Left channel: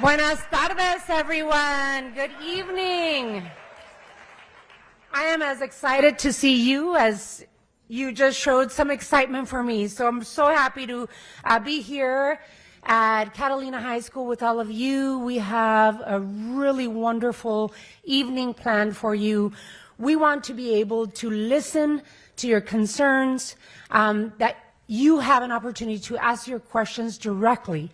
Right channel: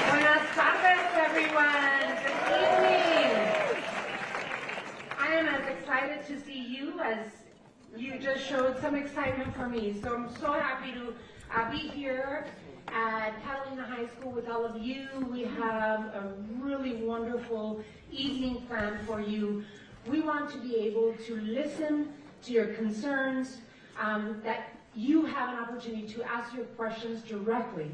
Buenas tardes, everyone. Good evening. I am as excited to see you as you just showed some excitement for me. So I'm so happy to be here at Catalina High School with all of you. We have a really wonderful evening planned for you. We want to be able to listen to your concerns, that you have an opportunity to ask your questions directly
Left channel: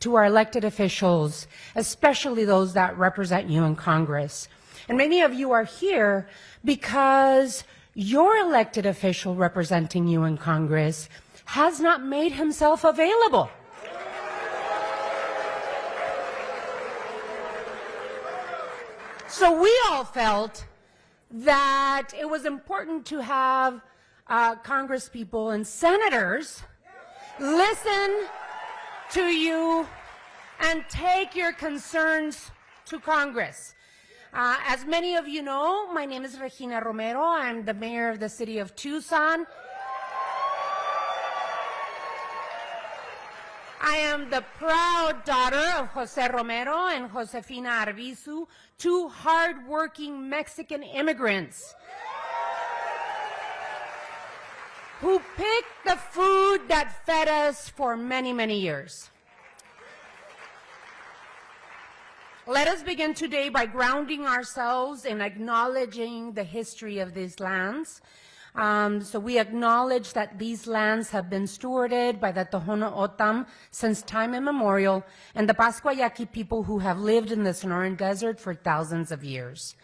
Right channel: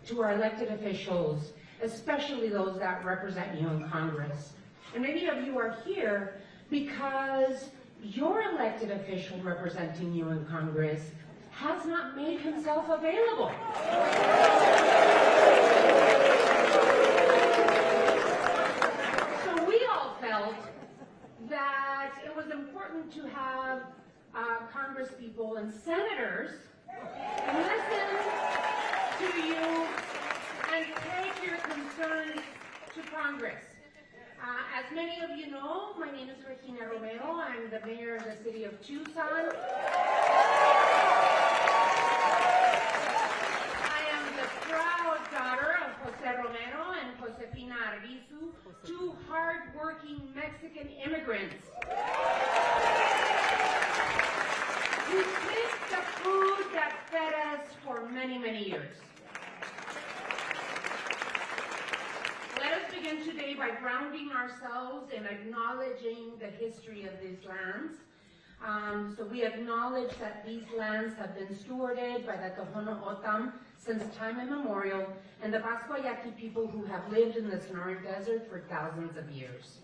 to our elected officials, especially those that represent you in Congress. And many of you are here because your elected official representing you in Congress has not made himself available. So we all felt that it was important to have Congress people and senators listen to you and take your concerns to Congress. As many of you know, my name is Regina Romero. I'm the mayor of the city of Tucson. I am the proud daughter of Jose Romero and Josefina Arbizu, two hard-working Mexican immigrants who picked the food that fed us for many, many years. Let us begin today by grounding ourselves in acknowledging the history of these lands. So we acknowledge that these lands have been stewarded by the Tohono O'odham since time immemorial, and the Pascua Yaqui people who have lived in the Sonoran Desert for thousands of years.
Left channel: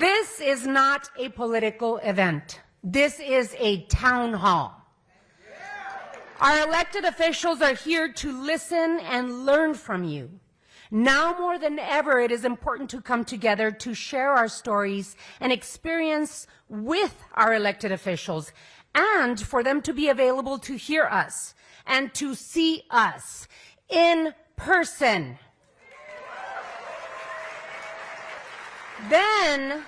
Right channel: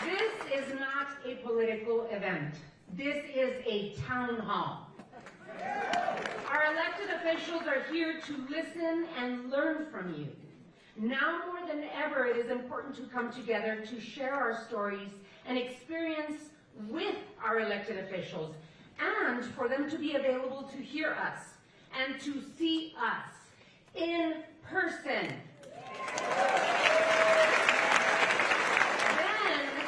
This is not a political event. This is a town hall. Our elected officials are here to listen and learn from you. Now more than ever, it is important to come together to share our stories and experience with our elected officials, and for them to be available to hear us and to see us in person. Then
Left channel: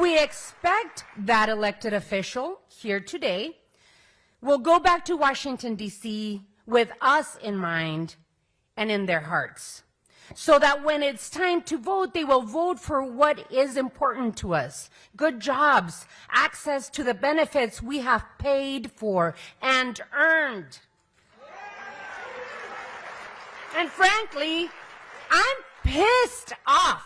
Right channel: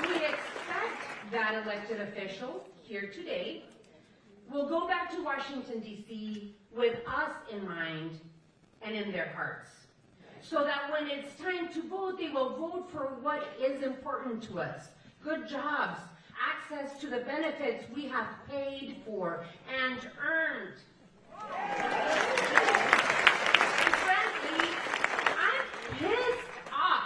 we expect that elected official here today will go back to Washington, D.C. with us in mind and in their hearts, so that when it's time to vote, they will vote for what is important to us: good jobs, access to the benefits we have paid for and earned. And frankly, I'm pissed off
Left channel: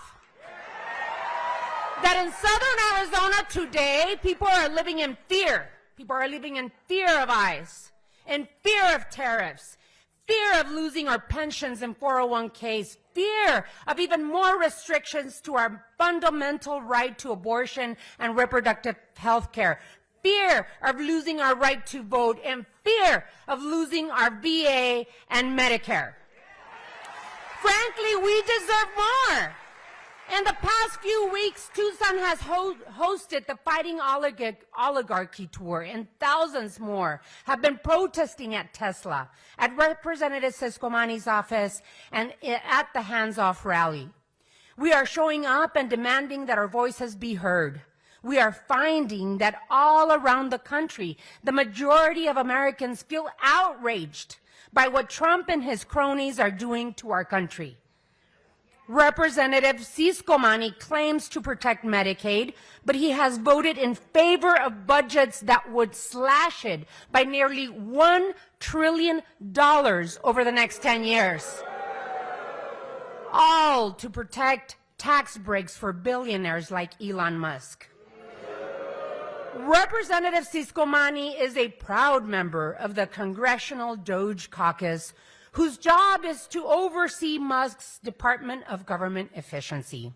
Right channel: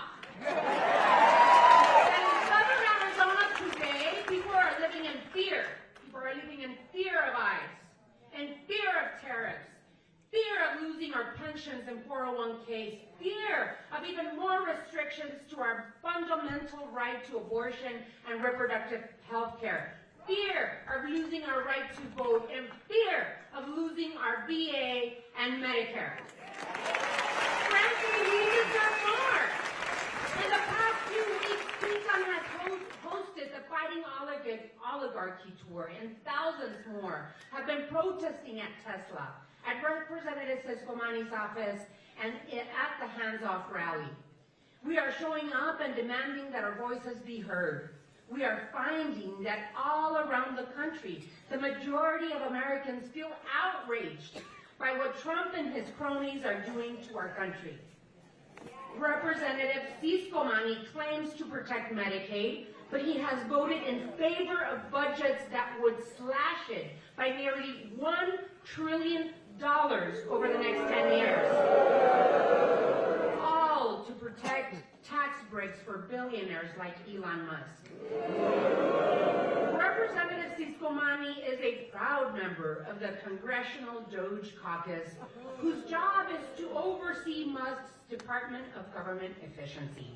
that in southern Arizona today, people are living in fear. People are living in fear of ICE, in fear of tariffs, fear of losing our pensions and 401ks, fear of even more restrictions to our fundamental right to abortion and reproductive health care, fear of losing our right to vote, and fear of losing our VA and Medicare. Frankly, we deserve more. In the past few weeks, Tucson has hosted the Fighting Oligarchy Tour, and thousands more have been protesting at Tesla, at Representative Siscomani's office, and at the Hands Off rally. We are showing up and demanding that our voices be heard. We are finding that all around the country, the majority of Americans feel outraged by what Trump and his cronies are doing to our country. Representative Siscomani claims to protect Medicaid, but he has voted in favor of budgets that would slash it by nearly $1 trillion over the next 10 years. All to protect tax breaks for billionaires like Elon Musk. Representative Siscomani is a proud member of the Congressional Doge Caucus, whose job is to oversee Musk's Department of Government Efficiency.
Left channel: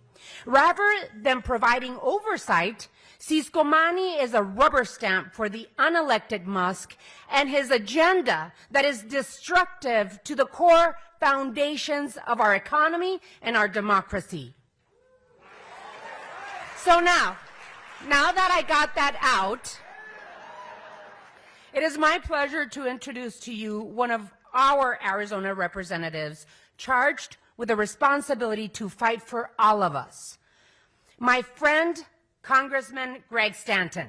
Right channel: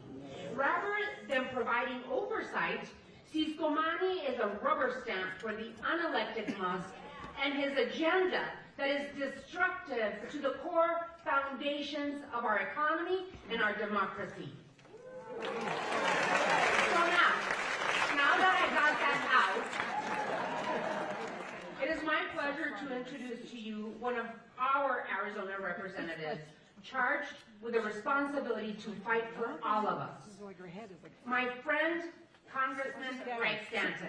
Rather than providing oversight, Siscomani is a rubber stamp for the unelected Musk and his agenda that is destructive to the core foundations of our economy and our democracy. So now that I got that out, it is my pleasure to introduce to you one of our Arizona representatives charged with the responsibility to fight for all of us. My friend, Congressman Greg Stanton.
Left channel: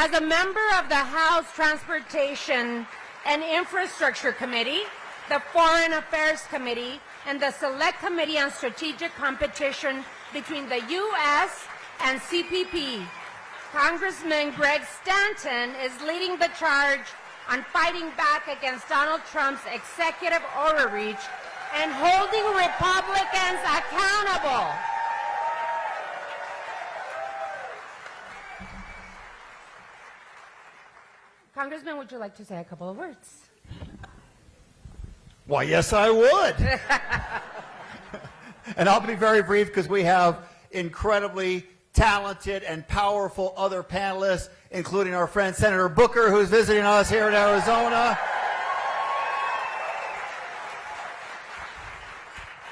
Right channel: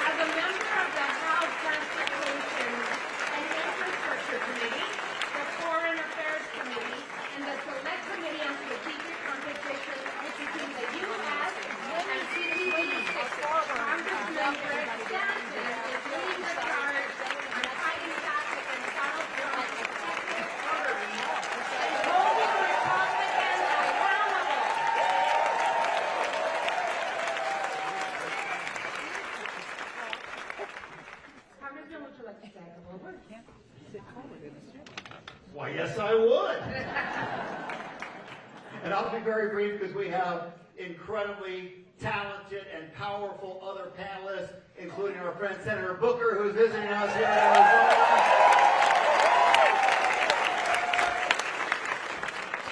As a member of the House Transportation and Infrastructure Committee, the Foreign Affairs Committee, and the Select Committee on Strategic Competition between the U.S. and CPP, Congressman Greg Stanton is leading the charge on fighting back against Donald Trump's executive overreach and holding Republicans accountable. Congressman, would you like to say a couple of words? Why, yes, I would. And I'll be very brief because we have incredibly talented and powerful other panelists, including our friend Senator Booker, who's visiting us here in Arizona.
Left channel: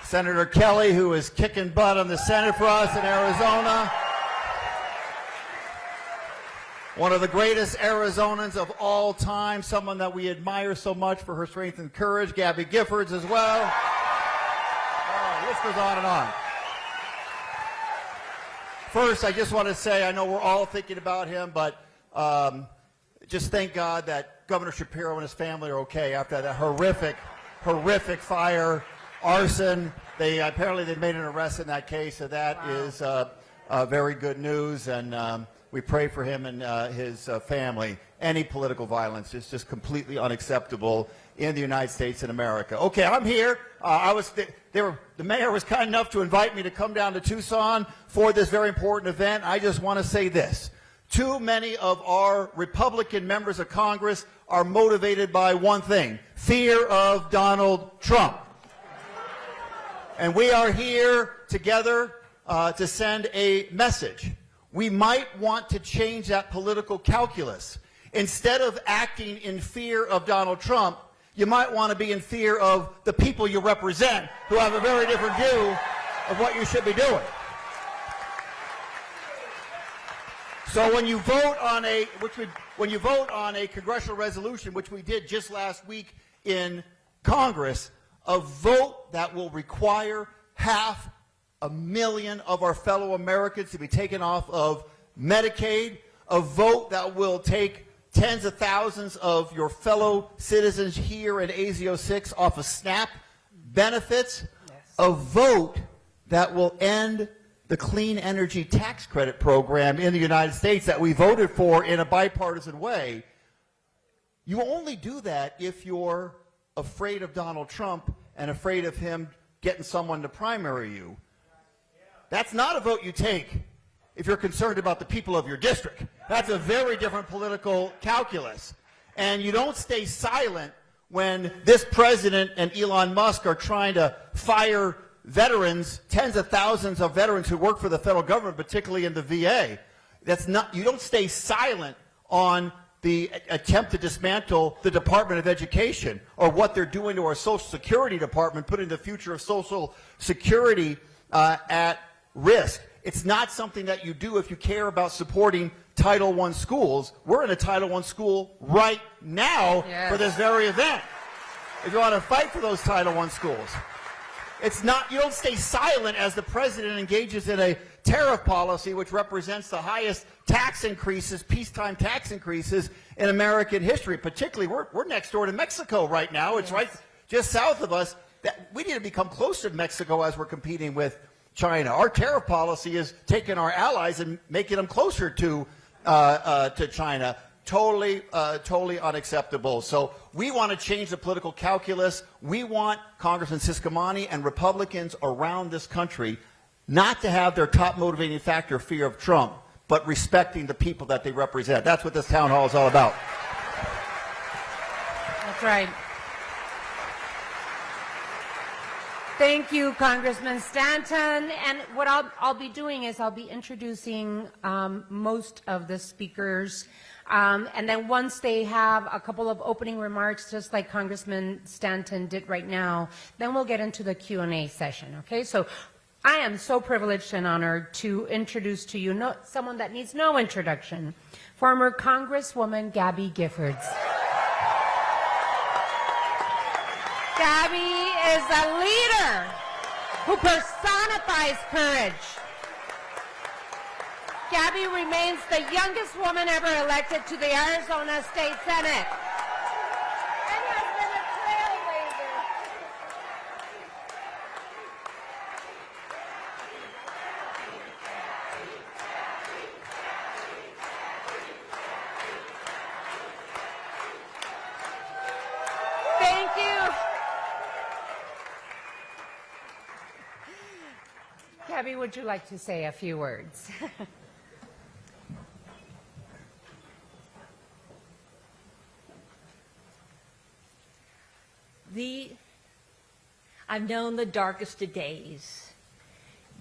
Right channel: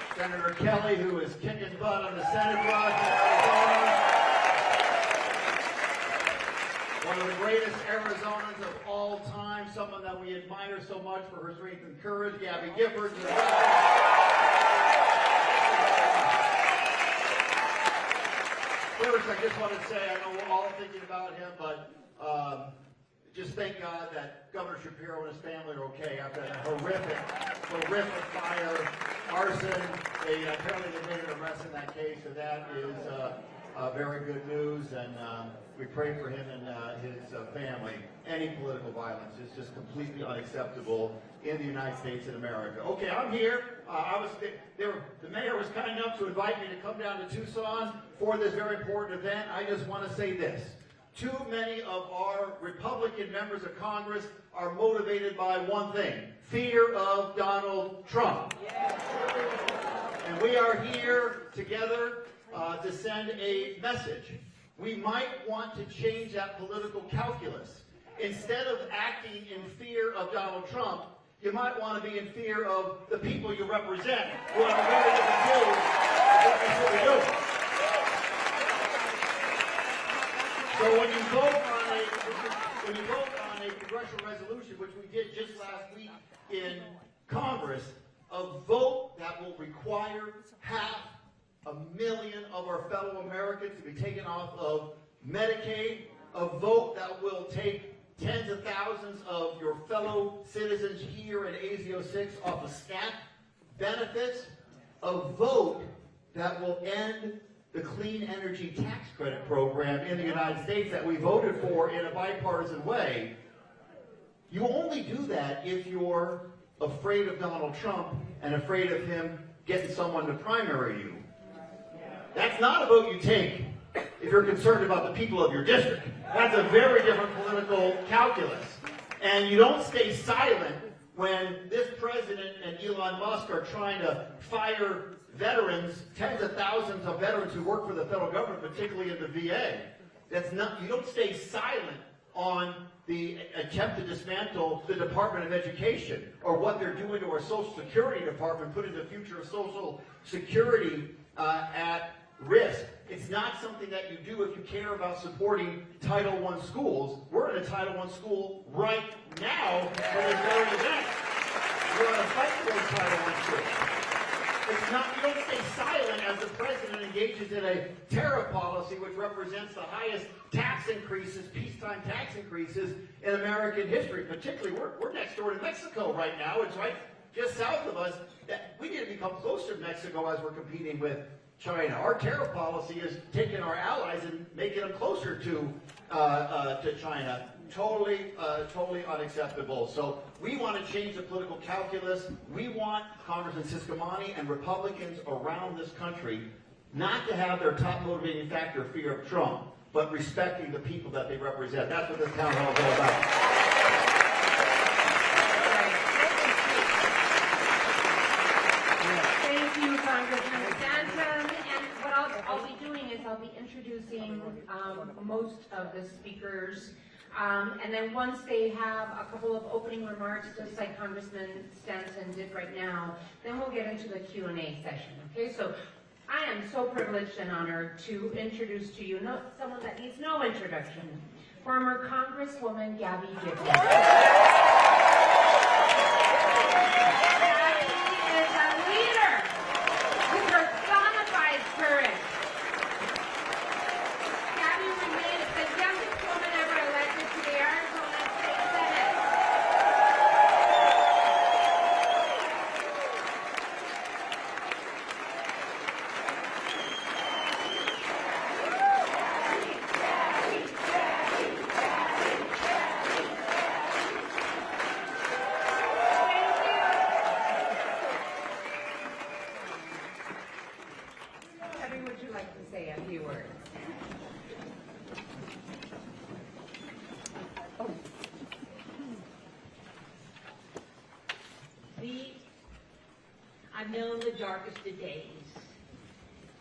Senator Kelly, who is kicking butt on the Senate for us in Arizona. One of the greatest Arizonans of all time, someone that we admire so much for her strength and courage, Gabby Giffords as well. This goes on and on. First, I just want to say, I know we're all thinking about him, but just thank God that Governor Shapiro and his family are okay after that horrific fire, arson. Apparently they made an arrest in that case, so that is very good news, and we pray for him and his family. Any political violence is just completely unacceptable in the United States and America. Okay, I'm here. The mayor was kind enough to invite me to come down to Tucson for this very important event. I just want to say this. Too many of our Republican members of Congress are motivated by one thing: fear of Donald Trump. And we are here together to send a message. We might want to change that political calculus. Instead of acting in fear of Donald Trump, you might want to be in fear of the people you represent, who have a very different view of what you should be doing. So when you vote on a congressional resolution, which we did just last week in Congress, a vote that will require 500,000 of our fellow Americans to be taken off of Medicaid, a vote that will take tens of thousands of your fellow citizens here in AZ06 off of SNAP benefits, a vote that will end the clean energy tax credit program in the United States that we voted for in a bipartisan way. You only do that if you're afraid of Donald Trump and afraid of him getting someone to primary you. That's not a vote you take if you're concerned about the people of your district. That's a very different political calculus. And you don't stay silent when this president and Elon Musk are trying to fire veterans, tens of thousands of veterans who work for the federal government, particularly in the VA. You don't stay silent on the attempt to dismantle the Department of Education or what they're doing to our Social Security Department, putting the future of Social Security at risk. It's not something that you do if you care about supporting Title I schools. We're in a Title I school right now for this very event. If you want to fight for those Title I schools. It's not, you don't stay silent as the president engages in a tariff policy which represents the highest tax increases, peacetime tax increases in American history. Particularly, we're next door to Mexico right now. It's right just south of us. We need to become closer to Mexico as we're competing with China. Our tariff policy is taking our allies and making them closer to China. Totally unacceptable. So we want to change the political calculus. We want Congressman Ciscomani and Republicans around this country not to have their top motivating factor fear of Trump, but respecting the people that they represent. That's what this town hall is all about. That's right. Thank you, Congressman Stanton. And what I'll be doing is I'll be introducing most of the speakers. And then once they have a couple of opening remarks, just like Congressman Stanton did right now, then we'll get into the Q&A session, okay? So I am so privileged and honored to introduce to you someone that needs no introduction, former Congresswoman Gabby Giffords. Gabby is a leader who personifies courage. Gabby remains the youngest woman ever elected to the Arizona State Senate. Thank you. Gabby, would you like to say a few words? I've known the darkest of days,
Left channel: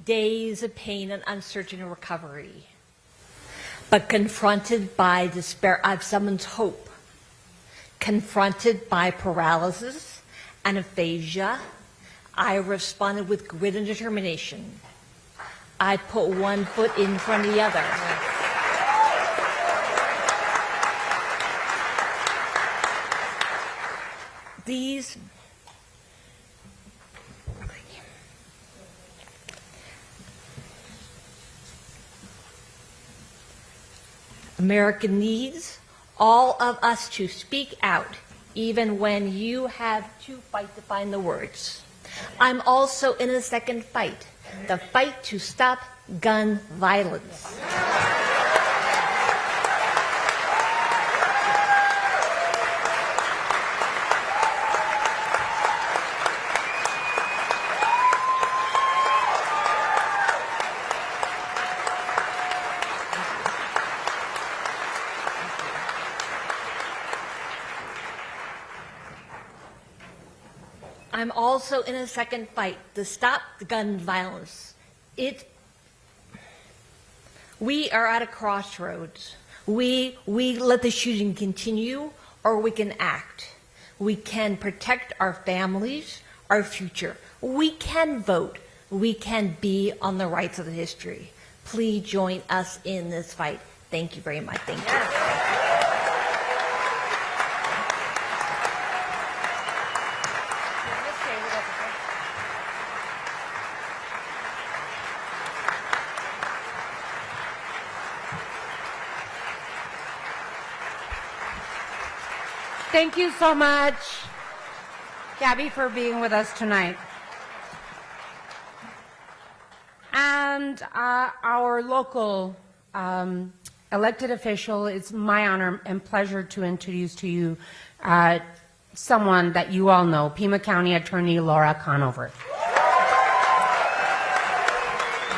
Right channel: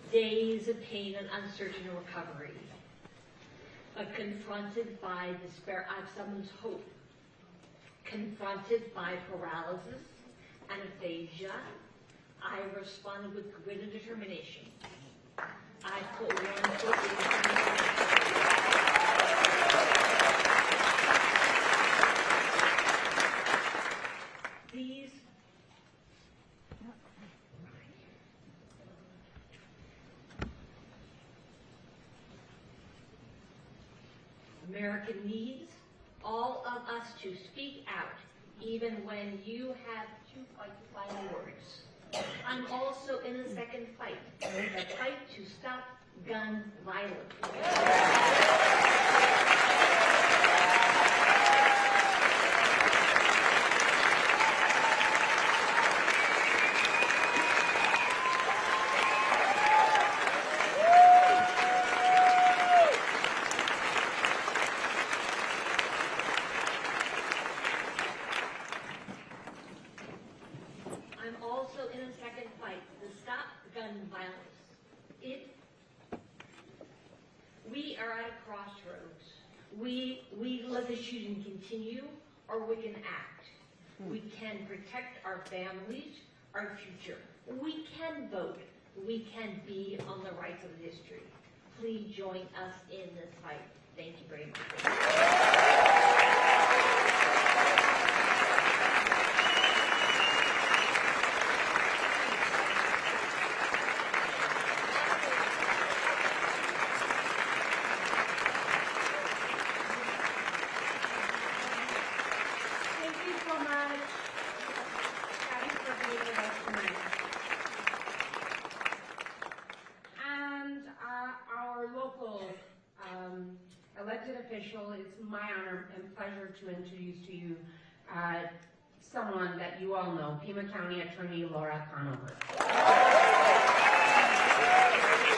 days of pain and uncertain recovery. But confronted by despair, I've summoned hope. Confronted by paralysis and aphasia, I responded with grit and determination. I put one foot in front of the other. These America needs all of us to speak out, even when you have to fight to find the words. I'm also in a second fight, the fight to stop gun violence. I'm also in a second fight to stop the gun violence. We are at a crossroads. We let the shooting continue, or we can act. We can protect our families, our future. We can vote. We can be on the right side of history. Please join us in this fight. Thank you very much. Thank you. Thank you so much, Gabby, for being with us tonight. And our local elected official, it's my honor and pleasure to introduce to you someone that you all know, Pima County Attorney Laura Conover.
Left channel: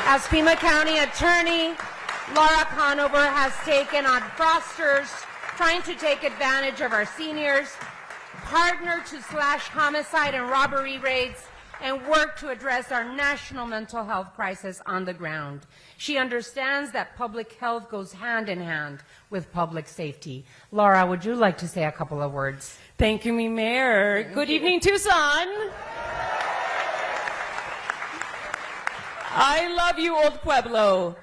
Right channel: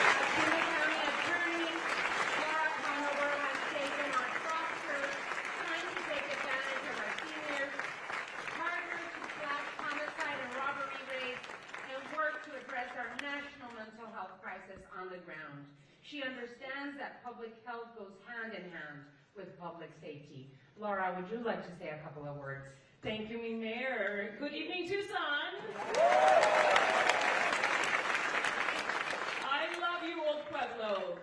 As Pima County Attorney, Laura Conover has taken on frosters, trying to take advantage of our seniors, partner to slash homicide and robbery rates, and work to address our national mental health crisis on the ground. She understands that public health goes hand in hand with public safety. Laura, would you like to say a couple of words? Thank you, Mayor. Good evening, Tucson. I love you, Old Pueblo.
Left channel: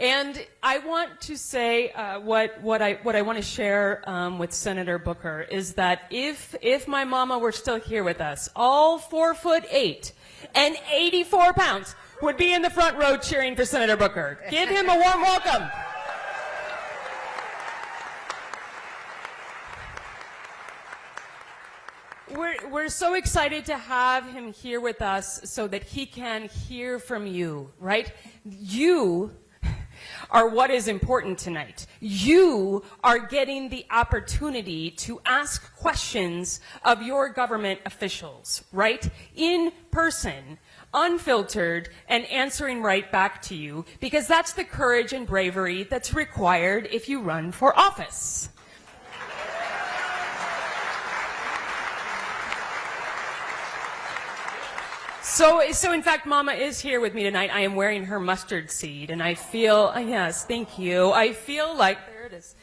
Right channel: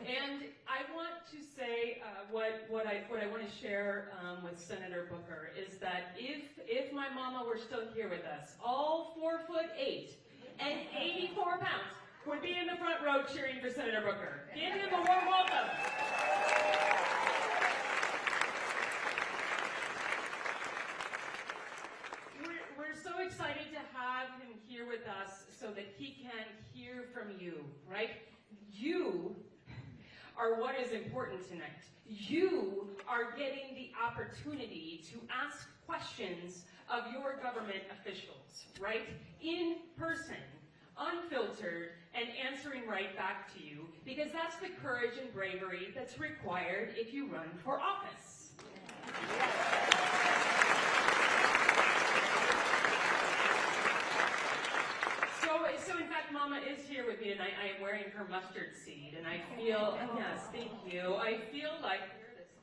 And I want to say what I want to share with Senator Booker is that if my mama were still here with us, all 4'8" and 84 pounds would be in the front row cheering for Senator Booker. Give him a warm welcome. We're so excited to have him here with us so that he can hear from you, right? You are what is important tonight. You are getting the opportunity to ask questions of your government officials, right? In person, unfiltered, and answering right back to you, because that's the courage and bravery that's required if you run for office. So in fact, Mama is here with me tonight. I am wearing her mustard seed, and I feel, yes, thank you. I feel like, there it is.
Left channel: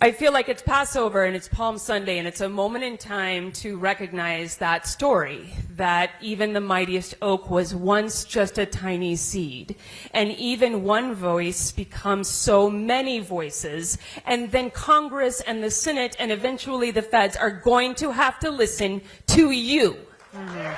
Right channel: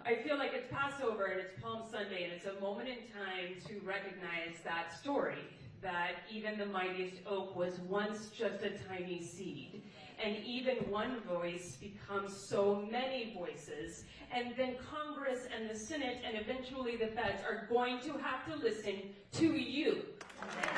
I feel like it's Passover and it's Palm Sunday, and it's a moment in time to recognize that story, that even the mightiest oak was once just a tiny seed, and even one voice becomes so many voices, and then Congress and the Senate and eventually the feds are going to have to listen to you. Mm-hmm.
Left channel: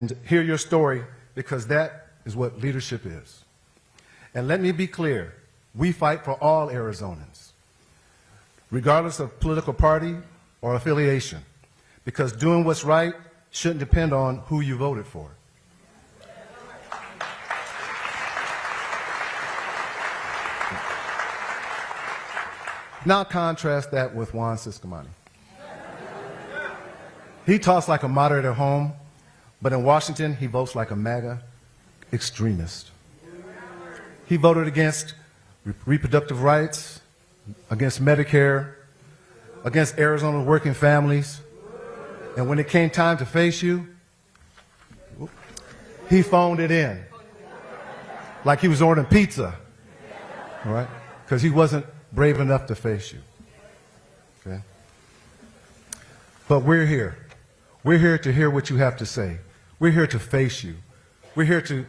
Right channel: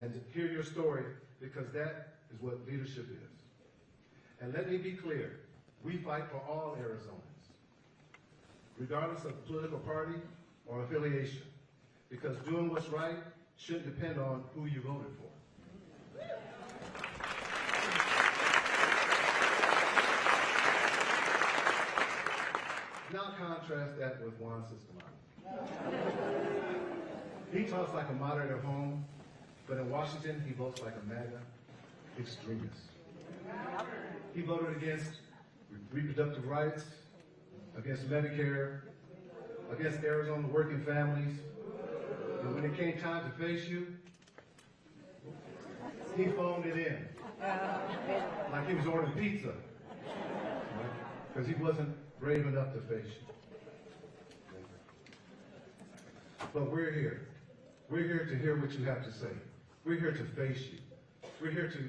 and hear your story, because that is what leadership is. And let me be clear, we fight for all Arizonans, regardless of political party or affiliation, because doing what's right shouldn't depend on who you voted for. Now contrast that with Juan Ciscomani. He talks like a moderate at home, but in Washington, he votes like a MAGA extremist. He voted against reproductive rights, against Medicare, against Arizona working families. And when it came time to face you, he phoned it in. Like he was ordering pizza, all right? Because he wasn't brave enough to face you, okay? But we're here. We're here to hear what you have to say. We're here to face you. We're here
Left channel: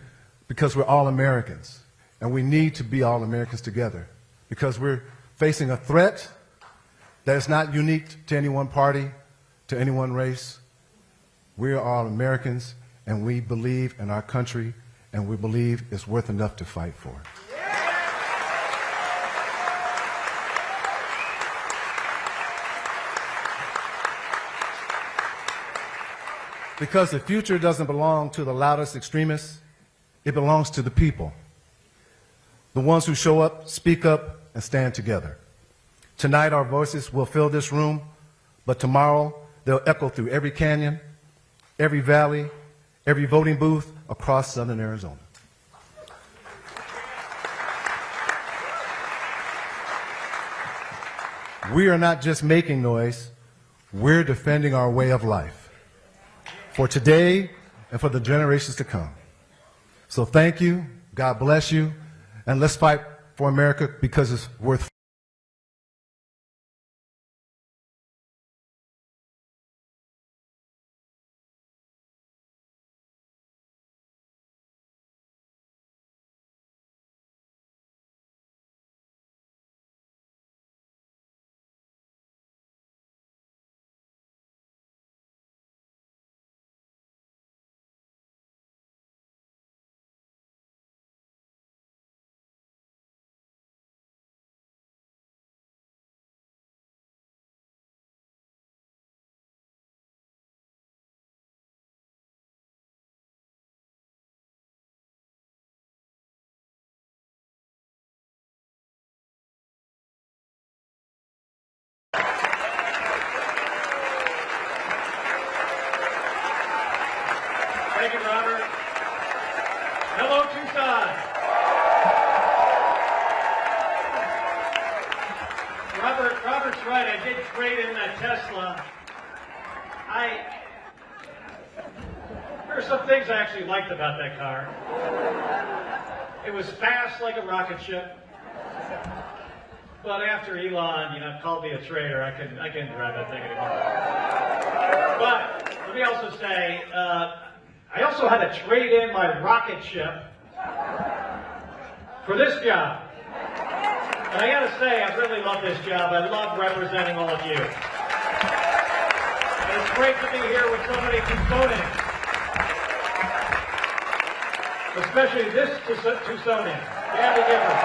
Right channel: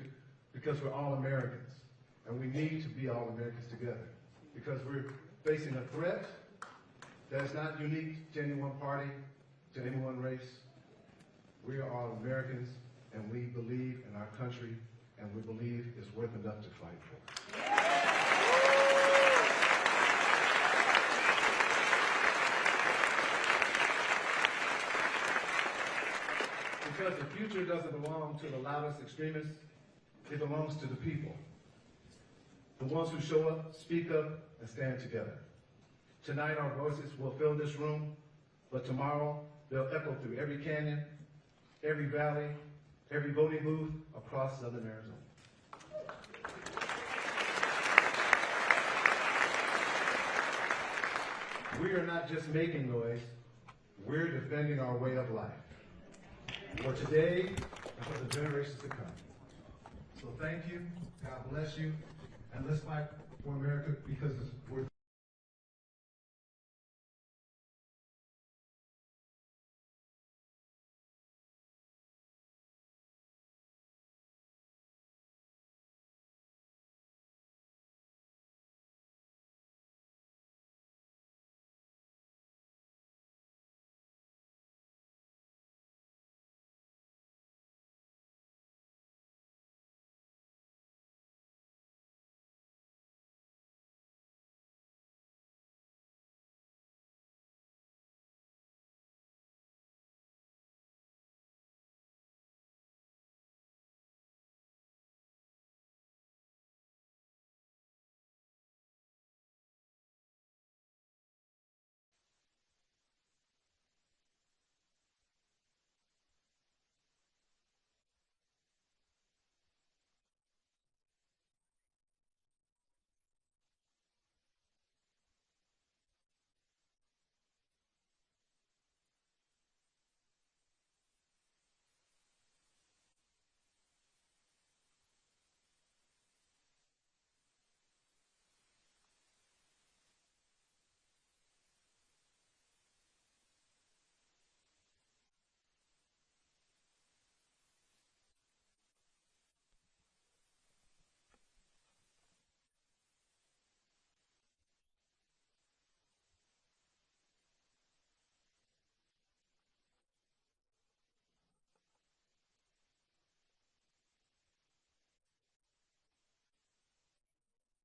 because we're all Americans, and we need to be all Americans together, because we're facing a threat that is not unique to any one party, to any one race. We are all Americans, and we believe in our country, and we believe it's worth enough to fight for. Because the future doesn't belong to the loudest extremists, it belongs to the people. The ones who show up, speak up, and stand together. Tonight our voices will fill this room, but tomorrow they'll echo through every canyon, every valley, every voting booth across southern Arizona. We are not just making noise, we're defending our way of life, for today and for the generations to come. So thank you, God bless you, and let's fight for America, because it's worth fighting. Thank you, Robert. Hello, Tucson. Robert's right. I did trade in that Tesla. There are some things I actually liked about that car. It was fast like a rocket ship. But after Elon, called me a traitor, I couldn't drive that thing anymore. But let me also say, I also had to trade in my rocket ship for this job. And I gotta say, I really love this job. I love representing all of you. And it's great to be here with so many Tucsonians. Especially this Tucsonian, Gabby Gibbons.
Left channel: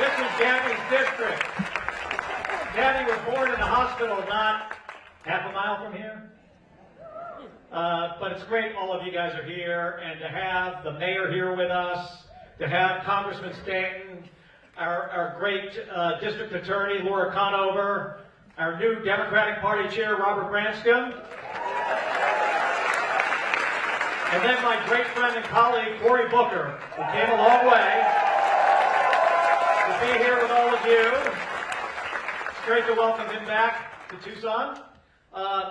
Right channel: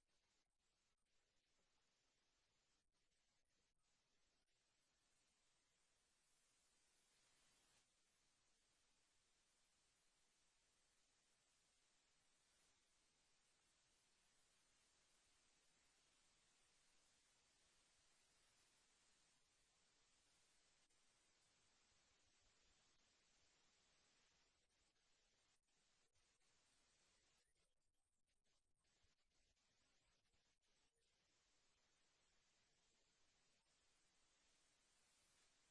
This is Gabby's district. Gabby was born in a hospital not half a mile from here. But it's great all of you guys are here, and to have the mayor here with us, to have Congressman Stanton, our great district attorney, Laura Conover, our new Democratic Party chair, Robert Branscombe, and then my great friend and colleague, Cory Booker, who came a long way to be here with all of you. It's great to welcome him back to Tucson.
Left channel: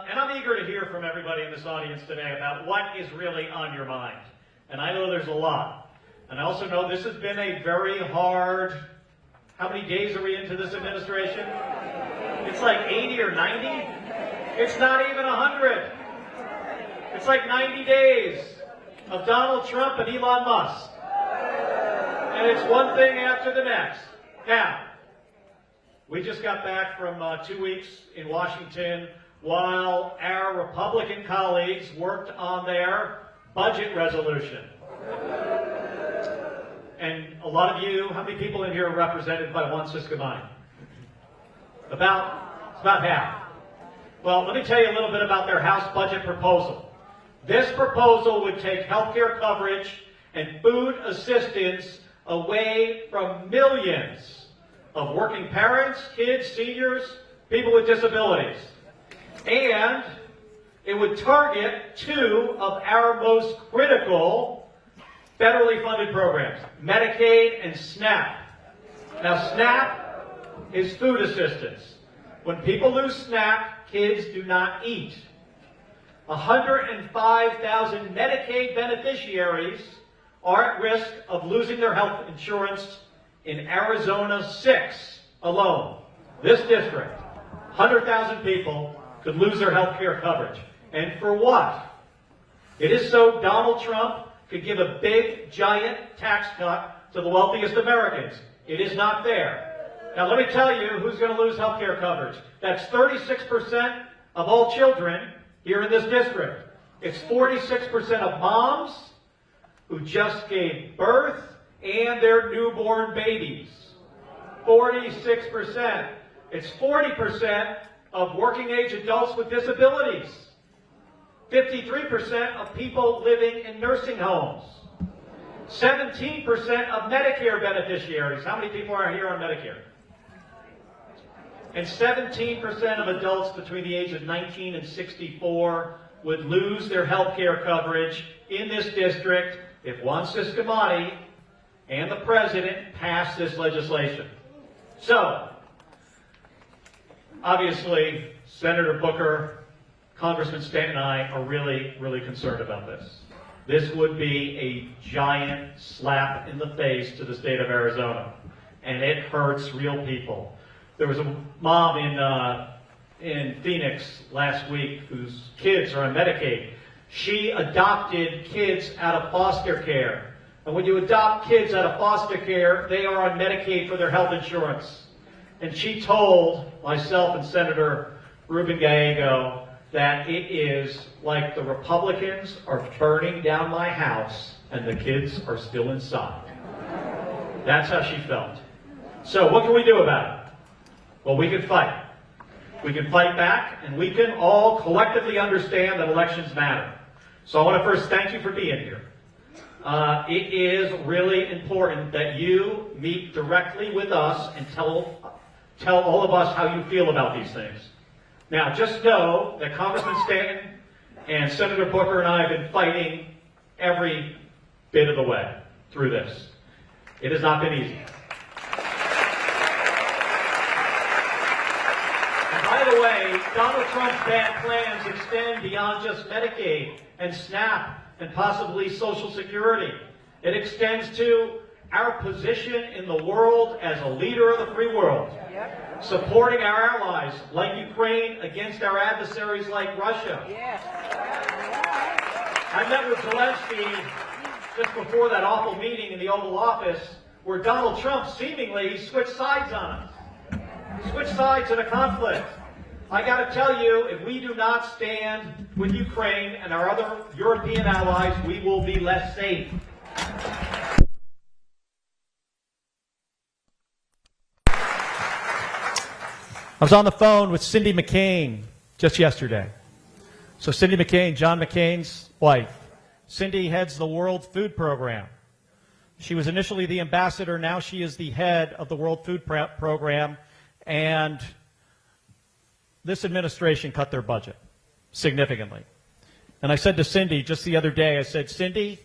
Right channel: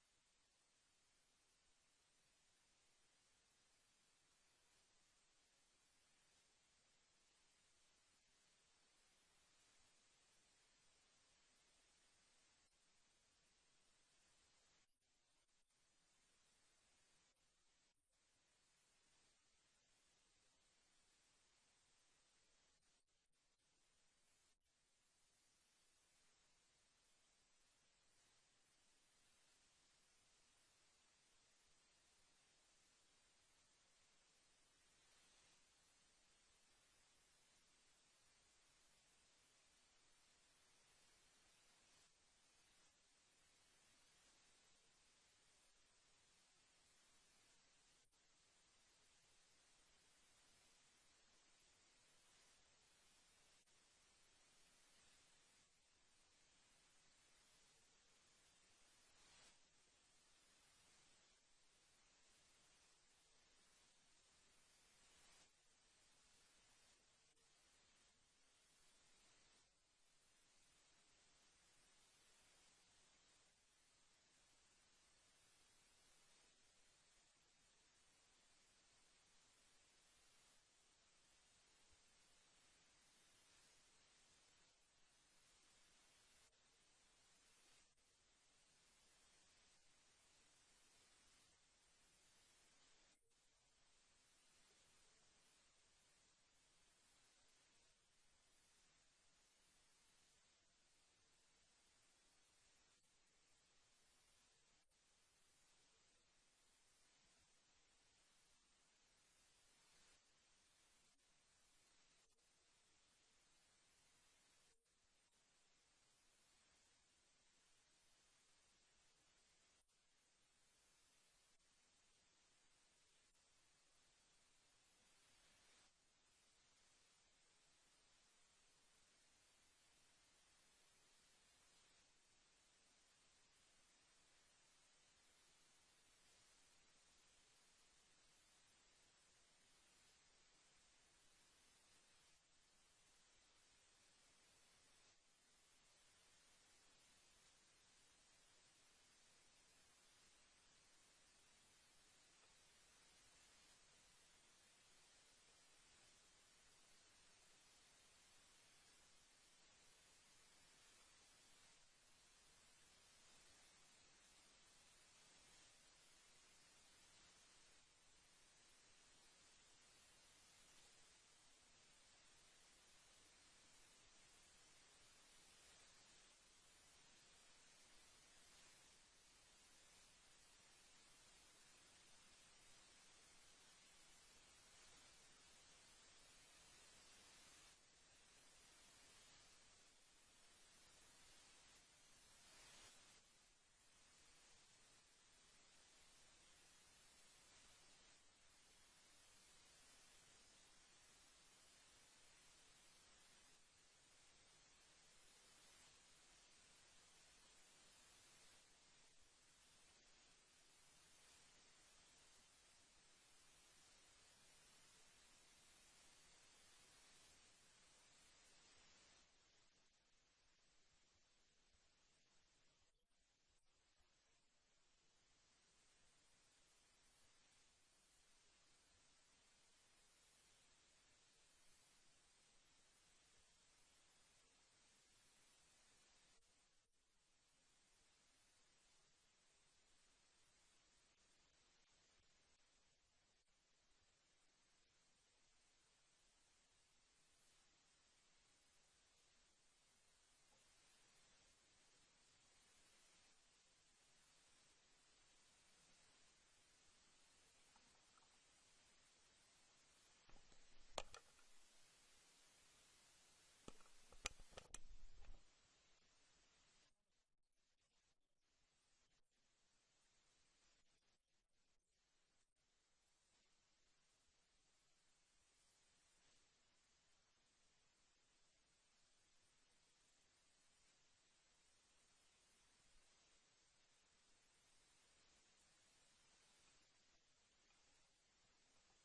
And I'm eager to hear from everybody in this audience today about what is really on your mind. And I know there's a lot. And I also know this has been a very hard, how many days are we into this administration? It's like 80 or 90? It's not even 100. It's like 90 days of Donald Trump and Elon Musk. And it's one thing after the next. Now, we just got back from 2 weeks in Washington, while our Republican colleagues worked on their budget resolution. And a lot of you, how many people in here are represented by one Siscomani? It's about half. Well, let me tell you a little bit about their House budget proposal. This proposal would take health care coverage and food assistance away from millions of working parents, kids, seniors, people with disabilities. And it would target two of our most critical federally funded programs, Medicaid and SNAP. Now, SNAP is food assistance. When people lose SNAP, kids do not eat. 105,000 Medicaid beneficiaries are at risk of losing their health insurance in Arizona 6 alone. This district, 100,000 people could lose their health care coverage. And for what? It is so Donald Trump could give a big, giant tax cut to the wealthiest Americans. It is not there. Now let me tell you who's going to lose health care coverage. That's 36% of all children here in this district. It's 46% of moms who just gave birth and their newborn babies. 46%. It's 40% of working age adults with disabilities. 53% of people living in nursing homes. 17% of Medicare beneficiaries. How many people are here on Medicare? And 17% of adults between the age of 19 and 64 would lose their health care coverage in this district if Juan Siscomani and the president pass this legislation. So, obviously, Senator Booker, Congressman Stanton and I are really, really concerned about this. This would be a giant slap in the face to the state of Arizona, and it hurts real people. There was a mom in Phoenix last week whose kids are on Medicaid. She adopted kids out of foster care. And when you adopt kids out of foster care, they are on Medicaid for their health insurance. And she told myself and Senator Ruben Gallego that it is like the Republicans are burning down my house and the kids are still inside. That's how she felt. So what can we do about it? Well, we can fight. We can fight back, and we can all collectively understand that elections matter. So I want to first thank you for being here. It is really important that you meet directly with us and tell all of us how you feel about these things. Now, just know that Congressman Stanton and Senator Booker and I have been fighting every bit of the way through this. It has not been easy. And by the way, Donald Trump's bad plans extend beyond just Medicaid and SNAP and possibly Social Security. It extends to our position in the world as a leader of the free world. Supporting our allies like Ukraine against our adversaries like Russia. I met with Zelensky just before that awful meeting in the Oval Office where Donald Trump seemingly switched sides on us. He switched sides in a conflict. I got to tell you, if we do not stand with Ukraine and our other European allies, we will be less safe. I was on the phone with Cindy McCain just yesterday. So Cindy McCain, John McCain's wife. Cindy heads the World Food Program. She was initially the ambassador. Now she is the head of the World Food Program. And this administration cut their budget significantly. And I said to Cindy just the other day, I said, Cindy,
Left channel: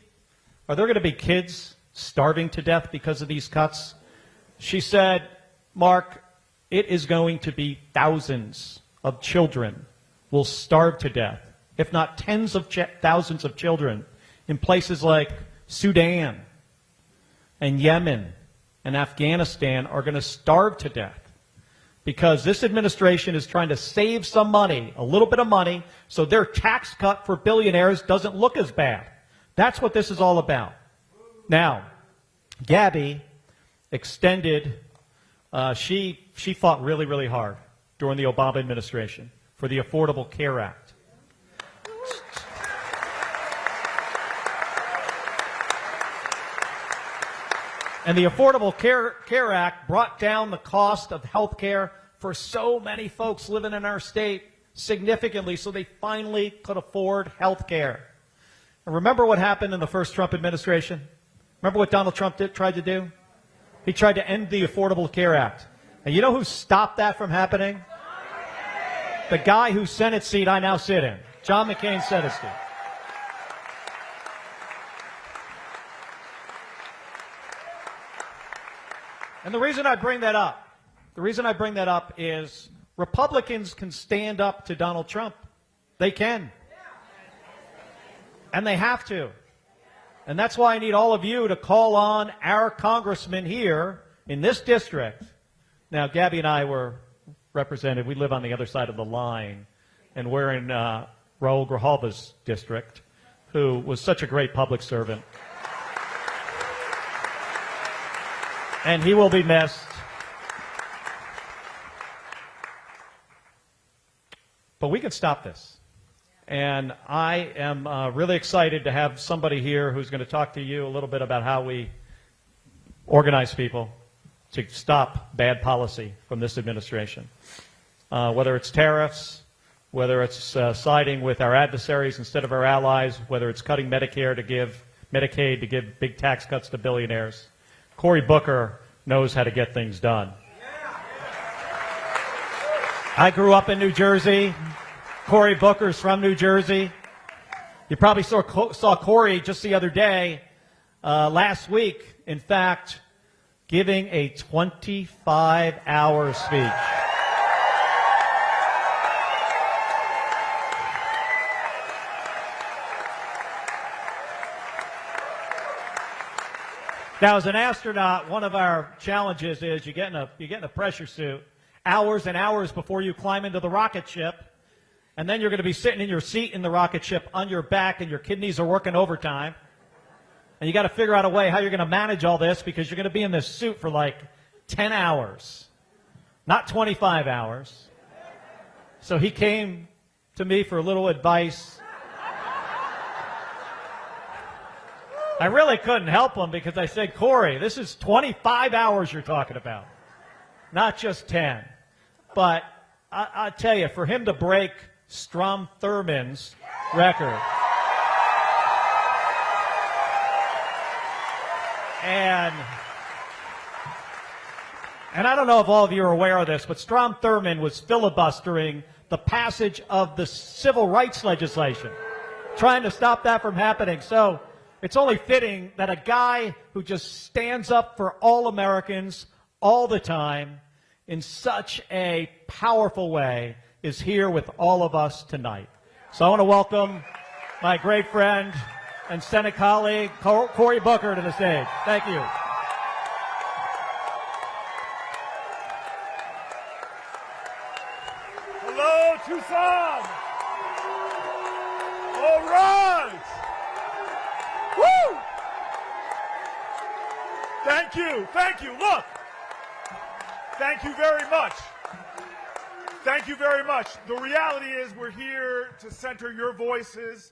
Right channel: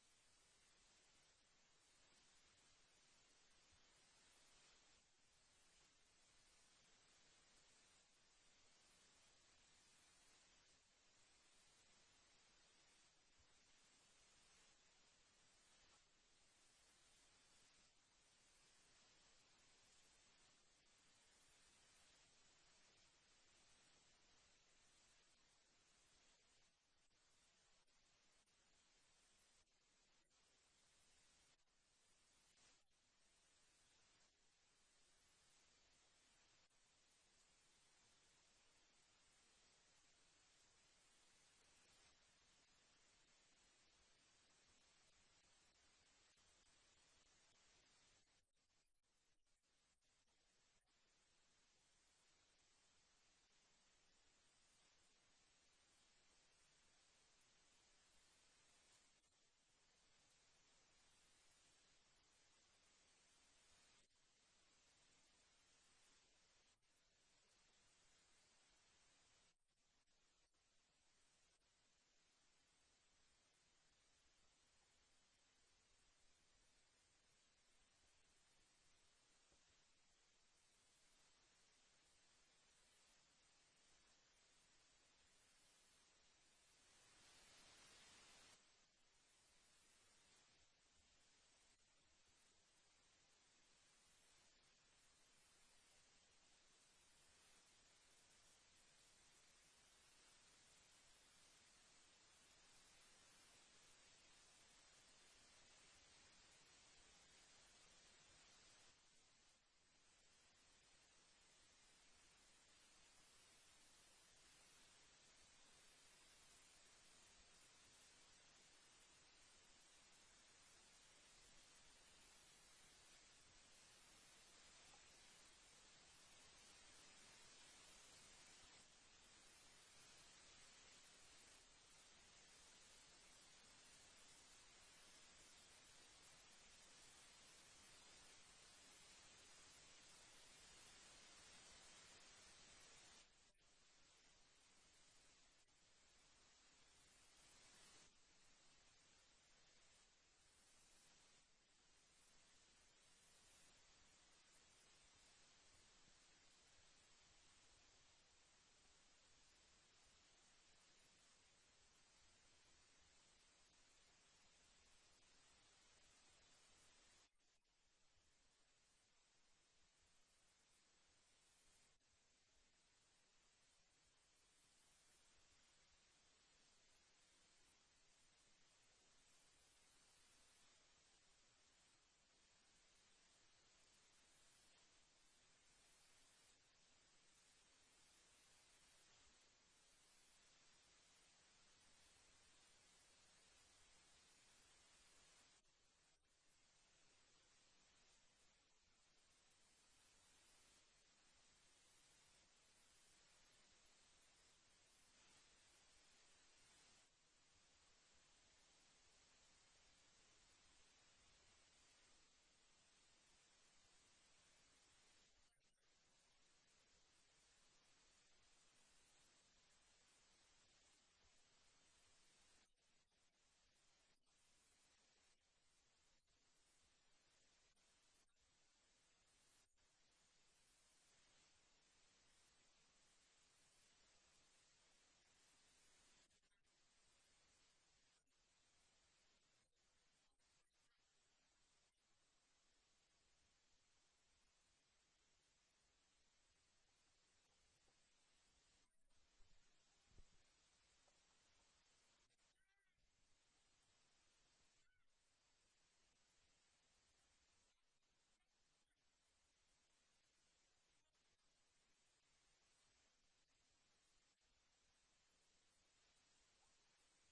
are there going to be kids starving to death because of these cuts? She said, Mark, it is going to be thousands of children will starve to death, if not tens of thousands of children in places like Sudan and Yemen and Afghanistan are going to starve to death because this administration is trying to save some money, a little bit of money, so their tax cut for billionaires doesn't look as bad. That's what this is all about. Now, Gabby extended, she fought really, really hard during the Obama administration for the Affordable Care Act. And the Affordable Care Act brought down the cost of health care for so many folks living in our state significantly, so they finally could afford health care. And remember what happened in the first Trump administration? Remember what Donald Trump tried to do? He tried to end the Affordable Care Act. And you know who stopped that from happening? The guy whose Senate seat I now sit in, John McCain's Senate seat. And the reason I bring that up is Republicans can stand up to Donald Trump. They can. And they have to. And that's why I need all of you to call on our congressman here in this district. Now, Gabby and I were represented. We live on the other side of the line. And we're in Raul Grijalva's district, who was such a great public servant. And he will be missed. But we can stop this. And I am really excited to have somebody here who's going to talk to you a little bit about how we organize people to stop bad policy from this administration. Whether it's tariffs, whether it's siding with our adversaries instead of our allies, whether it's cutting Medicaid to give big tax cuts to billionaires. Cory Booker knows how to get things done. I grew up in New Jersey. Cory Booker's from New Jersey. You probably saw Cory just the other day, last week, in fact, giving a 25-hour speech. Now, as an astronaut, one of our challenges is you get in a pressure suit hours and hours before you climb into the rocket ship, and then you're going to be sitting in your seat in the rocket ship on your back, and your kidneys are working overtime. And you got to figure out a way how you're going to manage all this, because you're going to be in this suit for like 10 hours, not 25 hours. So he came to me for a little advice. I really couldn't help him, because I said, Cory, this is 25 hours you're talking about, not just 10. But I tell you, for him to break Strom Thurmond's record, and I don't know if all of you are aware of this, but Strom Thurmond was filibustering the passage of the civil rights legislation, trying to stop that from happening. So it's only fitting that a guy who just stands up for all Americans all the time in such a powerful way is here with all of us tonight. So I want to welcome my great friend and Senate colleague, Cory Booker, to the stage. Thank you. Hello, Tucson. All right. Woo! Thank you. Thank you. Look. Thank you very much. Thank you very much. The reality is we're here to center your voices,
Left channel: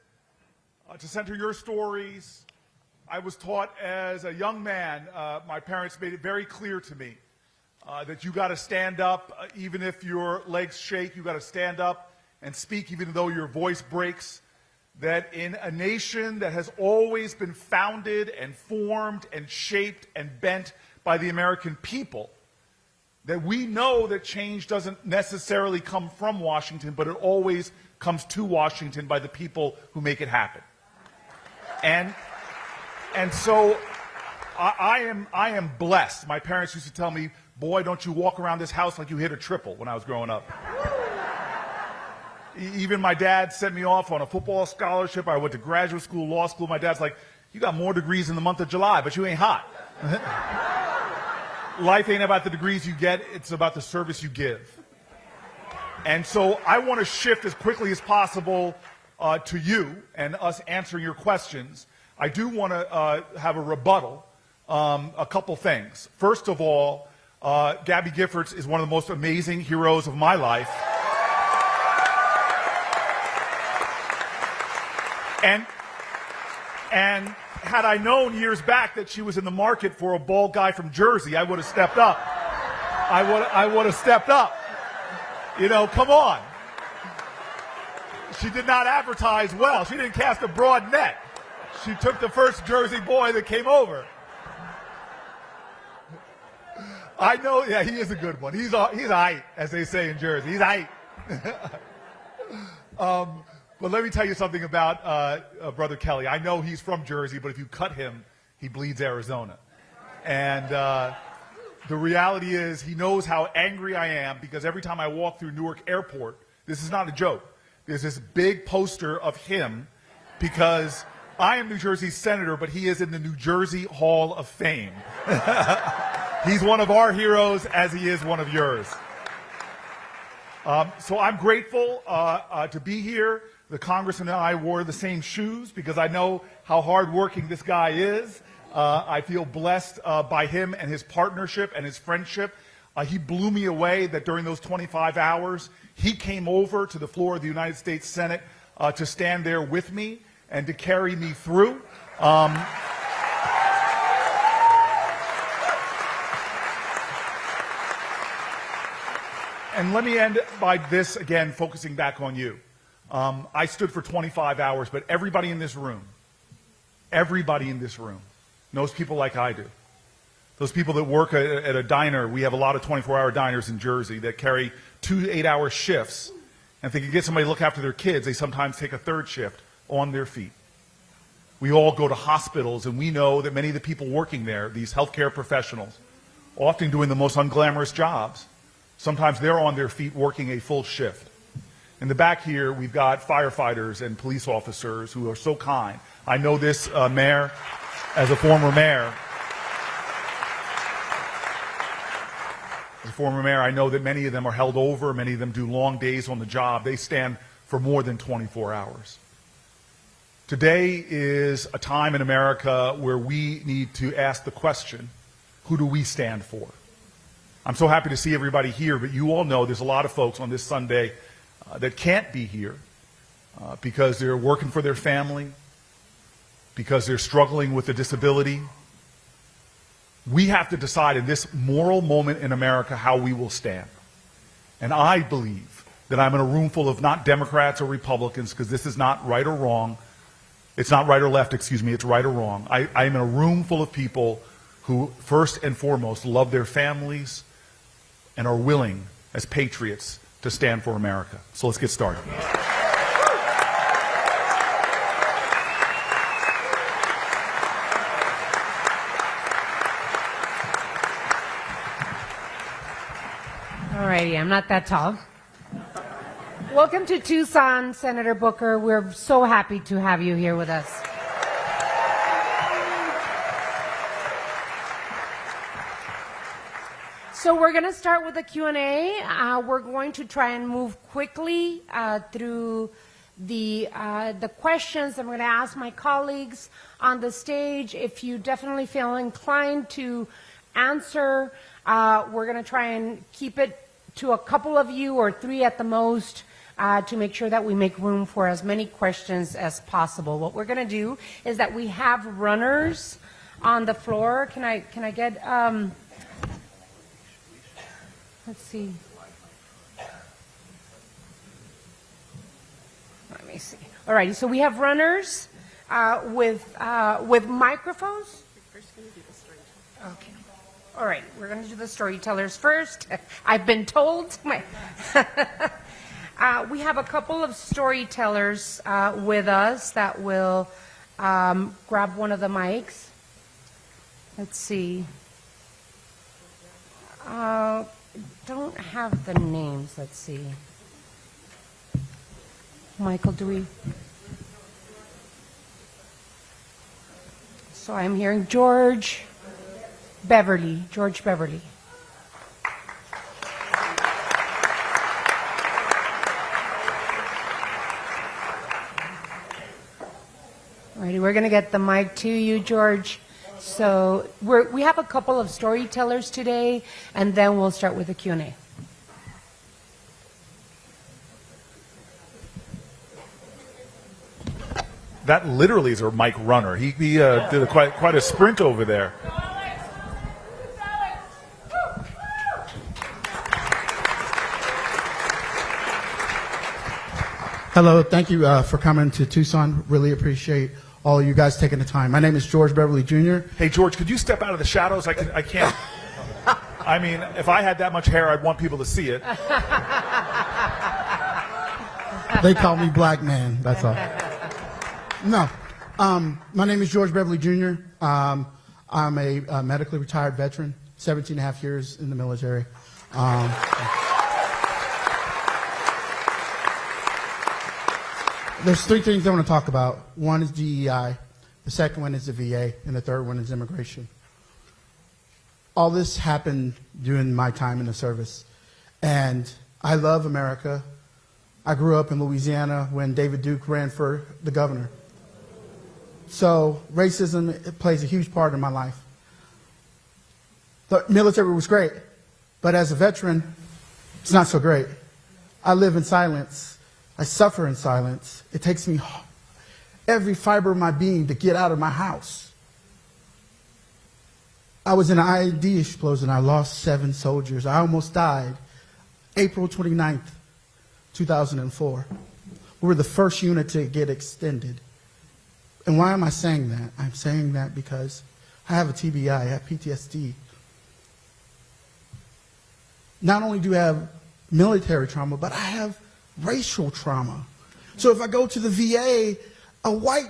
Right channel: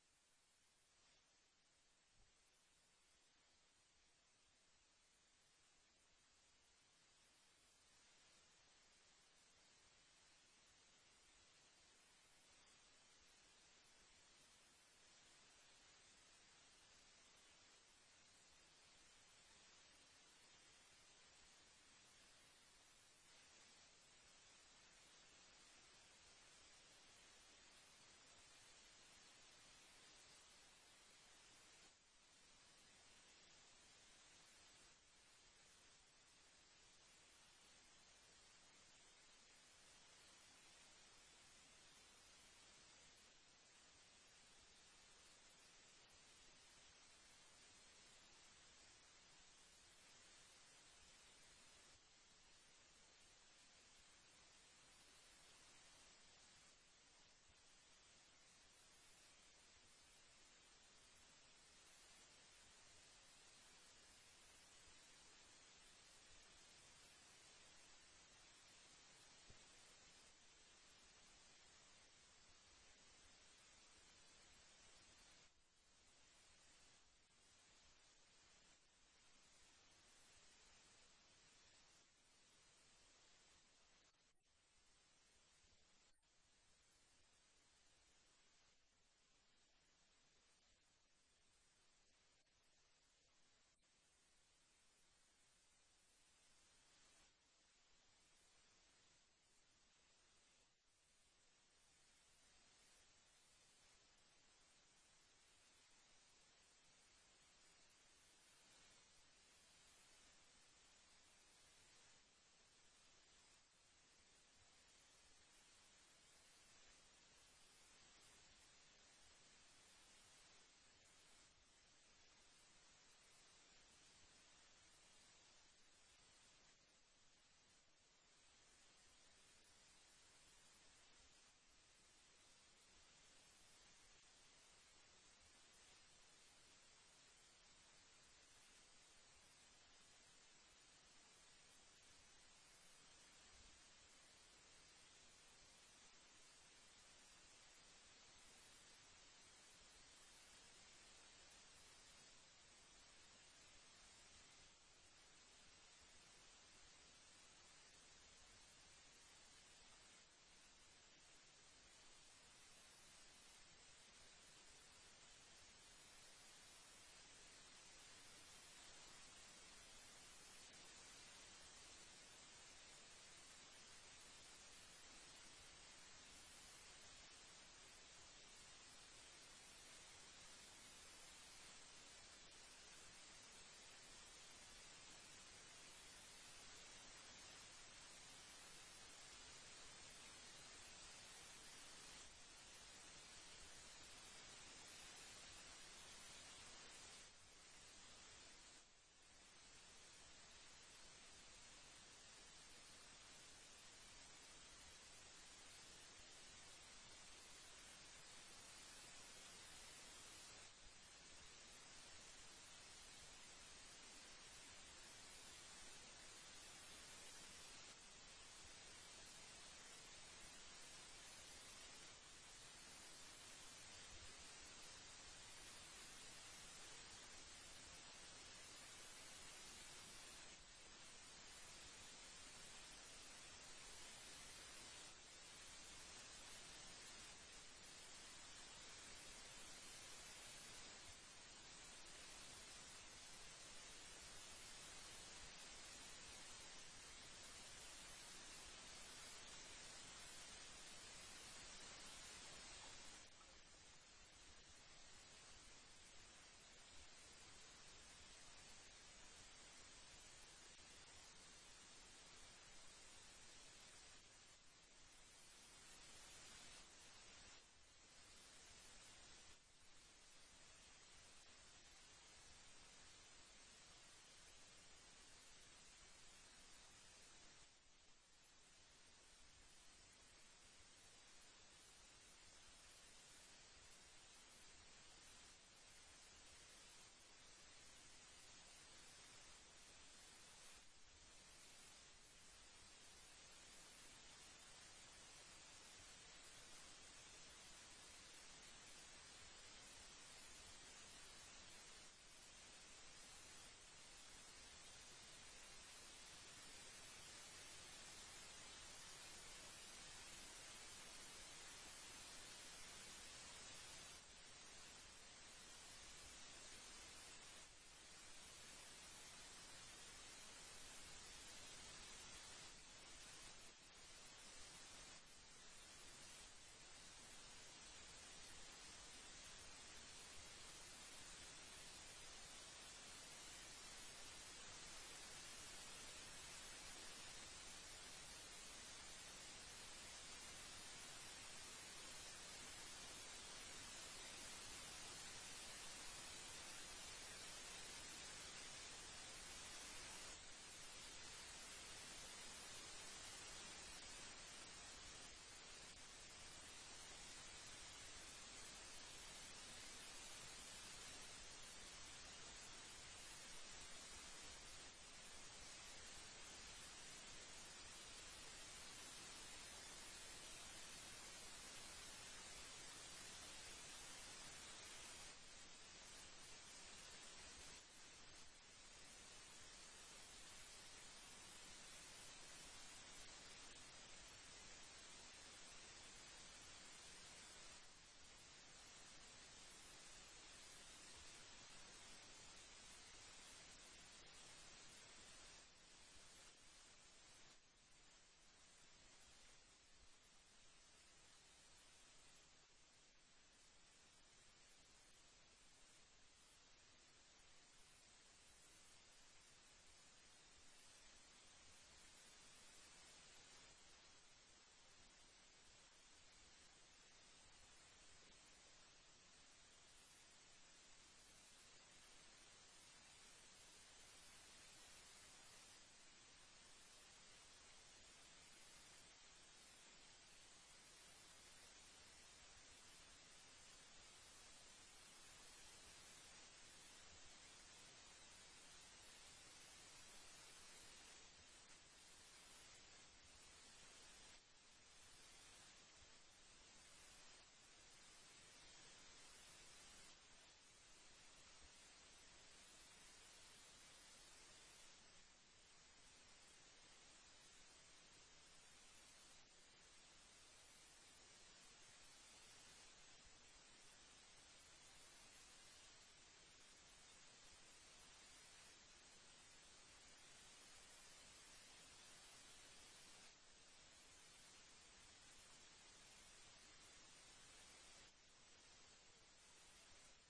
to center your stories. I was taught as a young man, my parents made it very clear to me that you got to stand up, even if your legs shake, you got to stand up and speak even though your voice breaks. That in a nation that has always been founded and formed and shaped and bent by the American people, that we know that change doesn't necessarily come from Washington, but it always comes to Washington by the people who make it happen. And so I am blessed. My parents used to tell me, boy, don't you walk around this house like you hit a triple when I was growing up. Even my dad sent me off on a football scholarship. I went to graduate school, law school. My dad's like, you got more degrees in the month of July, but you ain't hot. Life ain't about the degrees you get, it's about the service you give. And so I want to shift as quickly as possible to you and us answering your questions. I do want to have a rebuttal, a couple things. First of all, Gabby Giffords is one of the most amazing heroes of my life. And had I known years back that she was in the market for a bald guy from Jersey, I would have stepped up. I would have stepped up. You know, come on. She did not advertise well. She didn't cast a broad net. She took the first Jersey boy that came over. I know, yeah, he is a good one. He's aight, as they say in Jersey. He's aight. But let me tell you something about Brother Kelly. I know he's from Jersey, but if you cut him, he bleeds Arizona. And the reality is he knows how angry I am because every time I walk through Newark Airport, this is not a joke, there's this big poster of him because I am New Jersey's senator, but he is in the New Jersey Hall of Fame. He's one of our heroes as he is one of yours. So I'm grateful to be here. The congressman and I wore the same shoes because I know how hardworking this guy is. I feel blessed by him and his partnership and his friendship. He blew me away that during those 25 hours, he came over to the floor of the United States Senate to stand there with me and to carry me through. And let me end by this, again, focusing back on you. I stood for 25 hours, but everybody in this room knows people like I do. Those people that work at a diner, we have a lot of 24-hour diners in Jersey that carry 2 8-hour shifts. And if they can get somebody to look after their kids, they sometimes take a third shift on their feet. We all go to hospitals, and we know that many of the people working there, these healthcare professionals, often doing the most unglamorous jobs, sometimes they're on their feet working a full shift. In the back here, we've got firefighters and police officers who are so kind. I know this mayor as a former mayor. As a former mayor, I know that many of them are held over. Many of them do long days on the job. They stand for more than 24 hours. Today is a time in America where we need to ask the question, who do we stand for? I'm so happy to see everybody here, but you all know there's a lot of folks on this Sunday that can't be here because they're working for their family, because they're struggling with a disability. We have to decide in this moral moment in America how we will stand. And I believe that I'm in a room full of not Democrats or Republicans, because this is not right or wrong. It's not right or left, excuse me, it's right or wrong. I'm in a room full of people who, first and foremost, love their families and are willing, as patriots, to stand for America. So let's get started. Alrighty, I'm not that tall. Welcome to Tucson, Senator Booker. We're so happy to have you here with us. So we're going to start with the Q&A. We're going to try and move quickly through the questions. I'm going to ask my colleagues on the stage if you definitely feel inclined to answer. We're going to try and keep it to a couple of you or 3 at the most to make sure that we make room for as many questions as possible. What we're going to do is that we have runners on the floor. Can I get... let's see. Let me see. All right, so we have runners with microphones. Okay. All right, we're going to do the storytellers first. I've been told. We have a couple of storytellers with us that will grab one of the mics. Let's see. Don't have the names. Let's see. Michael, do we? So I'm hearing George Beverly. George Beverly. Alrighty, we're going to get the mic to you, George. So we have a couple of storytellers today, and then we'll start with the Q&A. That literally is a Mike runner. He did quite a sprint over there. Hello, thank you for coming to Tucson. Really appreciate all of you guys taking the time. My name is George Beverly Jr. Hey, George, could you step out of the shadows? I can't. I mean, if I had that much hair, I'd want people to see it. They call me Black Man, that's all. No, my name is George Beverly Jr. I'm a medically retired veteran, 17 and a half years in the military. There's three things I want to talk about. One is DEI, the second one is the VA, and the third one is immigration. All this happened during my time in the service, and I love America. I grew up in Louisiana when David Duke ran for the governor. So racism, it plays a huge part in my life. The military was great, but as a veteran, it's not so great. I live in silence. I suffer in silence. It takes me every fiber of my being to get out of my house. I was in an IED explosion. I lost 7 soldiers. I almost died. April 29th, 2004. We were the first unit to get extended. And why am I saying that? I'm saying that because I have a TBI, I have PTSD. Not only do I have military trauma, but I have racial trauma. So if I go to the VA, a white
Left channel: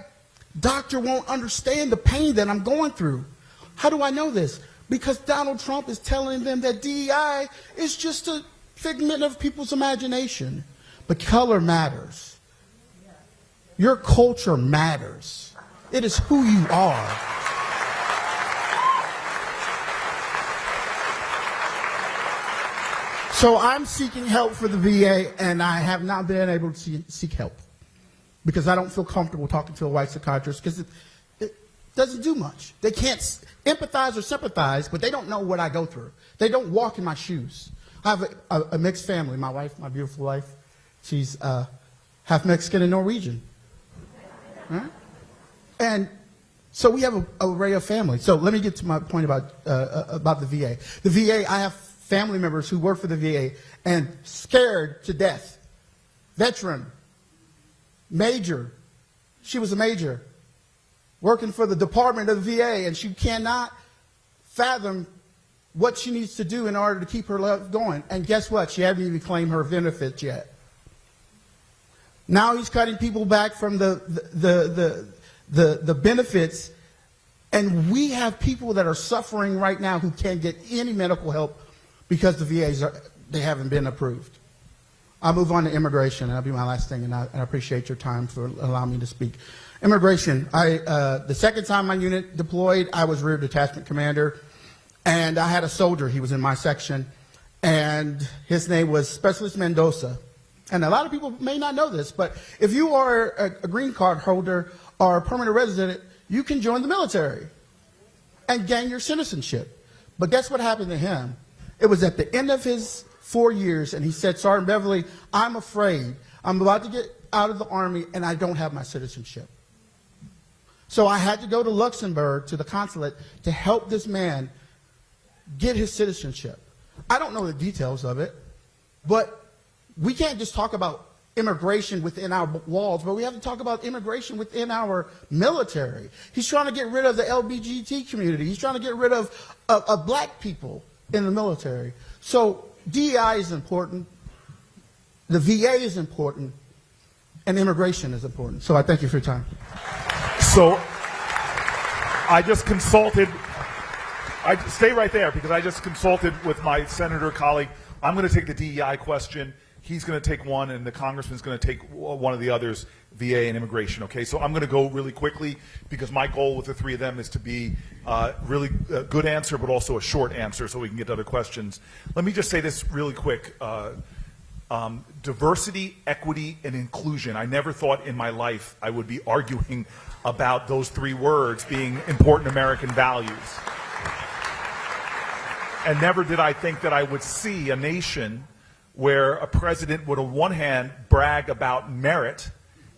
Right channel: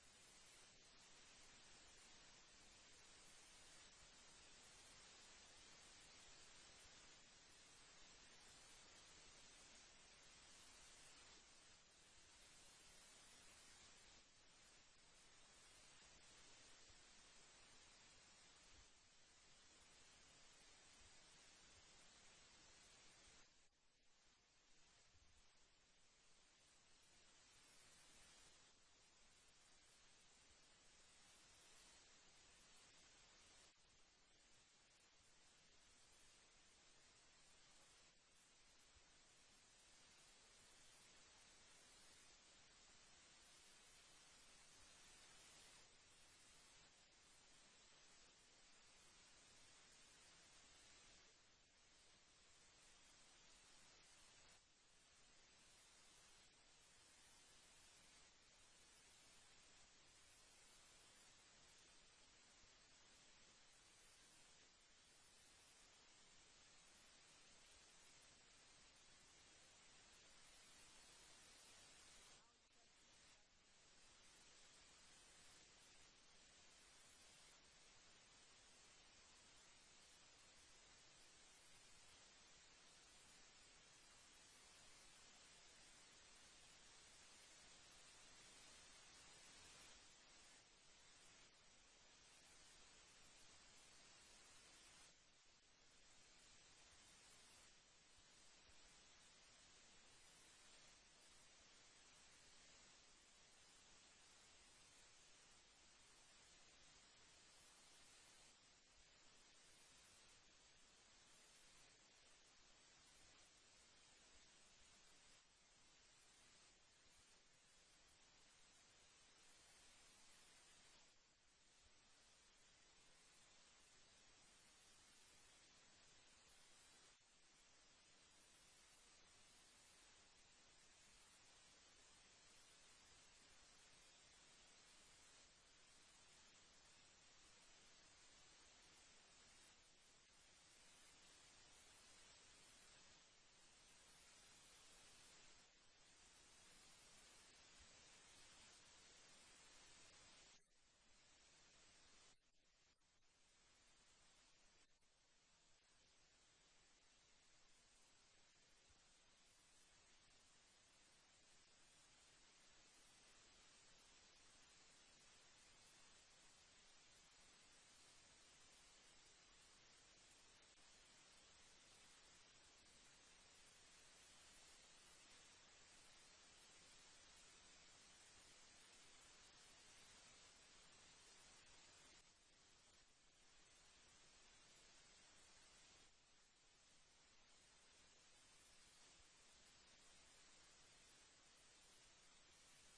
doctor won't understand the pain that I'm going through. How do I know this? Because Donald Trump is telling them that DEI is just a figment of people's imagination. But color matters. Your culture matters. It is who you are. So I'm seeking help for the VA, and I have not been able to seek help because I don't feel comfortable talking to a white psychiatrist because it doesn't do much. They can't empathize or sympathize, but they don't know what I go through. They don't walk in my shoes. I have a mixed family. My wife, my beautiful wife, she's half Mexican and Norwegian. Right? And so we have an array of family. So let me get to my point about the VA. The VA, I have family members who work for the VA and scared to death. Veteran, major. She was a major working for the Department of the VA, and she cannot fathom what she needs to do in order to keep her life going. And guess what? She hasn't even claimed her benefits yet. Now he's cutting people back from the benefits, and we have people that are suffering right now who can't get any medical help because the VAs they haven't been approved. I'll move on to immigration, and that'll be my last thing, and I appreciate your time for allowing me to speak. Immigration, the second time my unit deployed, I was rear detachment commander, and I had a soldier, he was in my section, and his name was Specialist Mendoza. And a lot of people may not know this, but if you are a green card holder or a permanent resident, you can join the military and gain your citizenship. But guess what happened to him? It was at the end of his 4 years, and he said, Sergeant Beverly, I'm afraid. I'm about to get out of the Army, and I don't have my citizenship. So I had to go to Luxembourg, to the consulate, to help this man get his citizenship. I don't know the details of it, but we can't just talk about immigration within our walls, but we have to talk about immigration within our military. He's trying to get rid of the LGBT community. He's trying to get rid of black people in the military. So DEI is important, the VA is important, and immigration is important. So I thank you for your time. So I just consulted, stay right there because I just consulted with my senator colleague. I'm going to take the DEI question. He's going to take one, and the congressman's going to take one of the others, VA and immigration, okay? So I'm going to go really quickly because my goal with the three of them is to be really a good answer, but also a short answer so we can get to other questions. Let me just say this really quick. Diversity, equity, and inclusion. I never thought in my life I would be arguing about those three words being important American values. And never did I think that I would see a nation where a president would on one hand brag about merit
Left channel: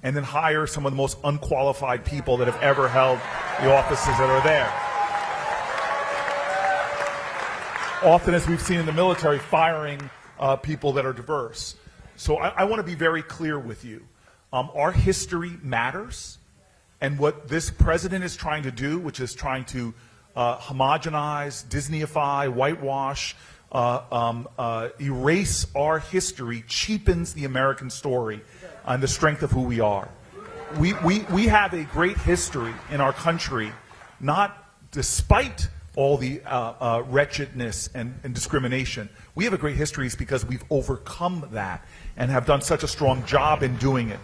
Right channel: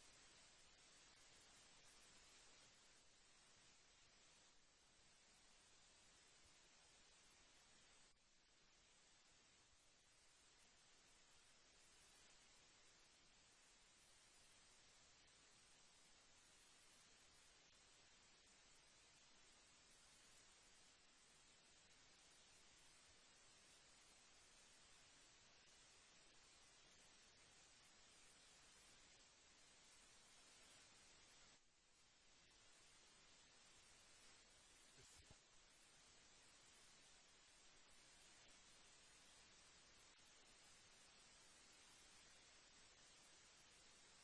and then hire some of the most unqualified people that have ever held the offices that are there. Often, as we've seen in the military, firing people that are diverse. So I want to be very clear with you. Our history matters, and what this president is trying to do, which is trying to homogenize, Disneyify, whitewash, erase our history, cheapens the American story and the strength of who we are. We have a great history in our country, not despite all the wretchedness and discrimination. We have a great history because we've overcome that and have done such a strong job in doing it.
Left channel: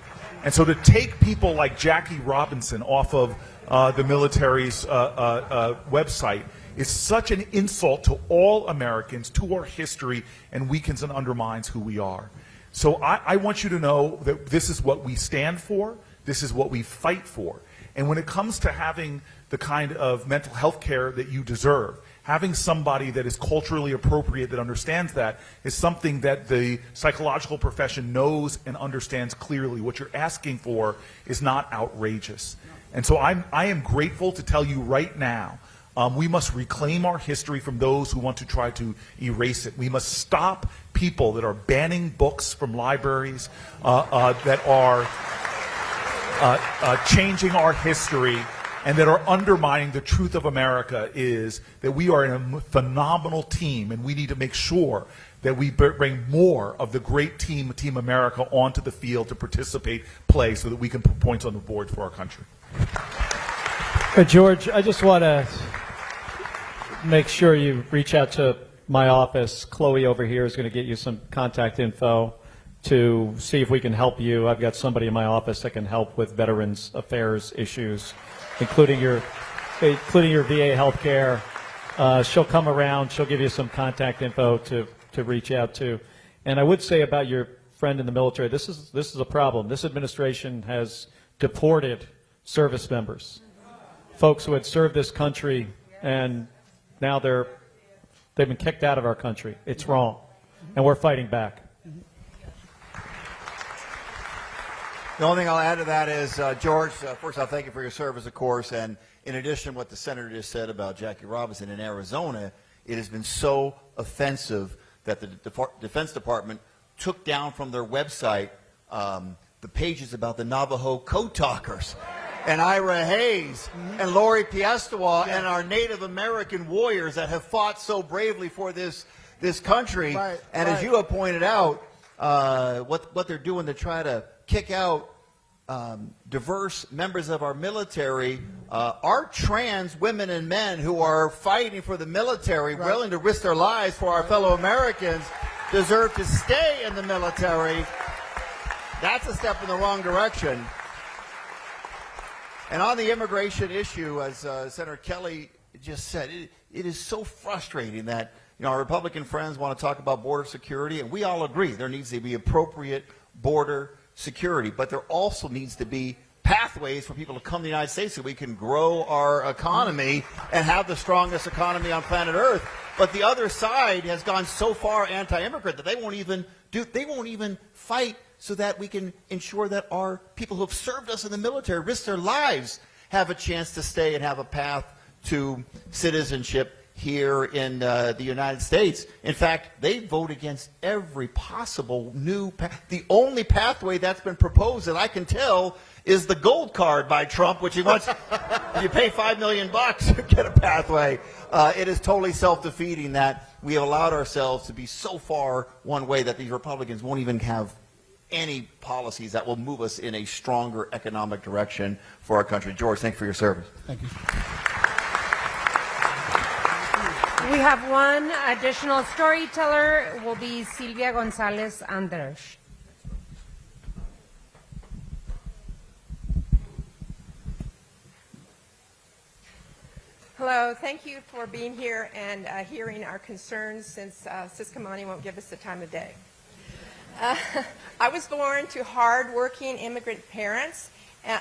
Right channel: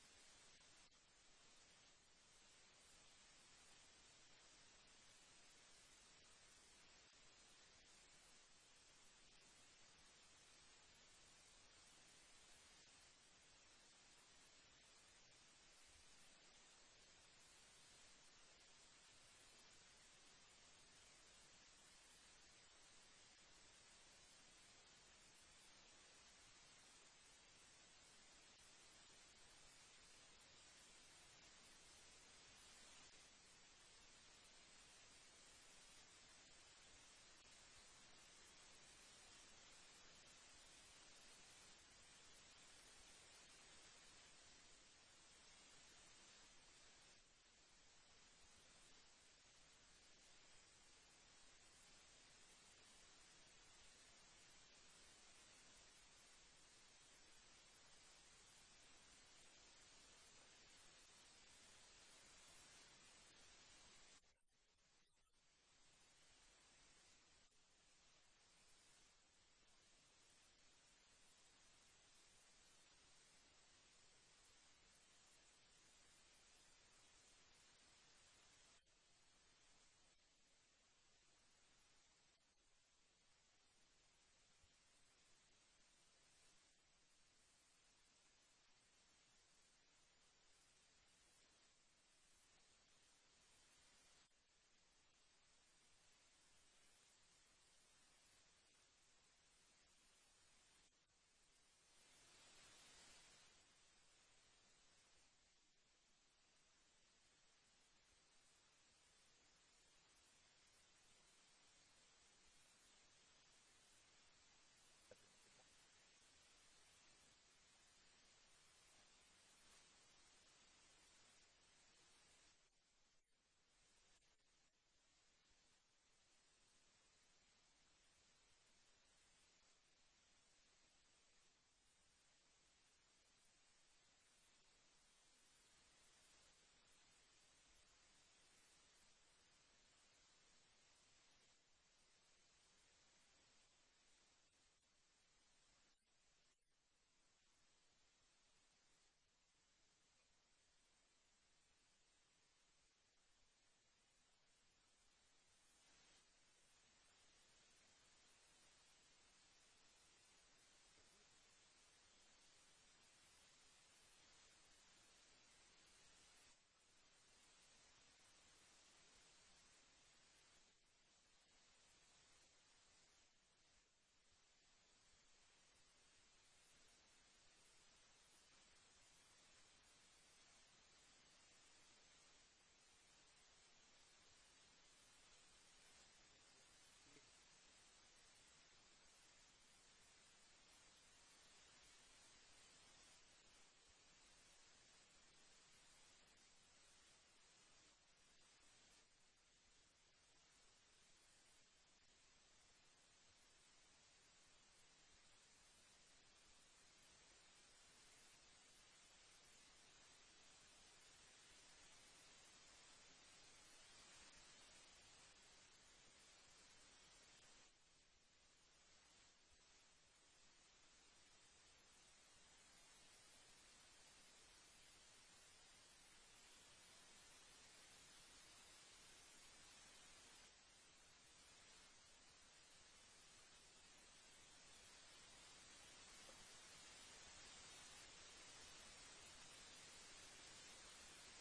And so to take people like Jackie Robinson off of the military's website is such an insult to all Americans, to our history, and weakens and undermines who we are. So I want you to know that this is what we stand for. This is what we fight for. And when it comes to having the kind of mental health care that you deserve, having somebody that is culturally appropriate, that understands that, is something that the psychological profession knows and understands clearly. What you're asking for is not outrageous. And so I am grateful to tell you right now, we must reclaim our history from those who want to try to erase it. We must stop people that are banning books from libraries, that are changing our history, and that are undermining the truth of America. Is that we are a phenomenal team, and we need to make sure that we bring more of the great team America onto the field to participate, play, so that we can put points on the board for our country. George, I just want to make sure you reach out to my office. Chloe over here is going to get you some contact info to see if we can help you. I've got somebody in my office that can help with Veterans Affairs issues, including your VA health care. She'll come around. She'll give you some contact info to reach out to. And I would say about your friend in the military, this is a problem. This administration has deported service members, folks who had served this country, and now they've been kicked out of our country. It's wrong, and we're fighting back. The only thing I'll add to that is, George, first I'll thank you for your service, of course, and in addition to what the senator just said about Jackie Robinson in Arizona, it has been so offensive that the Defense Department took down from their website the pages about the Navajo Code Talkers and Ira Hayes and Lori Piestewa and our Native American warriors that have fought so bravely for this country. Right, and as you have pointed out, what they're doing to try to kick out diverse members of our military, our trans women and men who are fighting for the military, willing to risk their lives for our fellow Americans, deserve to stay in the military. That's a step in the wrong direction. And on the immigration issue, as Senator Kelly just said, it is so frustrating that our Republican friends want to talk about border security, and we all agree there needs to be appropriate border security, but there also needs to be pathways for people to come to the United States so we can grow our economy and have the strongest economy on planet Earth. But the other side has gone so far anti-immigrant that they won't even fight so that we can ensure that our people who have served us in the military, risked their lives, have a chance to stay and have a path to citizenship here in the United States. In fact, they vote against every possible new path. The only pathway that's been proposed that I can tell is the gold card by Trump, which he wants. You pay $5 million to get a pathway. It is totally self-defeating that we have allowed ourselves to be so far one way that these Republicans won't even have any policies that will move us in a stronger economic direction for our country. George, thank you for your service. Thank you. We have one additional storyteller, will be Silvia Gonzalez Andres. Hello, thank you for being here and hearing our concerns, since Siscomani won't give us the time of day. I was born to hard-working immigrant parents.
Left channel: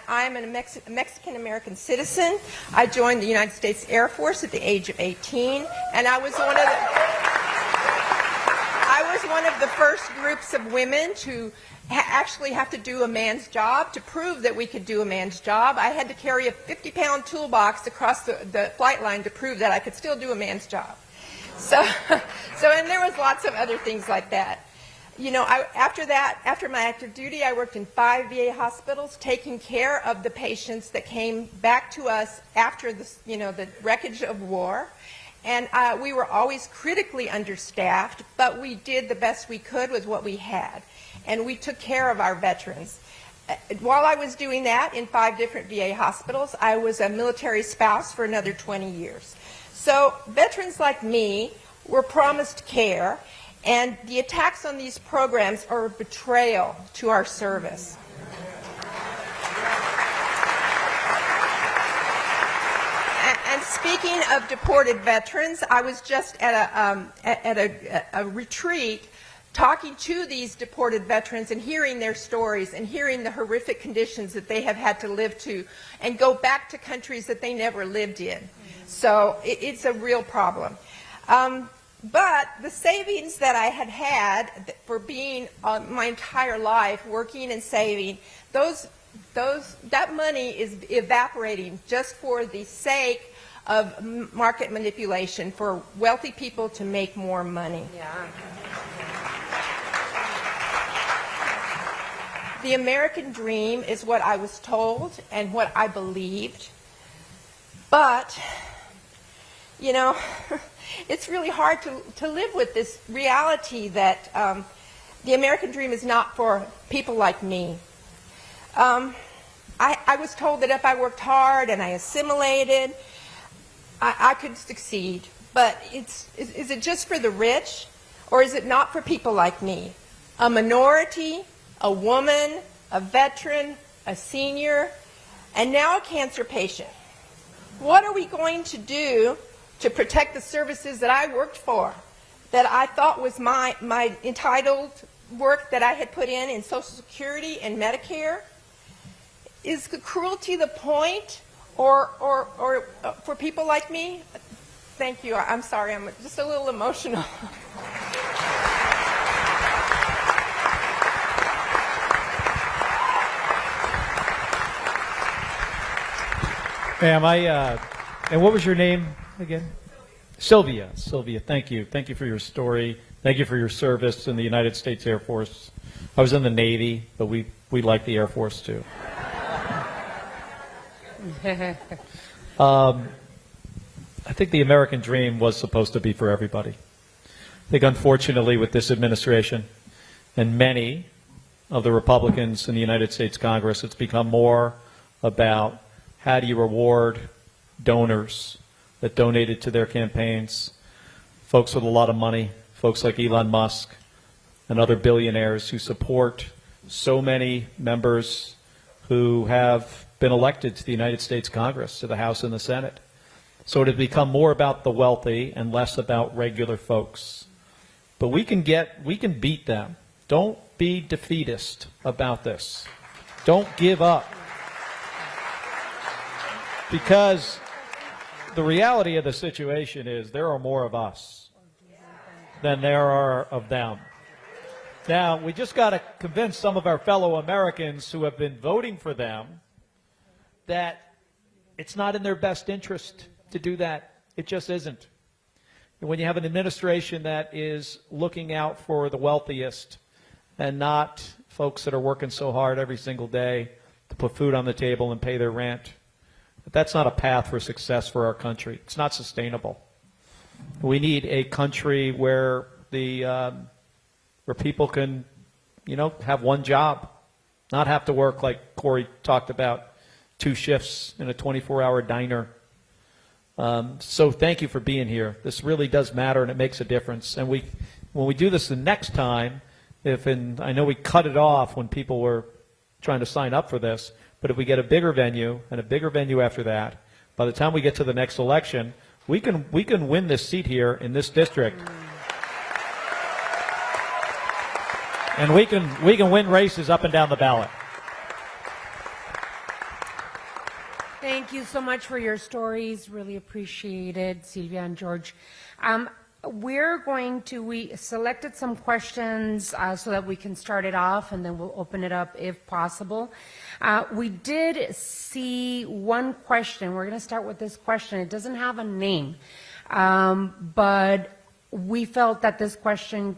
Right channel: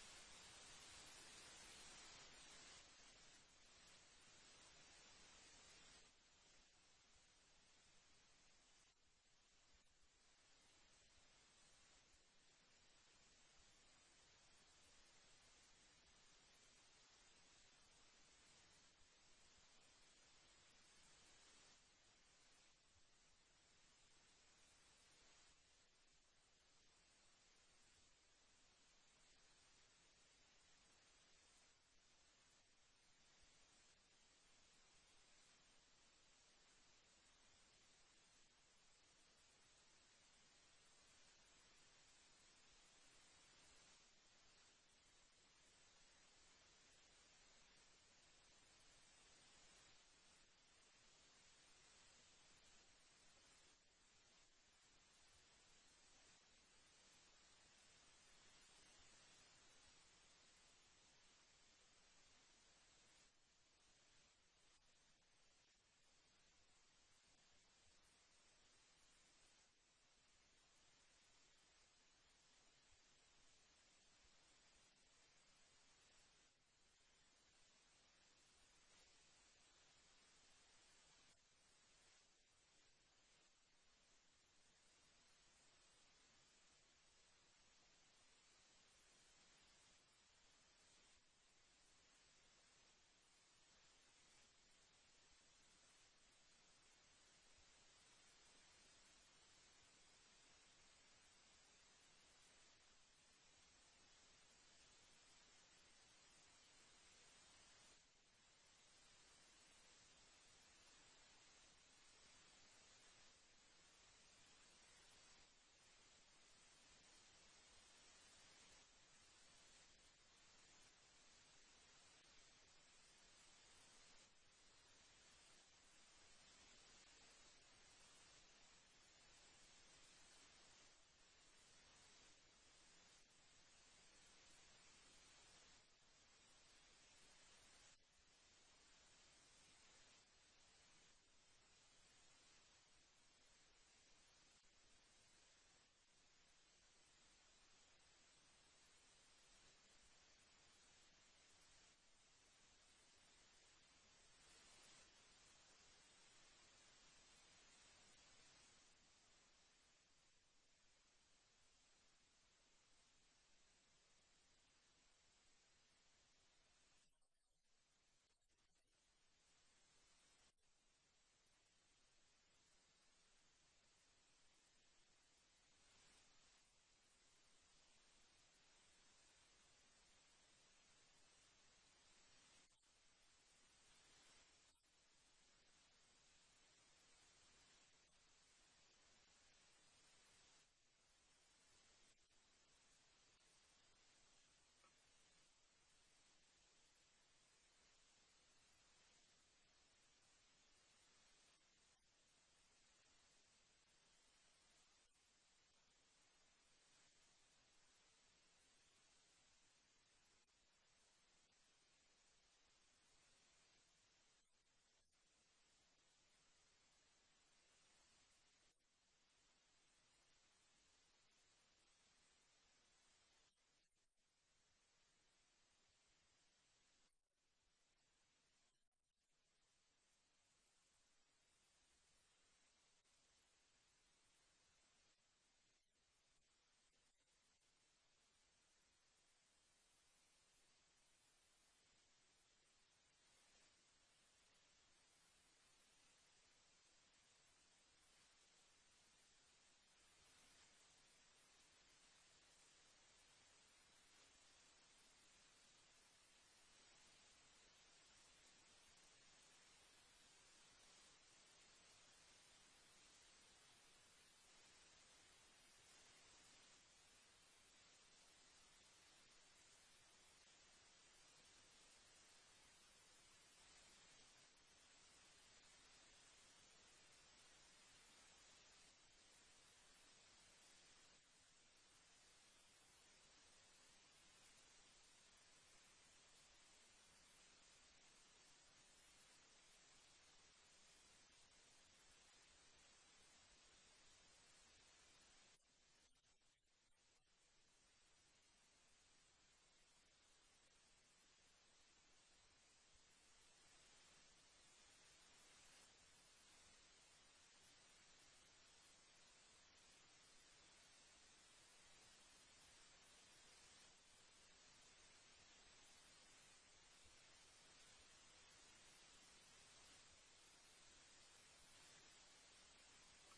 I'm a Mexican-American citizen. I joined the United States Air Force at the age of 18, and I was one of the first groups of women to actually have to do a man's job. To prove that we could do a man's job, I had to carry a 50-pound toolbox across the flight line to prove that I could still do a man's job. So, and there was lots of other things like that. You know, after my active duty, I worked in 5 VA hospitals taking care of the patients that came back to us after the wreckage of war. And we were always critically understaffed, but we did the best we could with what we had. And we took care of our veterans. While I was doing that in 5 different VA hospitals, I was a military spouse for another 20 years. So veterans like me were promised care, and the attacks on these programs are a betrayal to our service. And speaking of deported veterans, I was just at a retreat talking to these deported veterans and hearing their stories and hearing the horrific conditions that they have had to live to and go back to countries that they never lived in. So it's a real problem. But the savings that I had had for being my entire life working and saving, that money is evaporating just for the sake of market manipulation for wealthy people to make more money. Yeah. The American dream is what I was told and what I believed. But, you know, it's really hard to live with this reality that the American dream is not for people like me. I was told that if I worked hard and I assimilated, I could succeed. But is it just for the rich, or is it not for people like me? A minority, a woman, a veteran, a senior, and now a cancer patient. What are we going to do to protect the services that I worked for, that I thought was my entitled work that I had put in Social Security and Medicare? Is the cruelty the point, or for people like me? Thank you. I'm sorry. I'm just a little emotional. Ma'am, and what was your name again? Sylvia. Sylvia, thank you. Thank you for your story. Thank you for your service in the United States Air Force. I was in the Navy, but we like the Air Force too. I think the American dream was supposed to be for everybody. I think unfortunately with this administration and many of the Republicans in the United States Congress, it's become more about how do you reward donors that donated to their campaigns, folks with a lot of money, folks like Elon Musk and other billionaires who support so many members who have been elected to the United States Congress, to the House and the Senate. So it has become more about the wealthy and less about regular folks. But we can beat them. Don't be defeatist about this. Don't give up. Because the reality of the situation is there are more of us than there are of them. Now, we just got to convince some of our fellow Americans who have been voting for them that it's not in their best interest to do that. It just isn't. And when you have an administration that is looking out for the wealthiest and not folks that are working so hard every single day to put food on the table and pay their rent, that's not a path for success for our country. It's not sustainable. We need a country where where people can, have one job, not have to work like Cory talked about, 2 shifts in a 24-hour diner. So thank you for being here. This really does matter, and it makes a difference. And when we do this the next time, I know we cut it off when people were trying to sign up for this, but if we get a bigger venue and a bigger venue after that, by the time we get to the next election, we can win this seat here in this district. And we can win races up and down the ballot. Thank you so much for your stories. Really appreciated, Sylvia and George. we selected some questions so that we can start it off, and then we'll open it up if possible. We did see one question. We're going to start with this question. It doesn't have a name, but we felt that this question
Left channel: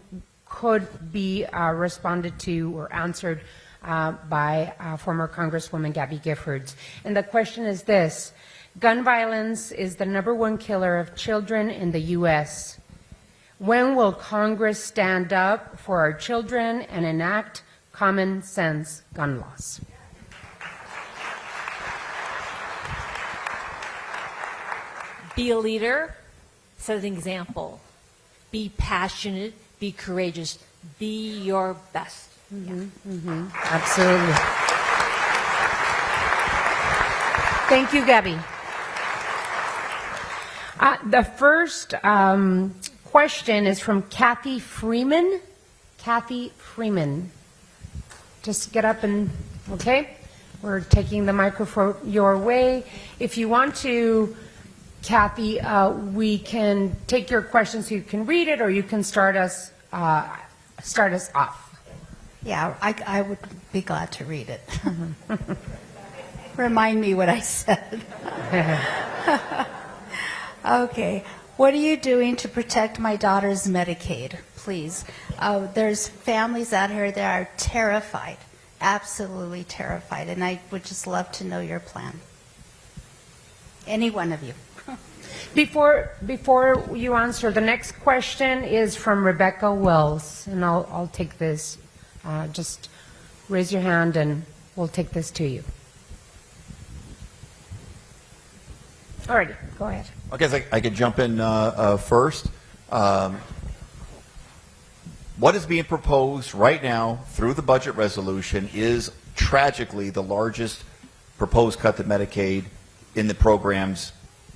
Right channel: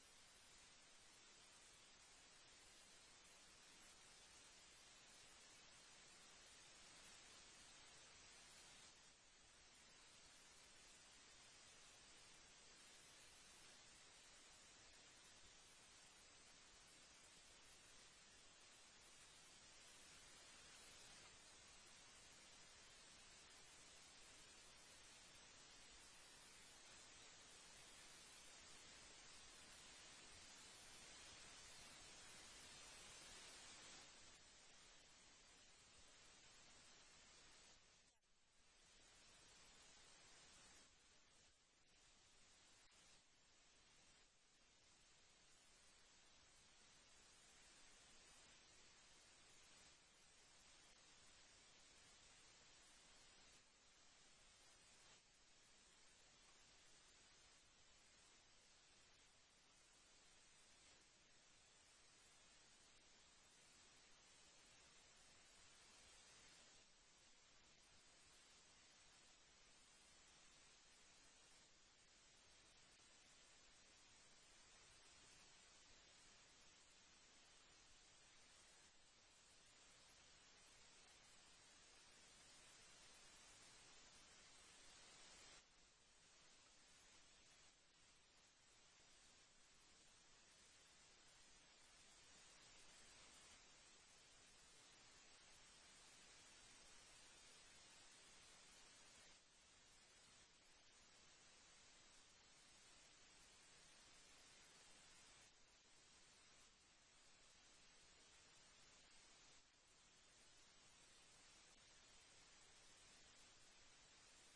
could be responded to or answered by former Congresswoman Gabby Giffords. And the question is this: gun violence is the #1 killer of children in the U.S. When will Congress stand up for our children and enact common sense gun laws? Be a leader, set an example. Be passionate, be courageous, be your best. Absolutely. Thank you, Gabby. The first question is from Kathy Freeman. Kathy Freeman. Just get up and, okay? We're taking the microphone your way. If you want to, Kathy, we can take your question so you can read it, or you can start us off. Yeah, I would be glad to read it. Remind me what I said. Okay. What are you doing to protect my daughter's Medicaid, please? There's families out here that are terrified, absolutely terrified, and I would just love to know your plan. Any one of you. Before you answer, the next question is from Rebecca Wells, and I'll take this. Just raise your hand, and we'll take this to you. All right, go ahead. I guess I could jump in first. What is being proposed right now through the budget resolution is tragically the largest proposed cut to Medicaid in the program's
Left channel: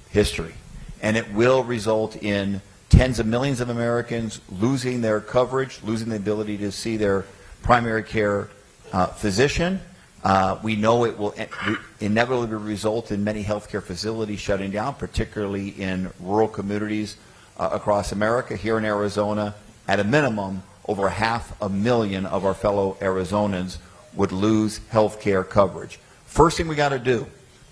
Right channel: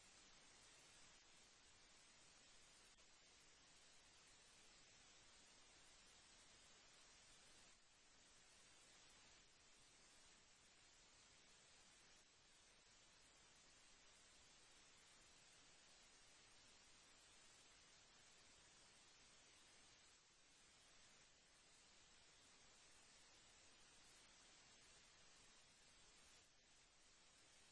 history. And it will result in tens of millions of Americans losing their coverage, losing the ability to see their primary care physician. We know it will inevitably result in many healthcare facilities shutting down, particularly in rural communities across America. Here in Arizona, at a minimum, over 500,000 of our fellow Arizonans would lose healthcare coverage. First thing we got to do,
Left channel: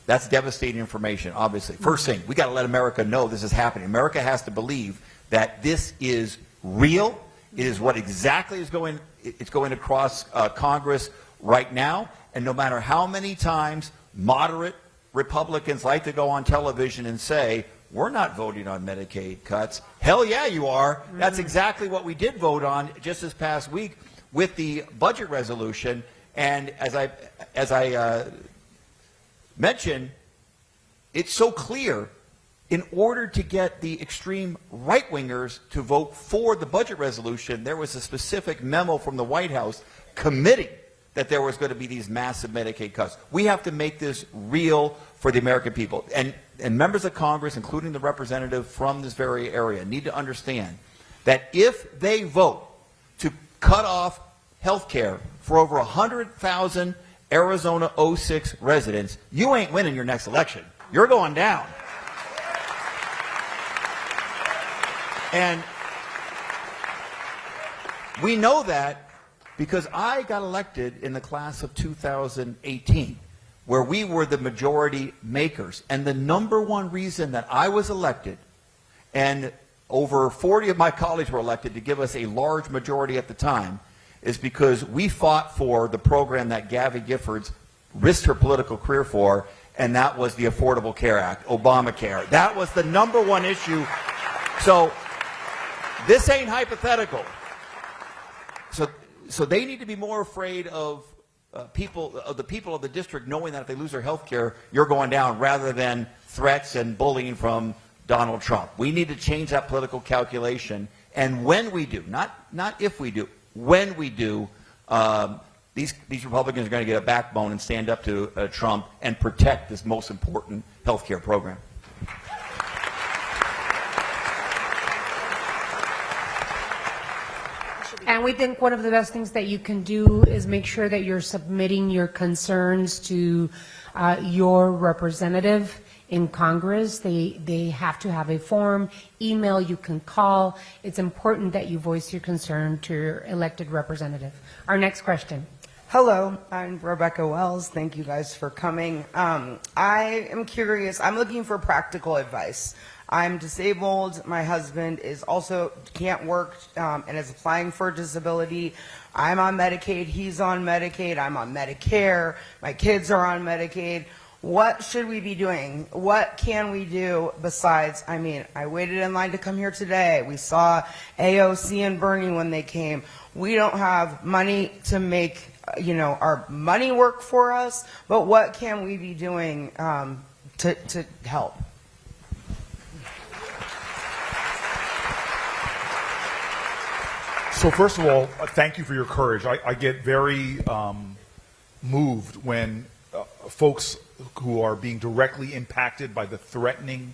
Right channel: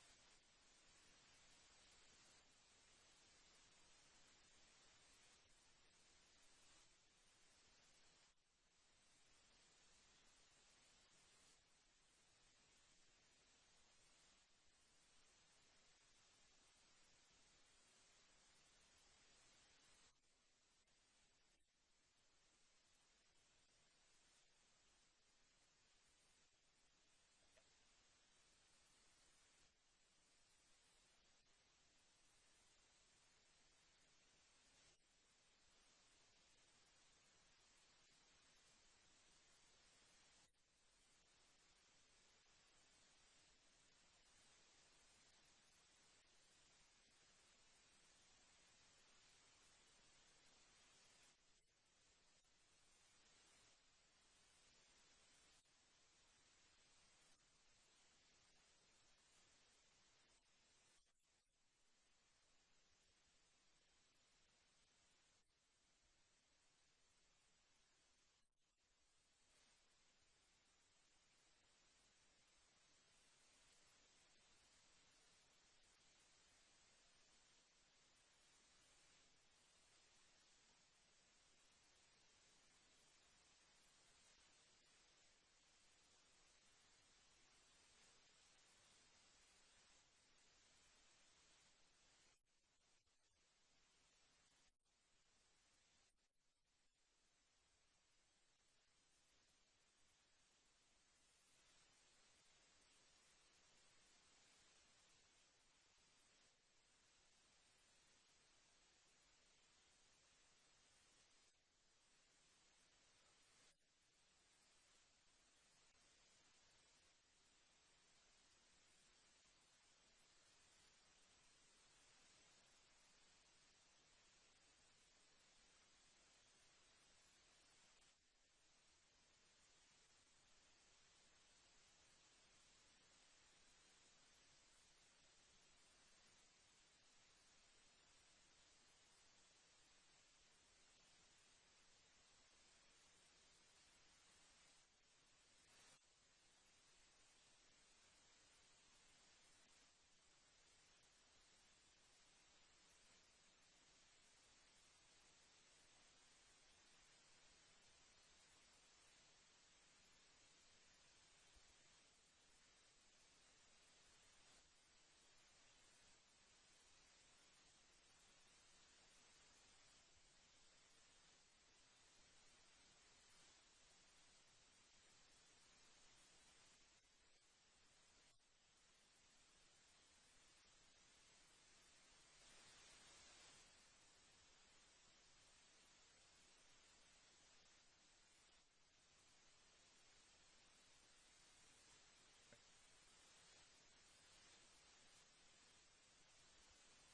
that's devastating information, obviously. First thing, we got to let America know this is happening. America has to believe that this is real. It is what exactly is going across Congress right now. And no matter how many times moderate Republicans like to go on television and say, we're not voting on Medicaid cuts. Hell yeah, you are. That's exactly what we did vote on just this past week with the budget resolution. And as I mentioned, it's so clear. In order to get the extreme right-wingers to vote for the budget resolution, there was a specific memo from the White House committing that there was going to be these massive Medicaid cuts. We have to make this real for the American people. And members of Congress, including the representative from this very area, need to understand that if they vote to cut off health care for over 100,000 Arizona 06 residents, you ain't winning your next election. You're going down. And we know that because I got elected in the class of 2018, where we were the majority makers. And the #1 reason that I was elected, and over 40 of my colleagues were elected to give us a large majority at the time, is because we fought for the program that Gabby Giffords risked her political career for, and that was the Affordable Care Act, Obamacare. That was the #1 issue. So this ain't hypothetical. So they need to be more afraid of the people of the district knowing that if they lose their health care, you're going down, rather than threats and bullying from Donald Trump. We need to change that political calculation. And when we do, not if we do, when we do, these Republicans are going to get a backbone and stand up to Trump and protect this most important health care program. And we think one of the best things that you can do is make sure that you're submitting your concerns to your representative in Congress. They have to have a form, email, you can call. It's important that you voice your concern to your elected representative. Our next question. Hello, I'm Rebecca Wells. Thank you guys for coming. I am curious. I'm looking for practical advice. I'm disabled. My husband is also can't work and is applying for disability. I'm on Medicaid. He's on Medicaid. I'm on Medicare. My kids are on Medicaid. What should we be doing? What can we do besides, I mean, I waited in line to come here today. We saw AOC and Bernie when they came. We don't have money to make our money work for us, but what can we be doing to help? So first of all, thank you for your courage. I get very moved when folks who are being directly impacted by the threatening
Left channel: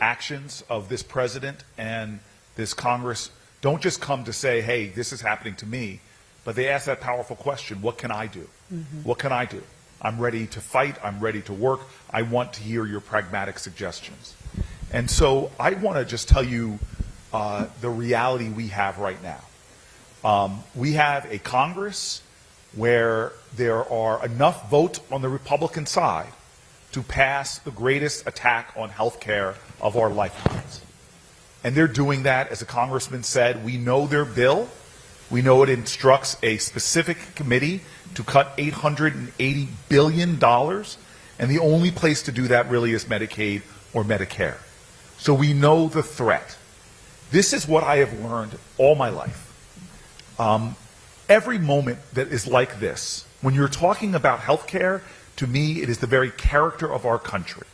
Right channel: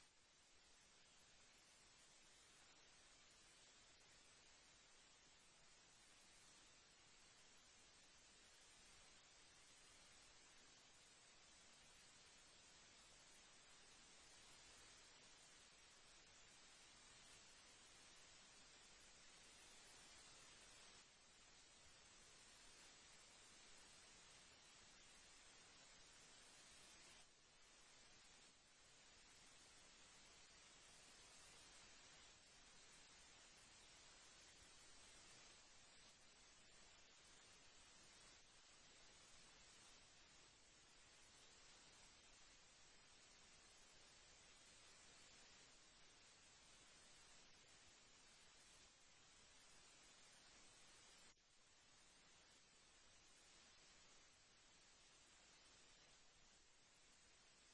actions of this president and this Congress don't just come to say, hey, this is happening to me, but they ask that powerful question, what can I do? What can I do? I'm ready to fight. I'm ready to work. I want to hear your pragmatic suggestions. And so I want to just tell you the reality we have right now. We have a Congress where there are enough votes on the Republican side to pass the greatest attack on health care of our lifetimes. And they're doing that, as a congressman said. We know their bill. We know it instructs a specific committee to cut $880 billion, and the only place to do that really is Medicaid or Medicare. So we know the threat. This is what I have learned all my life. Every moment that is like this, when you're talking about health care, to me, it is the very character of our country.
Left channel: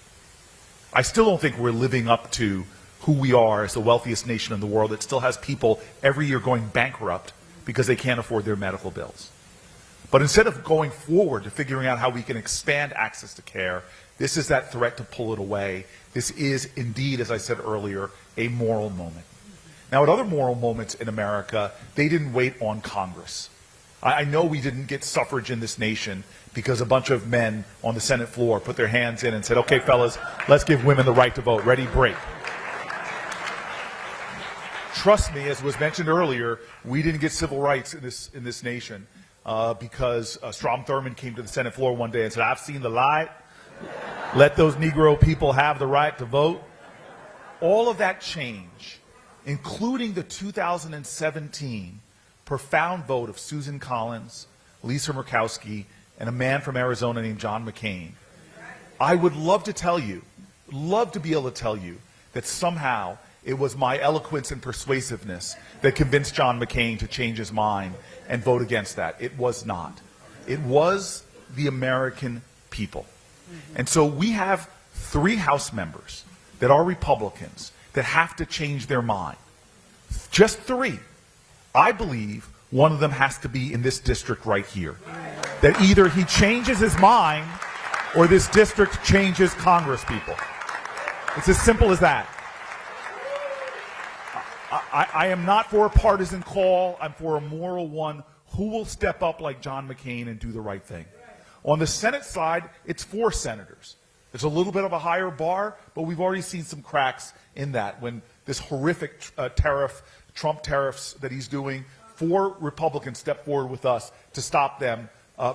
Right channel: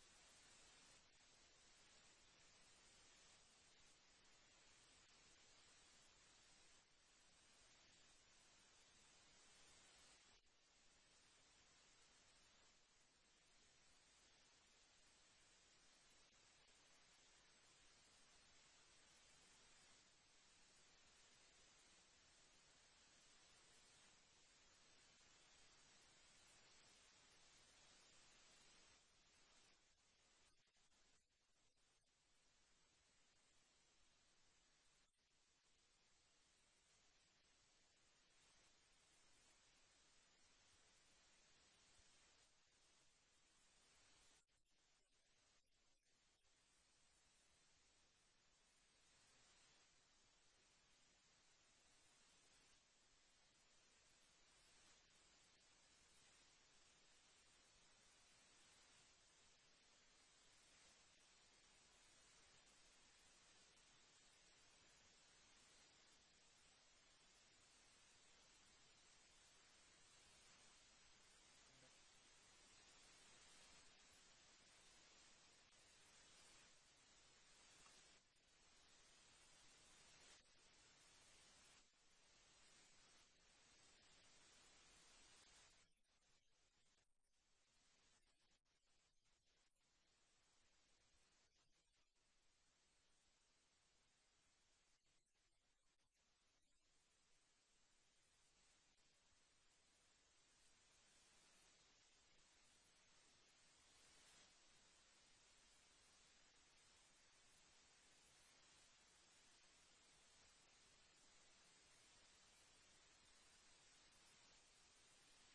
I still don't think we're living up to who we are as the wealthiest nation in the world that still has people every year going bankrupt because they can't afford their medical bills. But instead of going forward to figuring out how we can expand access to care, this is that threat to pull it away. This is indeed, as I said earlier, a moral moment. Now, at other moral moments in America, they didn't wait on Congress. I know we didn't get suffrage in this nation because a bunch of men on the Senate floor put their hands in and said, okay, fellas, let's give women the right to vote. Ready, break. Trust me, as was mentioned earlier, we didn't get civil rights in this nation because Strom Thurmond came to the Senate floor one day and said, I've seen the light. Let those Negro people have the right to vote. All of that change, including the 2017 profound vote of Susan Collins, Lisa Murkowski, and a man from Arizona named John McCain. I would love to tell you, love to be able to tell you that somehow it was my eloquence and persuasiveness that convinced John McCain to change his mind and vote against that. It was not. It was the American people. And so we have 3 House members that are Republicans that have to change their mind. Just 3. I believe one of them has to be in this district right here. That either he changes his mind or this district changes Congress people. It's as simple as that. I am not for a partisan call. I'm for a moral one. Who will step up like John McCain and do the right thing? On the Senate side, it's 4 senators. It's a little bit of a higher bar, but we've already seen some cracks in that. When this horrific Trump tariffs that he's doing, 4 Republicans stepped forward with us to stop them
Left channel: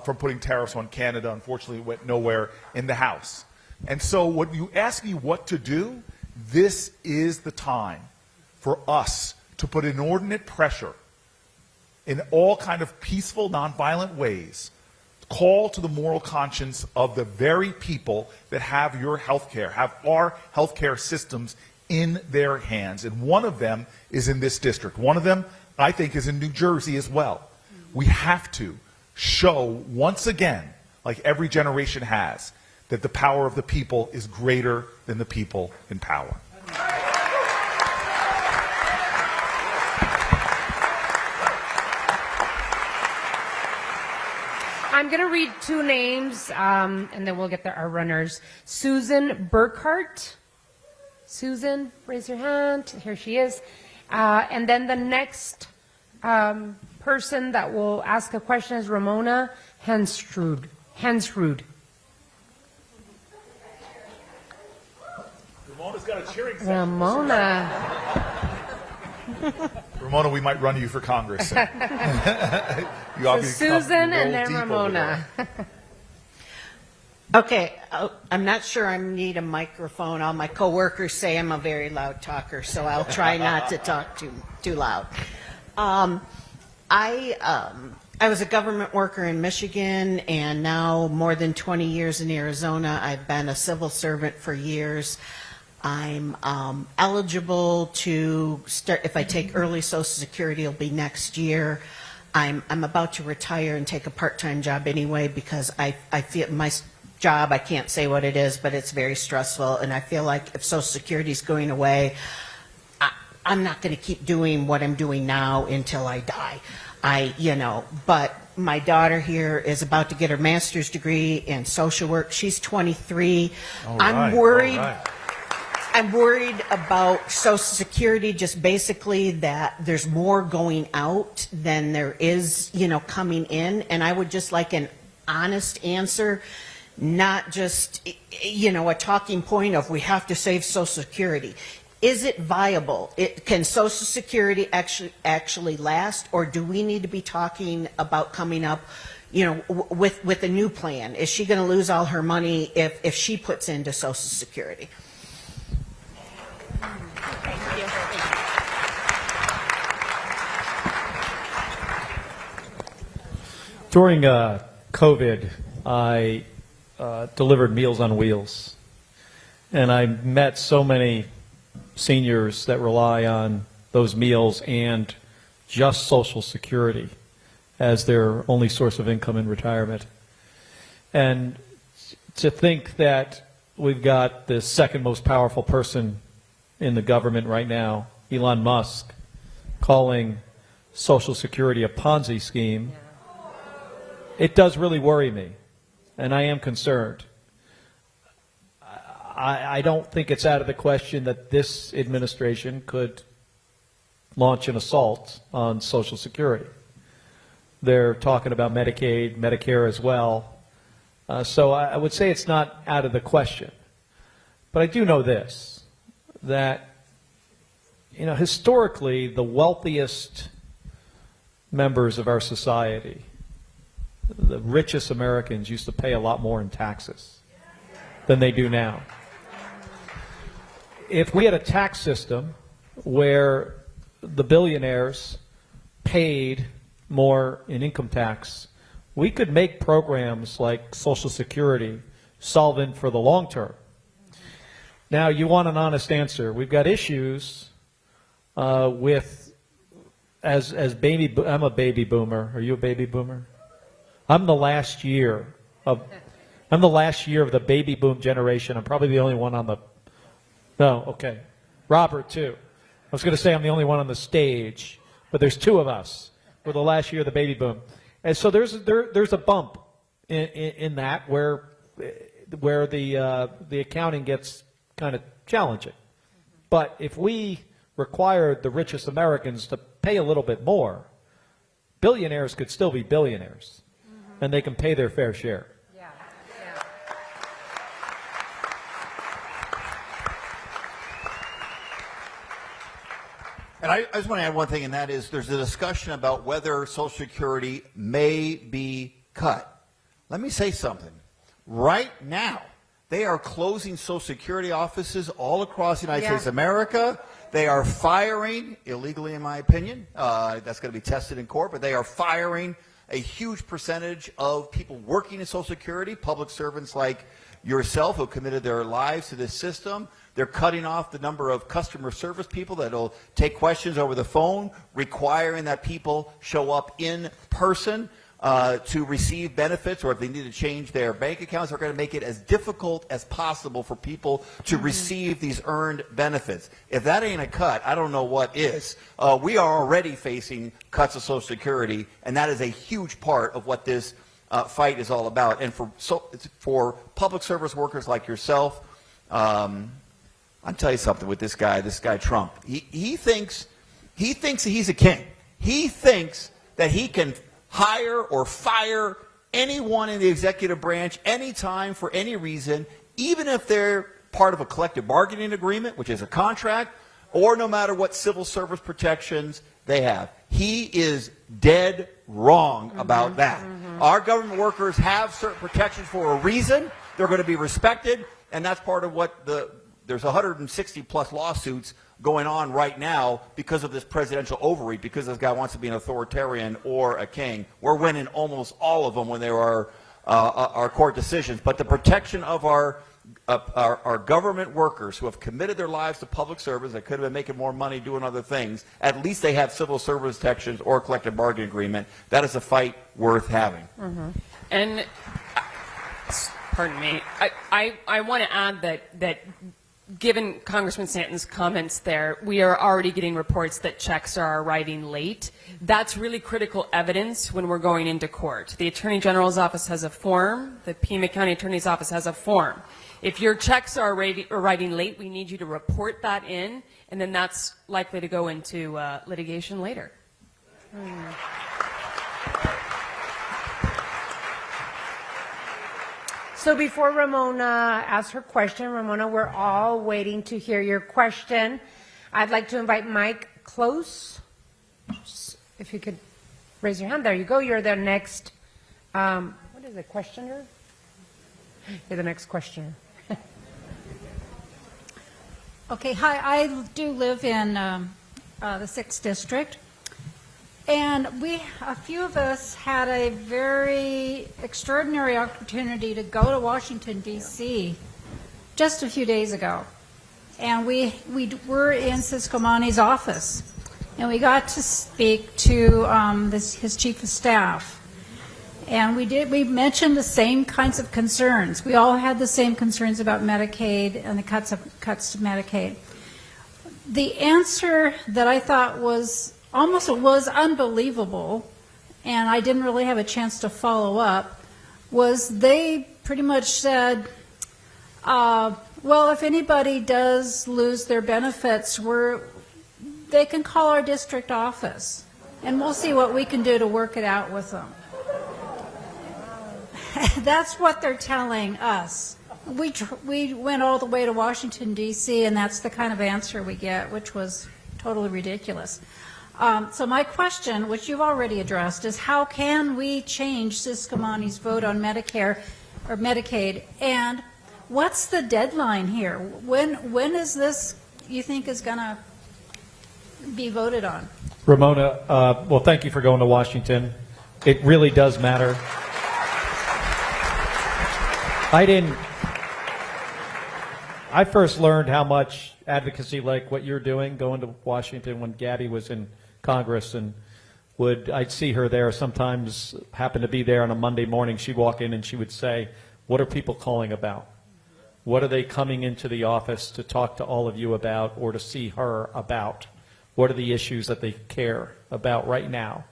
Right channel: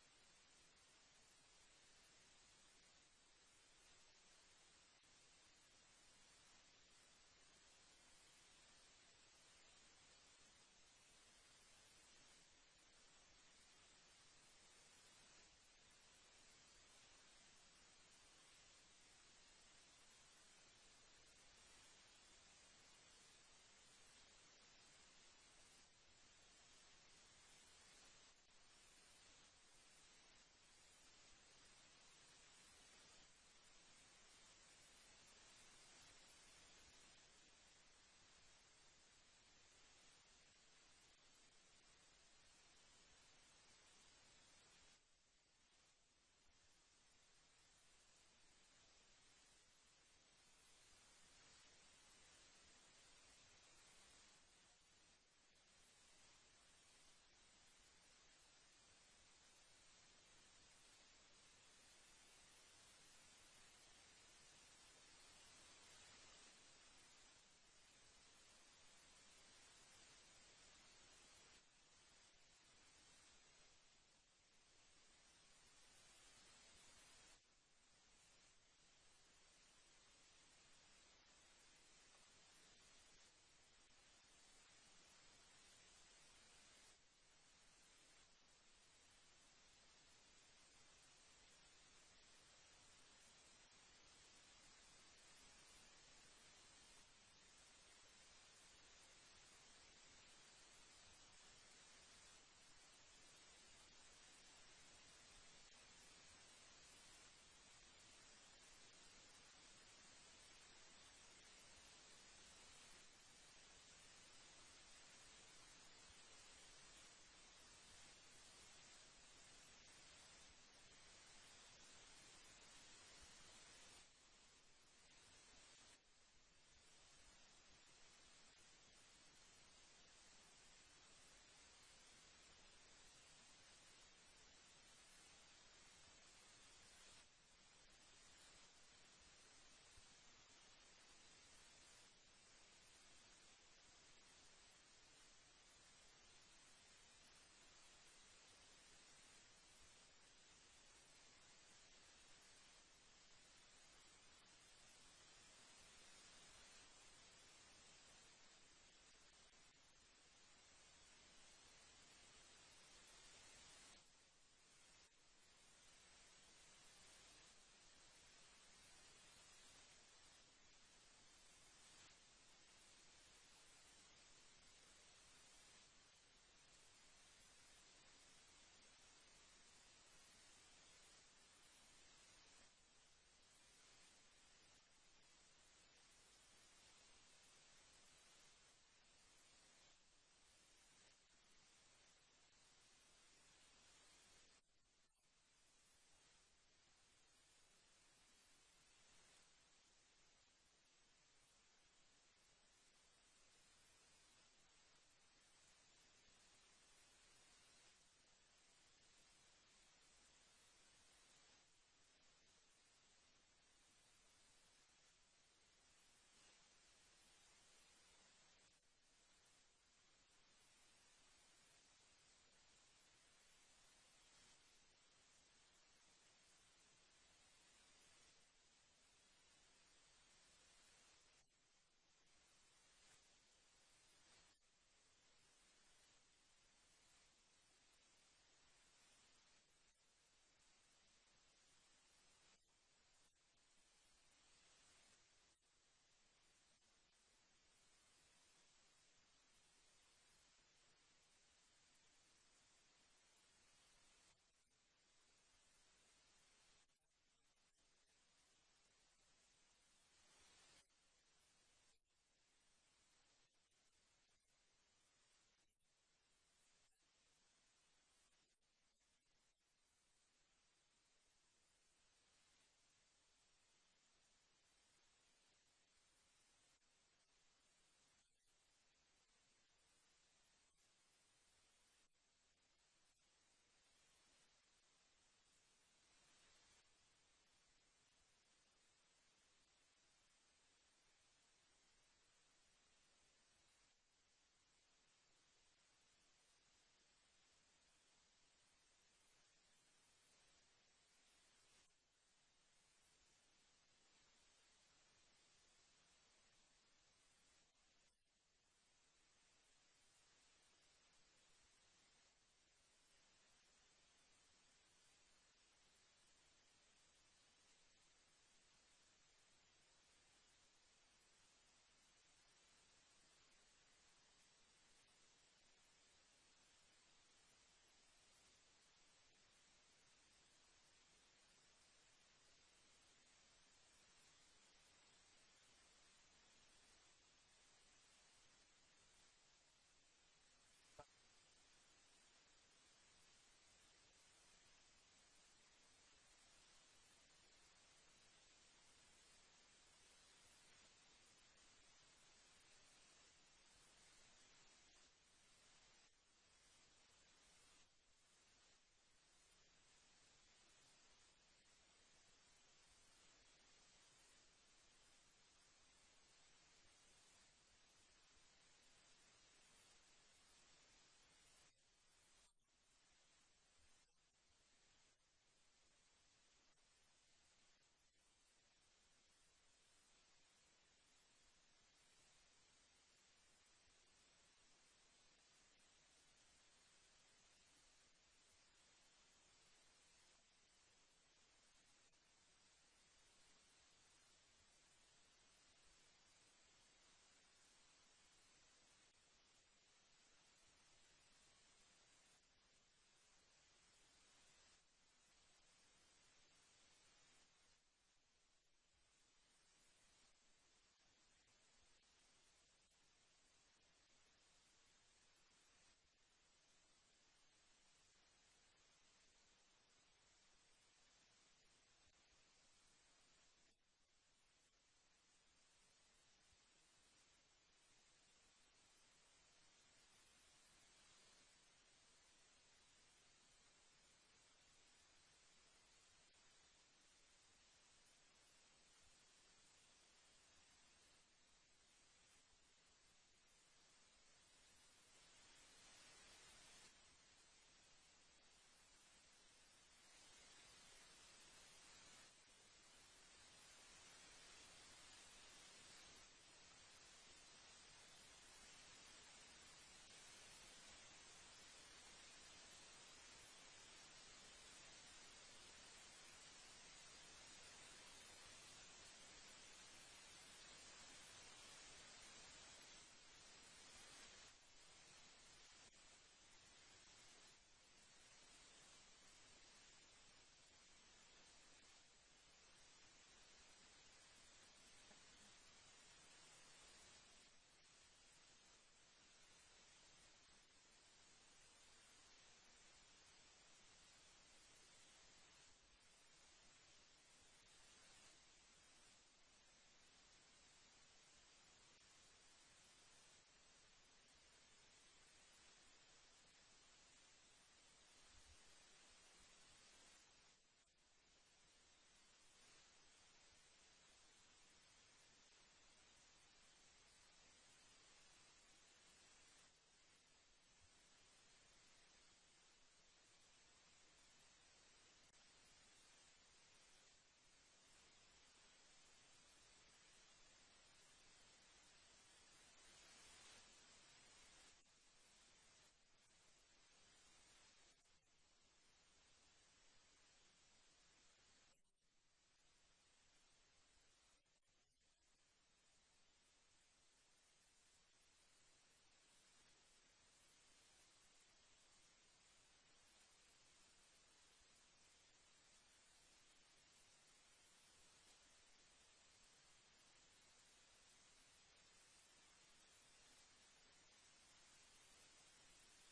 from putting tariffs on Canada. Unfortunately, it went nowhere in the House. And so when you ask me what to do, this is the time for us to put inordinate pressure in all kind of peaceful, nonviolent ways, call to the moral conscience of the very people that have your health care, have our health care systems in their hands. And one of them is in this district. One of them, I think, is in New Jersey as well. We have to show once again, like every generation has, that the power of the people is greater than the people in power. I'm going to read 2 names, and then we'll get our runners. Susan Burkhart. Susan, raise your hand. Here she is. And then the next person that will ask a question is Ramona Hensrud. cheering section. Ramona. Ramona, we might run you for Congress. You So obviously Susan roll and then deep over Ramona. Okay, I'm not sure I need a microphone. All my coworkers say I'm a very loud talker, so I'll try not to talk too loud. I was a government worker in Michigan, and now more than 20 years in Arizona. I've been a civil servant for years. I'm eligible to start, if I take early Social Security, it'll be next year. I'm about to retire and take a part-time job anyway because I feel my job, I can't say what it is, but it's very stressful, and I feel like if Social Security is going away, I'm not going to keep doing what I'm doing now until I die. But my daughter here is about to get her master's degree in social work. She's 23. I'm worried. I'm worried about Social Security, just basically that there's more going out than there is, coming in. And I would just like an honest answer, not just, a talking point of we have to save Social Security. Is it viable? Can Social Security actually last, or do we need to be talking about coming up, with a new plan? Is she going to lose all her money if she puts into Social Security? During COVID, I delivered Meals on Wheels, and I met so many seniors that rely on those meals and just Social Security as their only source of income in retirement. And to think that we've got the second most powerful person in the government right now, Elon Musk, calling Social Security a Ponzi scheme, it does really worry me, and I am concerned. I don't think it's out of the question that this administration could launch an assault on Social Security. They're talking about Medicaid, Medicare as well. So I would say it's not out of the question. But I do know this, that historically the wealthiest members of our society, the richest Americans, used to pay a lot more in taxes than they do now. If we had a tax system where the billionaires paid more in income tax, we could make programs like Social Security solvent for the long term. Now, you want an honest answer. We've got issues with, I'm a baby boomer. Are you a baby boomer? I'm the last year of the baby boom generation. I'm probably the only one on the, no, okay. Robert, too. I was going to say I'm the only one on the stage, but there's two of us. We're the last year of the baby boom. And so there's a bump in that where the accounting gets kind of challenging. But if we required the richest Americans to pay a little bit more, billionaires could still be billionaires, and they can pay their fair share. And I just want to add one thing, and that is there's a discussion about whether Social Security may be cut. Let me say something. Right now, they are closing Social Security offices all across the United States of America. They are firing, illegally in my opinion, that's going to be tested in court, but they are firing a huge percentage of people working in Social Security, public servants like yourself who committed their lives to this system. They're cutting off the number of customer service people that will take questions over the phone, requiring that people show up in person to receive benefits, or if they need to change their bank accounts, they're going to make it as difficult as possible for people to receive these earned benefits. If that ain't a cut, I don't know what is. We are already facing cuts of Social Security, and that is a huge part of what this fight is all about. And for public service workers like yourself, I'll tell you something with this guy Trump. He thinks he's a king. He thinks that he can hire or fire anyone in the executive branch anytime for any reason, even if they're part of a collective bargaining agreement, which is a contract, or no matter what civil service protections they have. He is dead wrong about that. Our government workers have certain protections for a reason. They're going to be respected, and that's part of what there's 160 plus lawsuits going on right now because of this presidential overreach, because this guy wants to be an authoritarian or a king. We're winning almost all of them when there are court decisions. But the protection of our government workers who have committed their lives to public service, that could have been making more money doing other things, at least they have civil service protections or a collective bargaining agreement. That is a fight worth having. And, pardon me, I want to add that given Congressman Stanton's comments there, we are already getting reports that checks are arriving late. That's really critical evidence when we're going into court. The Attorney General's office has a form. The Pima County Attorney's office has a form. If your checks are arriving late, we need you to report that in, and then that's likely to go into litigation later. So before Ramona asks her question, Ramona, we're all waiting to hear your question. I'd like to invite Mike Close. If you could raise your hand. There you go. You're the next, what is it, questioner? You're the next questioner. Okay, hi. I do live in the 6th District. And a few of us had a very extraordinary opportunity to go to Washington, D.C. just a few days ago. And we were in Siscomani's office. And we got to speak to his chief of staff. And we mentioned the same kinds of concerns. We all had the same concerns about Medicaid and the cuts to Medicaid. The answer that I thought was unbelievable, and I didn't really have a chance to follow up, was they pretty much said, well, if anybody does lose their benefits, they can call our district office, and we'll see what we can do to work it out with them. That's what they're telling us. We went all the way to Washington, D.C., and that's the kind of answer we get, which was totally ridiculous. So my question, which you've already addressed, is how can we change Siscomani's vote on Medicare or Medicaid, and what's the deadline here? When is this, you think, is going to be voted on? Ramona, well, thank you for going to Washington. It really does matter. I first learned how much advocacy like what you're doing, going to Washington, when Gabby was in Congress, and I'd see her there sometimes, happen to be there on a Monday morning. She'd walk in and she would say, what are people calling about? What are they coming into the office to talk to all of you about, or to see her about? What are the issues that they care about right now?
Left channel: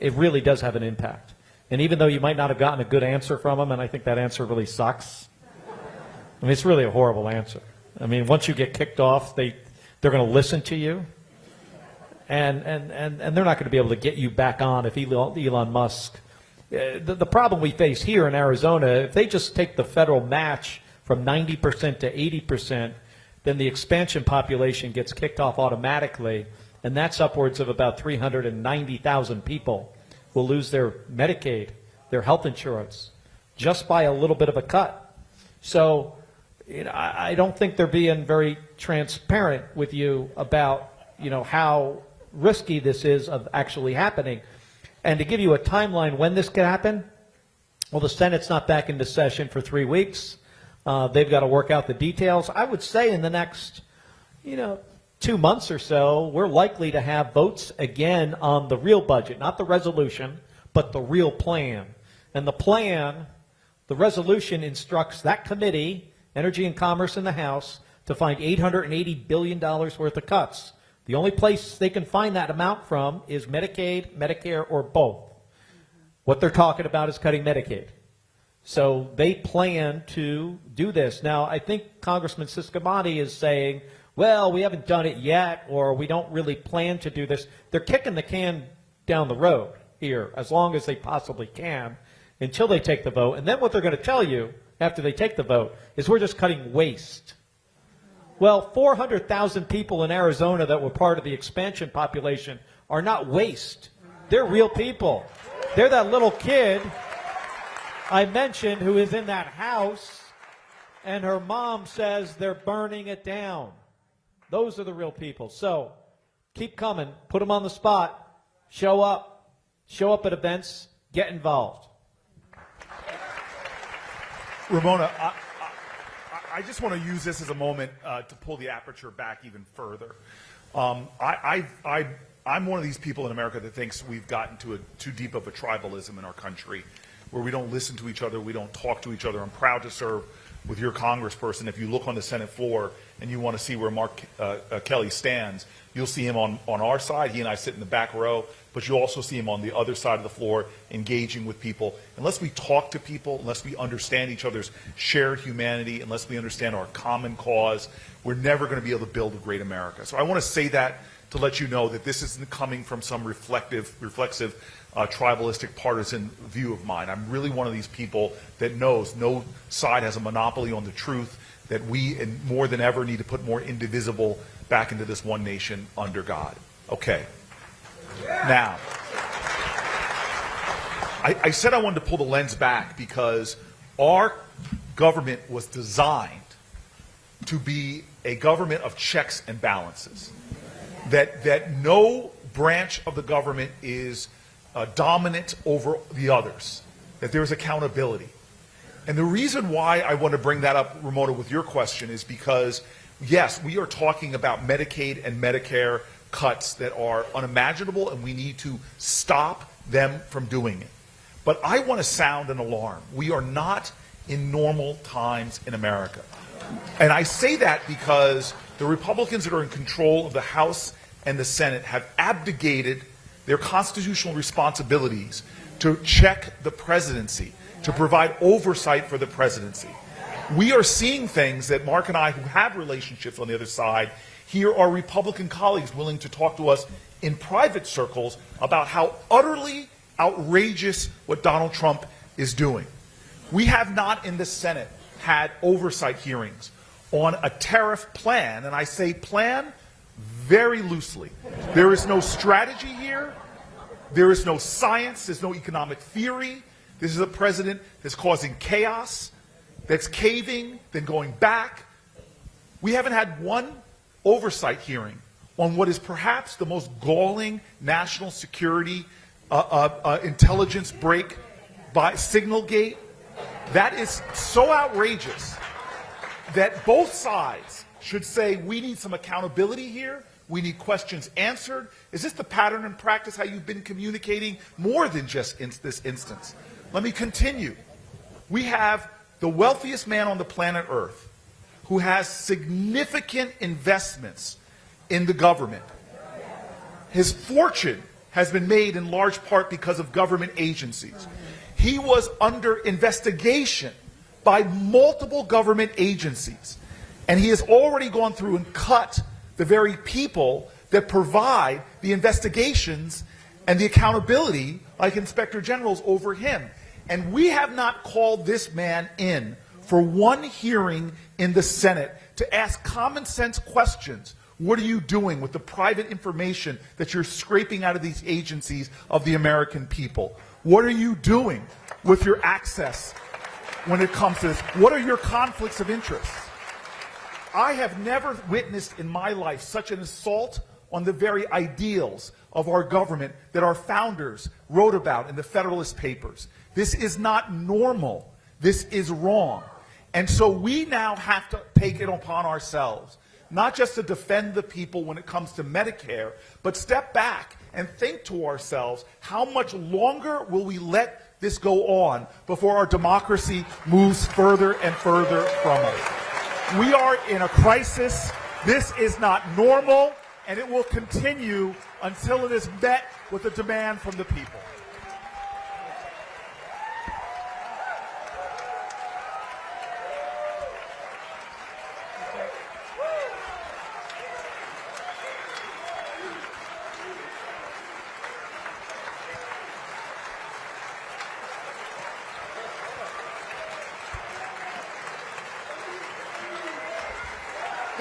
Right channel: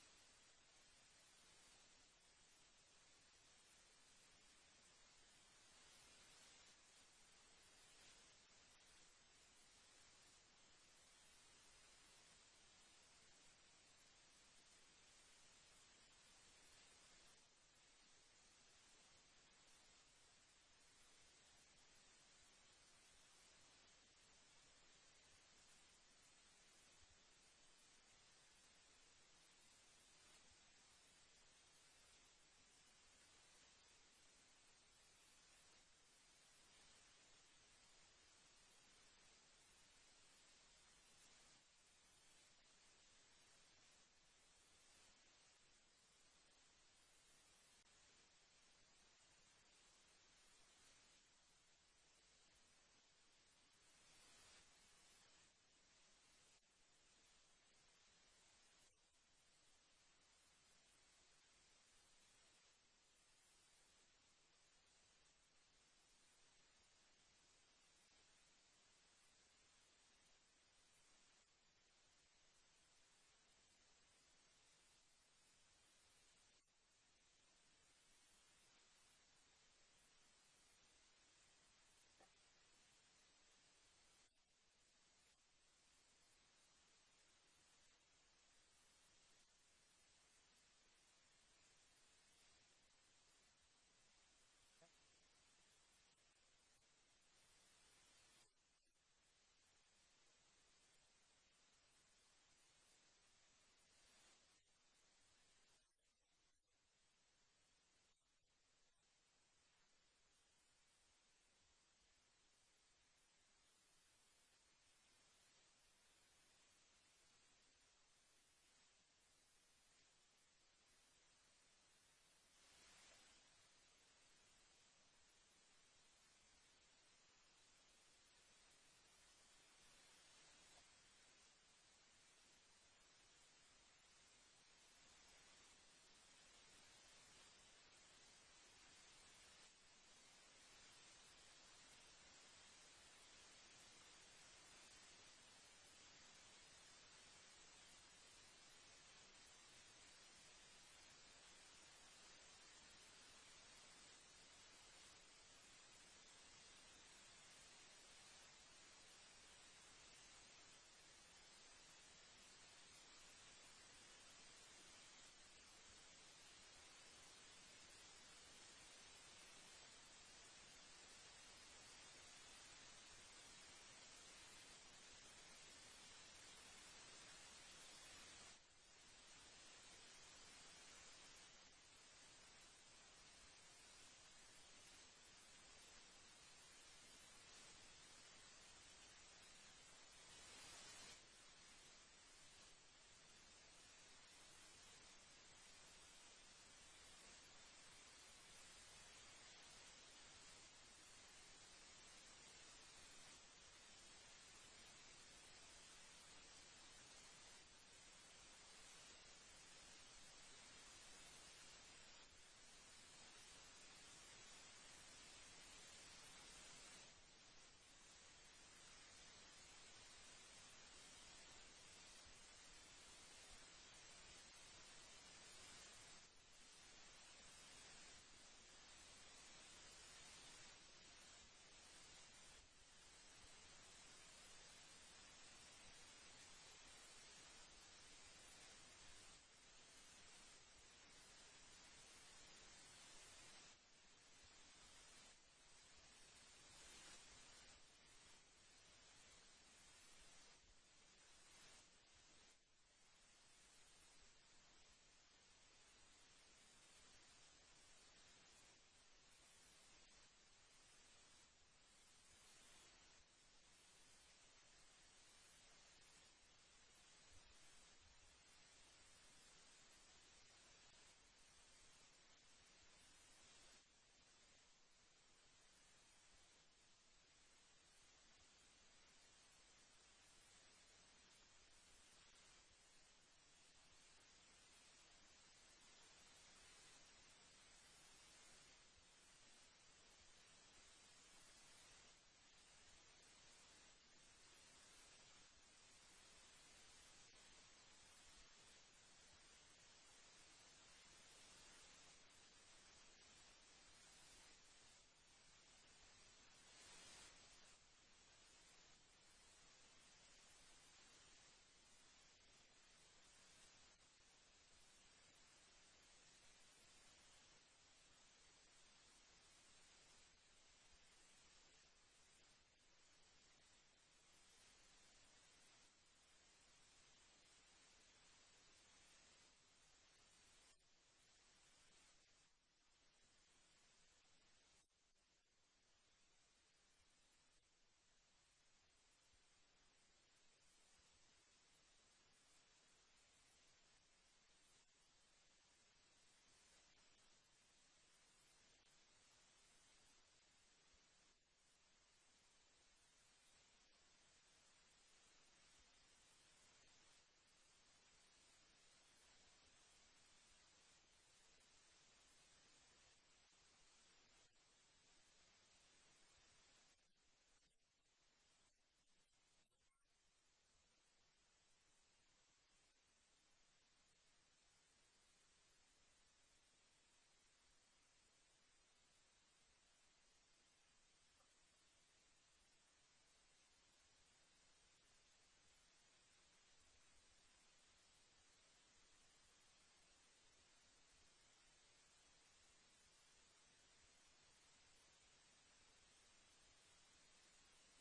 It really does have an impact. And even though you might not have gotten a good answer from them, and I think that answer really sucks, I mean, it's really a horrible answer. I mean, once you get kicked off, they're going to listen to you, and they're not going to be able to get you back on if Elon Musk. The problem we face here in Arizona, if they just take the federal match from 90% to 80%, then the expansion population gets kicked off automatically, and that's upwards of about 390,000 people will lose their Medicaid, their health insurance, just by a little bit of a cut. So I don't think they're being very transparent with you about how risky this is of actually happening. And to give you a timeline when this could happen, well, the Senate's not back into session for 3 weeks. They've got to work out the details. I would say in the next 2 months or so, we're likely to have votes again on the real budget, not the resolution, but the real plan. And the plan, the resolution instructs that committee, Energy and Commerce in the House, to find $880 billion worth of cuts. The only place they can find that amount from is Medicaid, Medicare, or both. What they're talking about is cutting Medicaid. So they plan to do this. Now, I think Congressman Siscomani is saying, well, we haven't done it yet, or we don't really plan to do this. They're kicking the can down the road here as long as they possibly can until they take the vote. And then what they're going to tell you after they take the vote is we're just cutting waste. Well, 400,000 people in Arizona that were part of the expansion population are not waste. They're real people. They're that little kid I mentioned who is in that house, and her mom says they're burning it down. Those are the real people. So keep coming. Put them on the spot. Show up. Show up at events. Get involved. Ramona, I just want to use this as a moment to pull the aperture back even further. I'm one of these people in America that thinks we've gotten to too deep of a tribalism in our country, where we don't listen to each other, we don't talk to each other. I'm proud to serve with your congressperson. If you look on the Senate floor and you want to see where Mark Kelly stands, you'll see him on our side. He and I sit in the back row, but you'll also see him on the other side of the floor engaging with people. Unless we talk to people, unless we understand each other's shared humanity, unless we understand our common cause, we're never going to be able to build a great America. So I want to say that to let you know that this isn't coming from some reflexive, tribalistic, partisan view of mine. I'm really one of these people that knows no side has a monopoly on the truth, that we, and more than ever, need to put more indivisible back into this one nation under God. Okay. Now, I said I wanted to pull the lens back because our government was designed to be a government of checks and balances. That no branch of the government is dominant over the others, that there's accountability. And the reason why I want to bring that up, Ramona, with your question is because, yes, we are talking about Medicaid and Medicare cuts that are unimaginable, and we need to stop them from doing it. But I want to sound an alarm. We are not in normal times in America. And I say that because the Republicans that are in control of the House and the Senate have abdicated their constitutional responsibilities to check the presidency, to provide oversight for the presidency. We are seeing things that Mark and I, who have relationships on the other side, hear our Republican colleagues willing to talk to us in private circles about how utterly outrageous what Donald Trump is doing. We have not in the Senate had oversight hearings on a tariff plan, and I say plan very loosely. There is no strategy here. There is no science. There's no economic theory. This is a president that's causing chaos, that's caving, then going back. We haven't had one oversight hearing on what is perhaps the most galling national security intelligence break by Signalgate. That is so outrageous that both sides should say we need some accountability here. We need questions answered. Is this the pattern and practice how you've been communicating more than just in this instance? Let me continue. We have the wealthiest man on the planet Earth who has significant investments in the government. His fortune has been made in large part because of government agencies. He was under investigation by multiple government agencies, and he has already gone through and cut the very people that provide the investigations and the accountability, like inspector generals, over him. And we have not called this man in for one hearing in the Senate to ask common sense questions. What are you doing with the private information that you're scraping out of these agencies of the American people? What are you doing with your access when it comes to this? What are your conflicts of interest? I have never witnessed in my life such an assault on the very ideals of our government that our founders wrote about in the Federalist Papers. This is not normal. This is wrong. And so we now have to take it upon ourselves, not just to defend the people when it comes to Medicare, but step back and think to ourselves, how much longer will we let this go on before our democracy moves further and further from us? We are in a crisis. This is not normal, and it will continue until it is met with a demand from the people.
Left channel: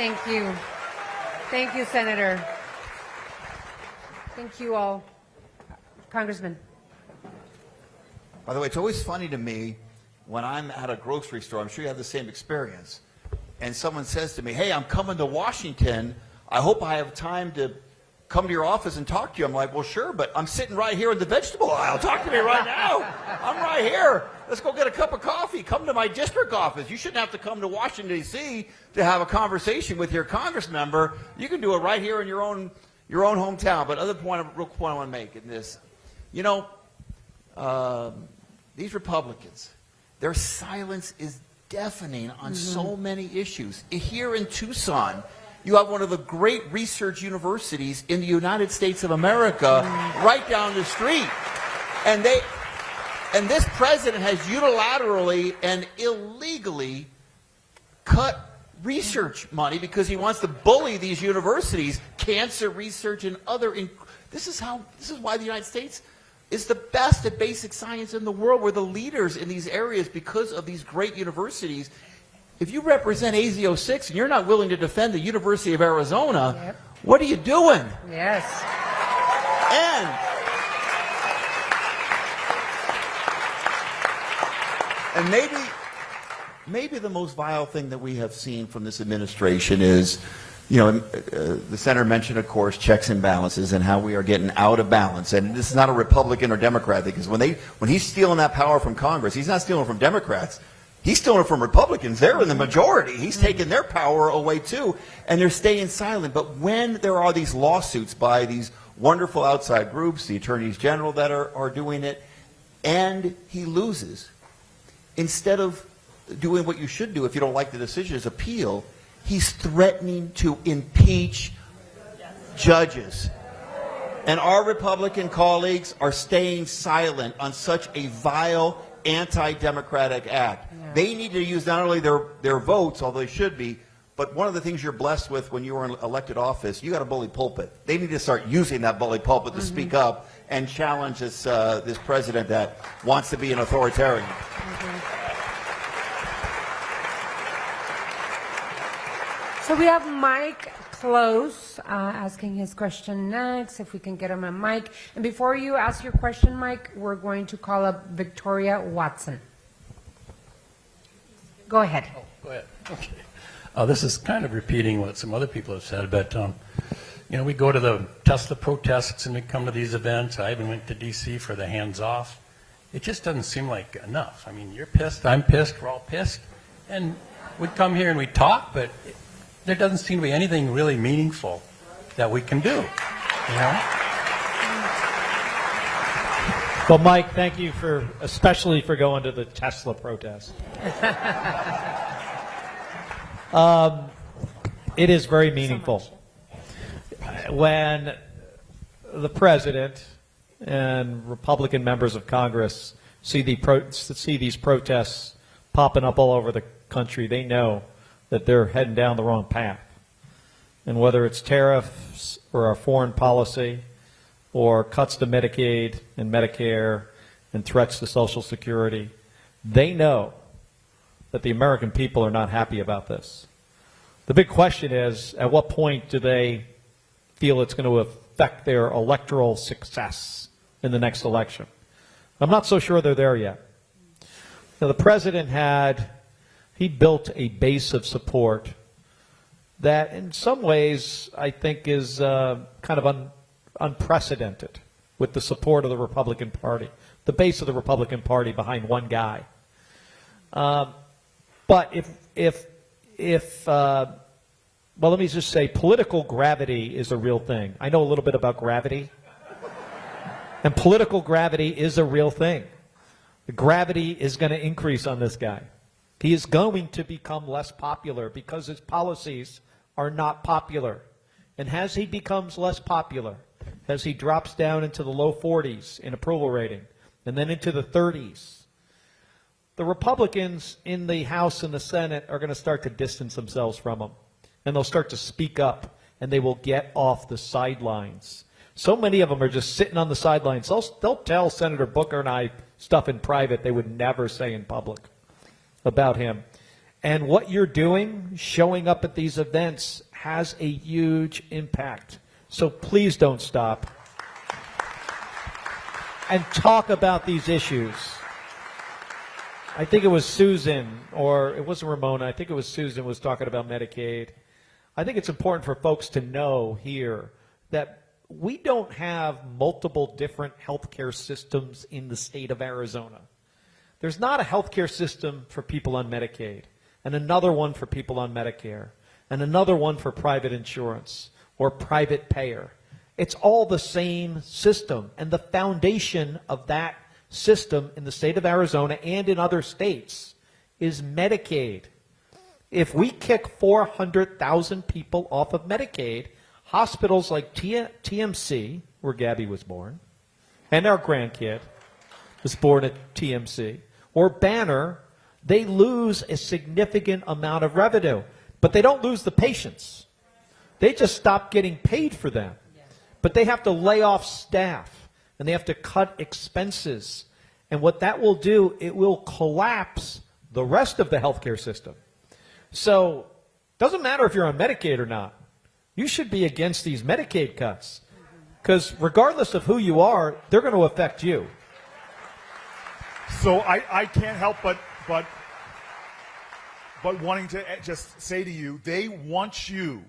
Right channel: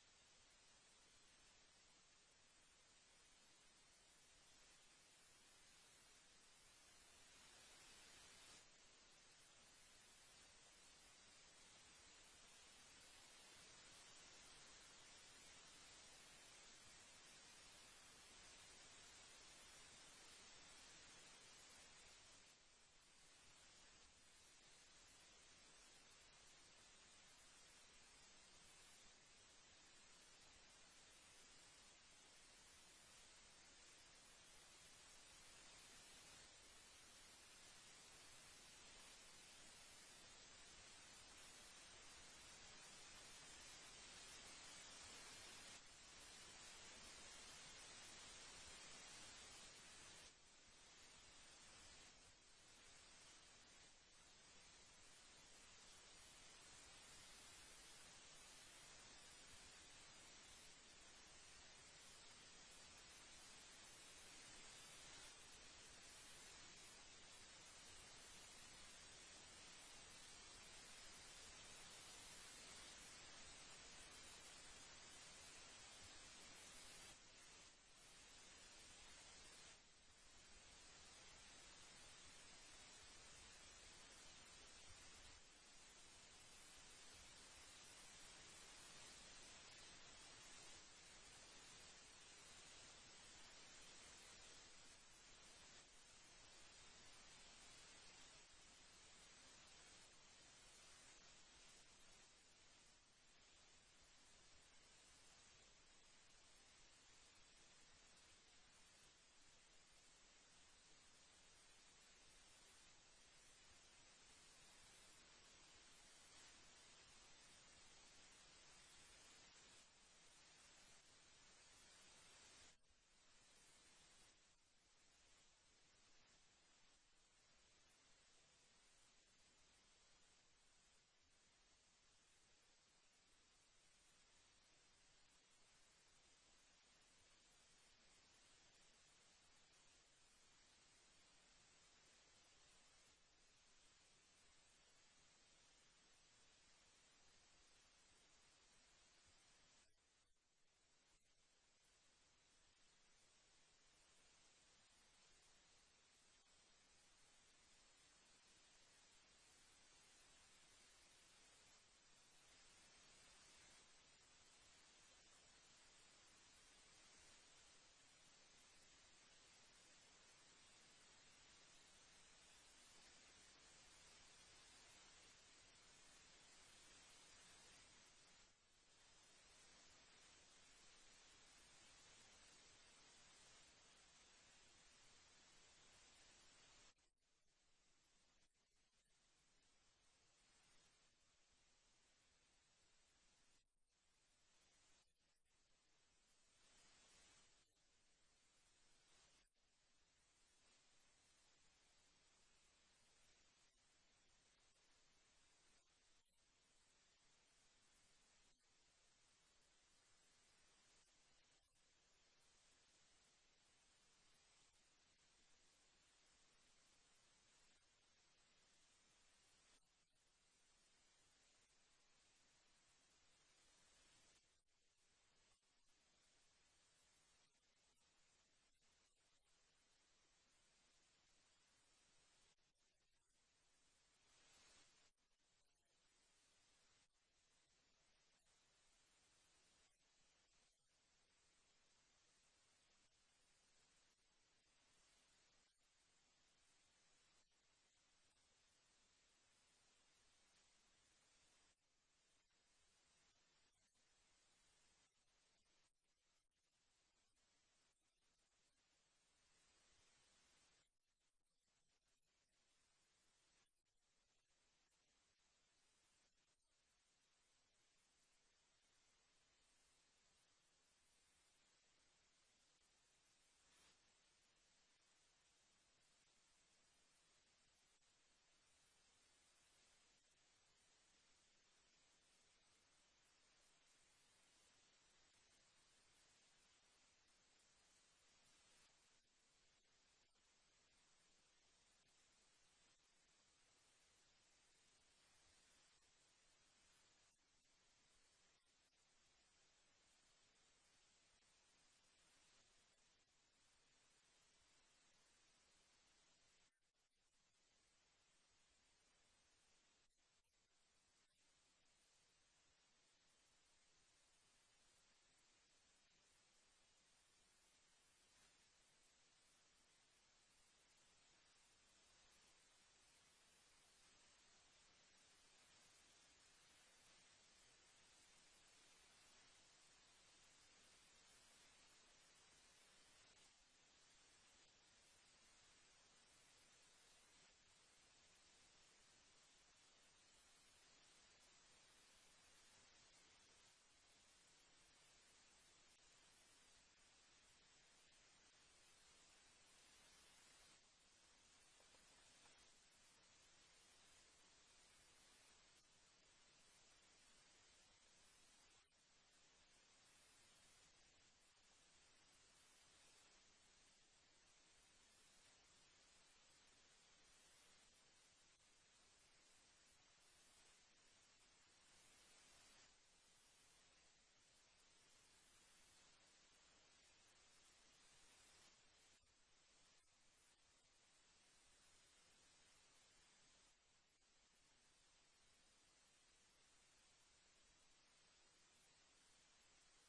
Thank you. Thank you, Senator. Thank you all. Congressman. By the way, it's always funny to me when I'm at a grocery store, I'm sure you have the same experience, and someone says to me, hey, I'm coming to Washington. I hope I have time to come to your office and talk to you. I'm like, well, sure, but I'm sitting right here in the vegetable aisle. Talk to me right now. I'm right here. Let's go get a cup of coffee. Come to my district office. You shouldn't have to come to Washington, D.C. to have a conversation with your Congress member. You can do it right here in your own hometown. But real point I want to make in this, you know, these Republicans, their silence is deafening on so many issues. Here in Tucson, you have one of the great research universities in the United States of America right down the street. And this president has unilaterally and illegally cut research money because he wants to bully these universities, cancer research and other. This is why the United States is the best at basic science in the world. We're the leaders in these areas because of these great universities. If you represent AZ06 and you're not willing to defend the University of Arizona, what are you doing? Yes. And maybe the most vile thing that we have seen from this administration is, you know, the senator mentioned, of course, checks and balances and how we are getting out of balance. And this is not a Republican or Democrat thing, because when he's stealing that power from Congress, he's not stealing it from Democrats. He's stealing it from Republicans. They're in the majority. He's taking their power away too, and they're staying silent. But when there are these lawsuits by these wonderful outside groups, the attorneys general that are doing it, and he loses, instead of doing what you should do if you don't like the decision is appeal, he's threatening to impeach judges. And our Republican colleagues are staying silent on such a vile, anti-democratic act. They need to use not only their votes, although they should be, but one of the things you're blessed with when you were in elected office, you got a bully pulpit. They need to start using that bully pulpit to speak up and challenge this president that wants to be an authoritarian. So we have Mike Close asking his question next, if we can get him a mic. And before you ask your question, Mike, we're going to call up Victoria Watson. Go ahead. Oh, go ahead. Okay. This is kind of repeating what some other people have said, but you know, we go to the Tesla protests and we come to these events. I even went to D.C. for the hands-off. It just doesn't seem like enough. I mean, you're pissed, I'm pissed, we're all pissed, and we come here and we talk, but there doesn't seem to be anything really meaningful that we can do, you know? Well, Mike, thank you especially for going to the Tesla protest. It is very meaningful. When the president and Republican members of Congress see these protests popping up all over the country, they know that they're heading down the wrong path. And whether it's tariffs or our foreign policy or cuts to Medicaid and Medicare and threats to Social Security, they know that the American people are not happy about this. The big question is, at what point do they feel it's going to affect their electoral success in the next election? I'm not so sure they're there yet. Now, the president he built a base of support that in some ways I think is kind of unprecedented with the support of the Republican Party, the base of the Republican Party behind one guy. But well, let me just say, political gravity is a real thing. I know a little bit about gravity. And political gravity is a real thing. The gravity is going to increase on this guy. He is going to become less popular because his policies are not popular. And as he becomes less popular, as he drops down into the low 40s in approval rating, and then into the 30s, the Republicans in the House and the Senate are going to start to distance themselves from him. And they'll start to speak up, and they will get off the sidelines. So many of them are just sitting on the sidelines. They'll tell Senator Booker and I stuff in private they would never say in public about him. And what you're doing, showing up at these events, has a huge impact. So please don't stop. And talk about these issues. I think it was Susan, or it wasn't Ramona, I think it was Susan was talking about Medicaid. I think it's important for folks to know here that we don't have multiple different healthcare systems in the state of Arizona. There's not a healthcare system for people on Medicaid, and another one for people on Medicare, and another one for private insurance or private payer. It's all the same system, and the foundation of that system in the state of Arizona and in other states is Medicaid. If we kick 400,000 people off of Medicaid, hospitals like TMC, where Gabby was born, and our grandkid was born at TMC, or Banner, they lose a significant amount of revenue. But they don't lose the patients. They just stop getting paid for them. But they have to lay off staff, and they have to cut expenses. And what that will do, it will collapse the rest of the healthcare system. So it doesn't matter if you're on Medicaid or not. You should be against these Medicaid cuts, because regardless of who you are, they're going to affect you. So I can't help but wanting to just say to you, they want you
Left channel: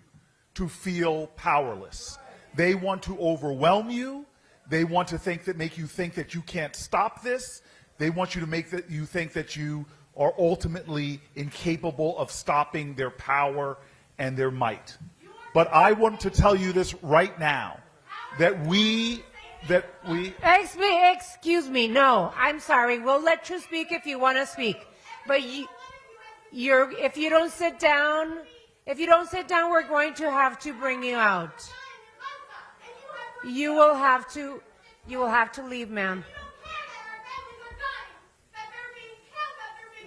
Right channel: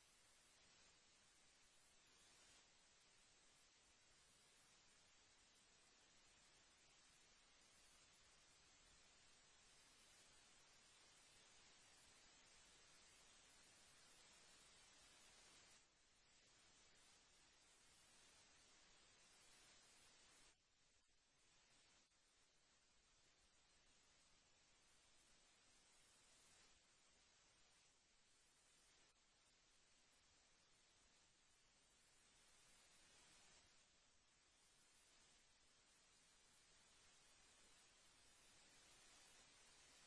to feel powerless. They want to overwhelm you. They want to make you think that you can't stop this. They want you to make that you think that you are ultimately incapable of stopping their power and their might. But I want to tell you this right now, that we. Excuse me. No, I'm sorry. We'll let you speak if you want to speak. But if you don't sit down, we're going to have to bring you out. You will have to leave, ma'am.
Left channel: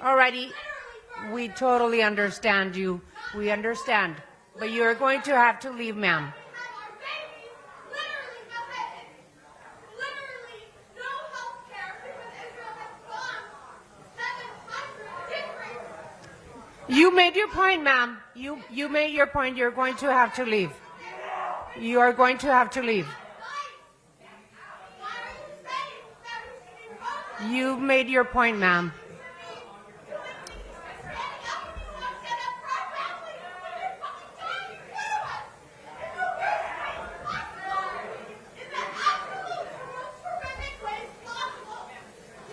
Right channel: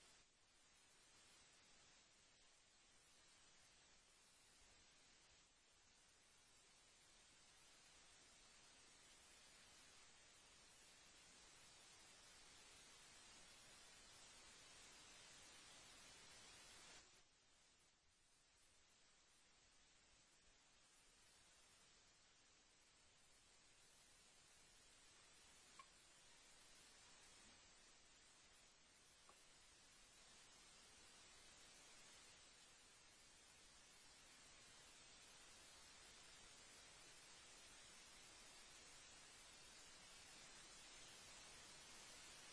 Alrighty, we totally understand you. We understand. But you're going to have to leave, ma'am. You made your point, ma'am. You made your point. You're going to have to leave. You are going to have to leave. You made your point, ma'am.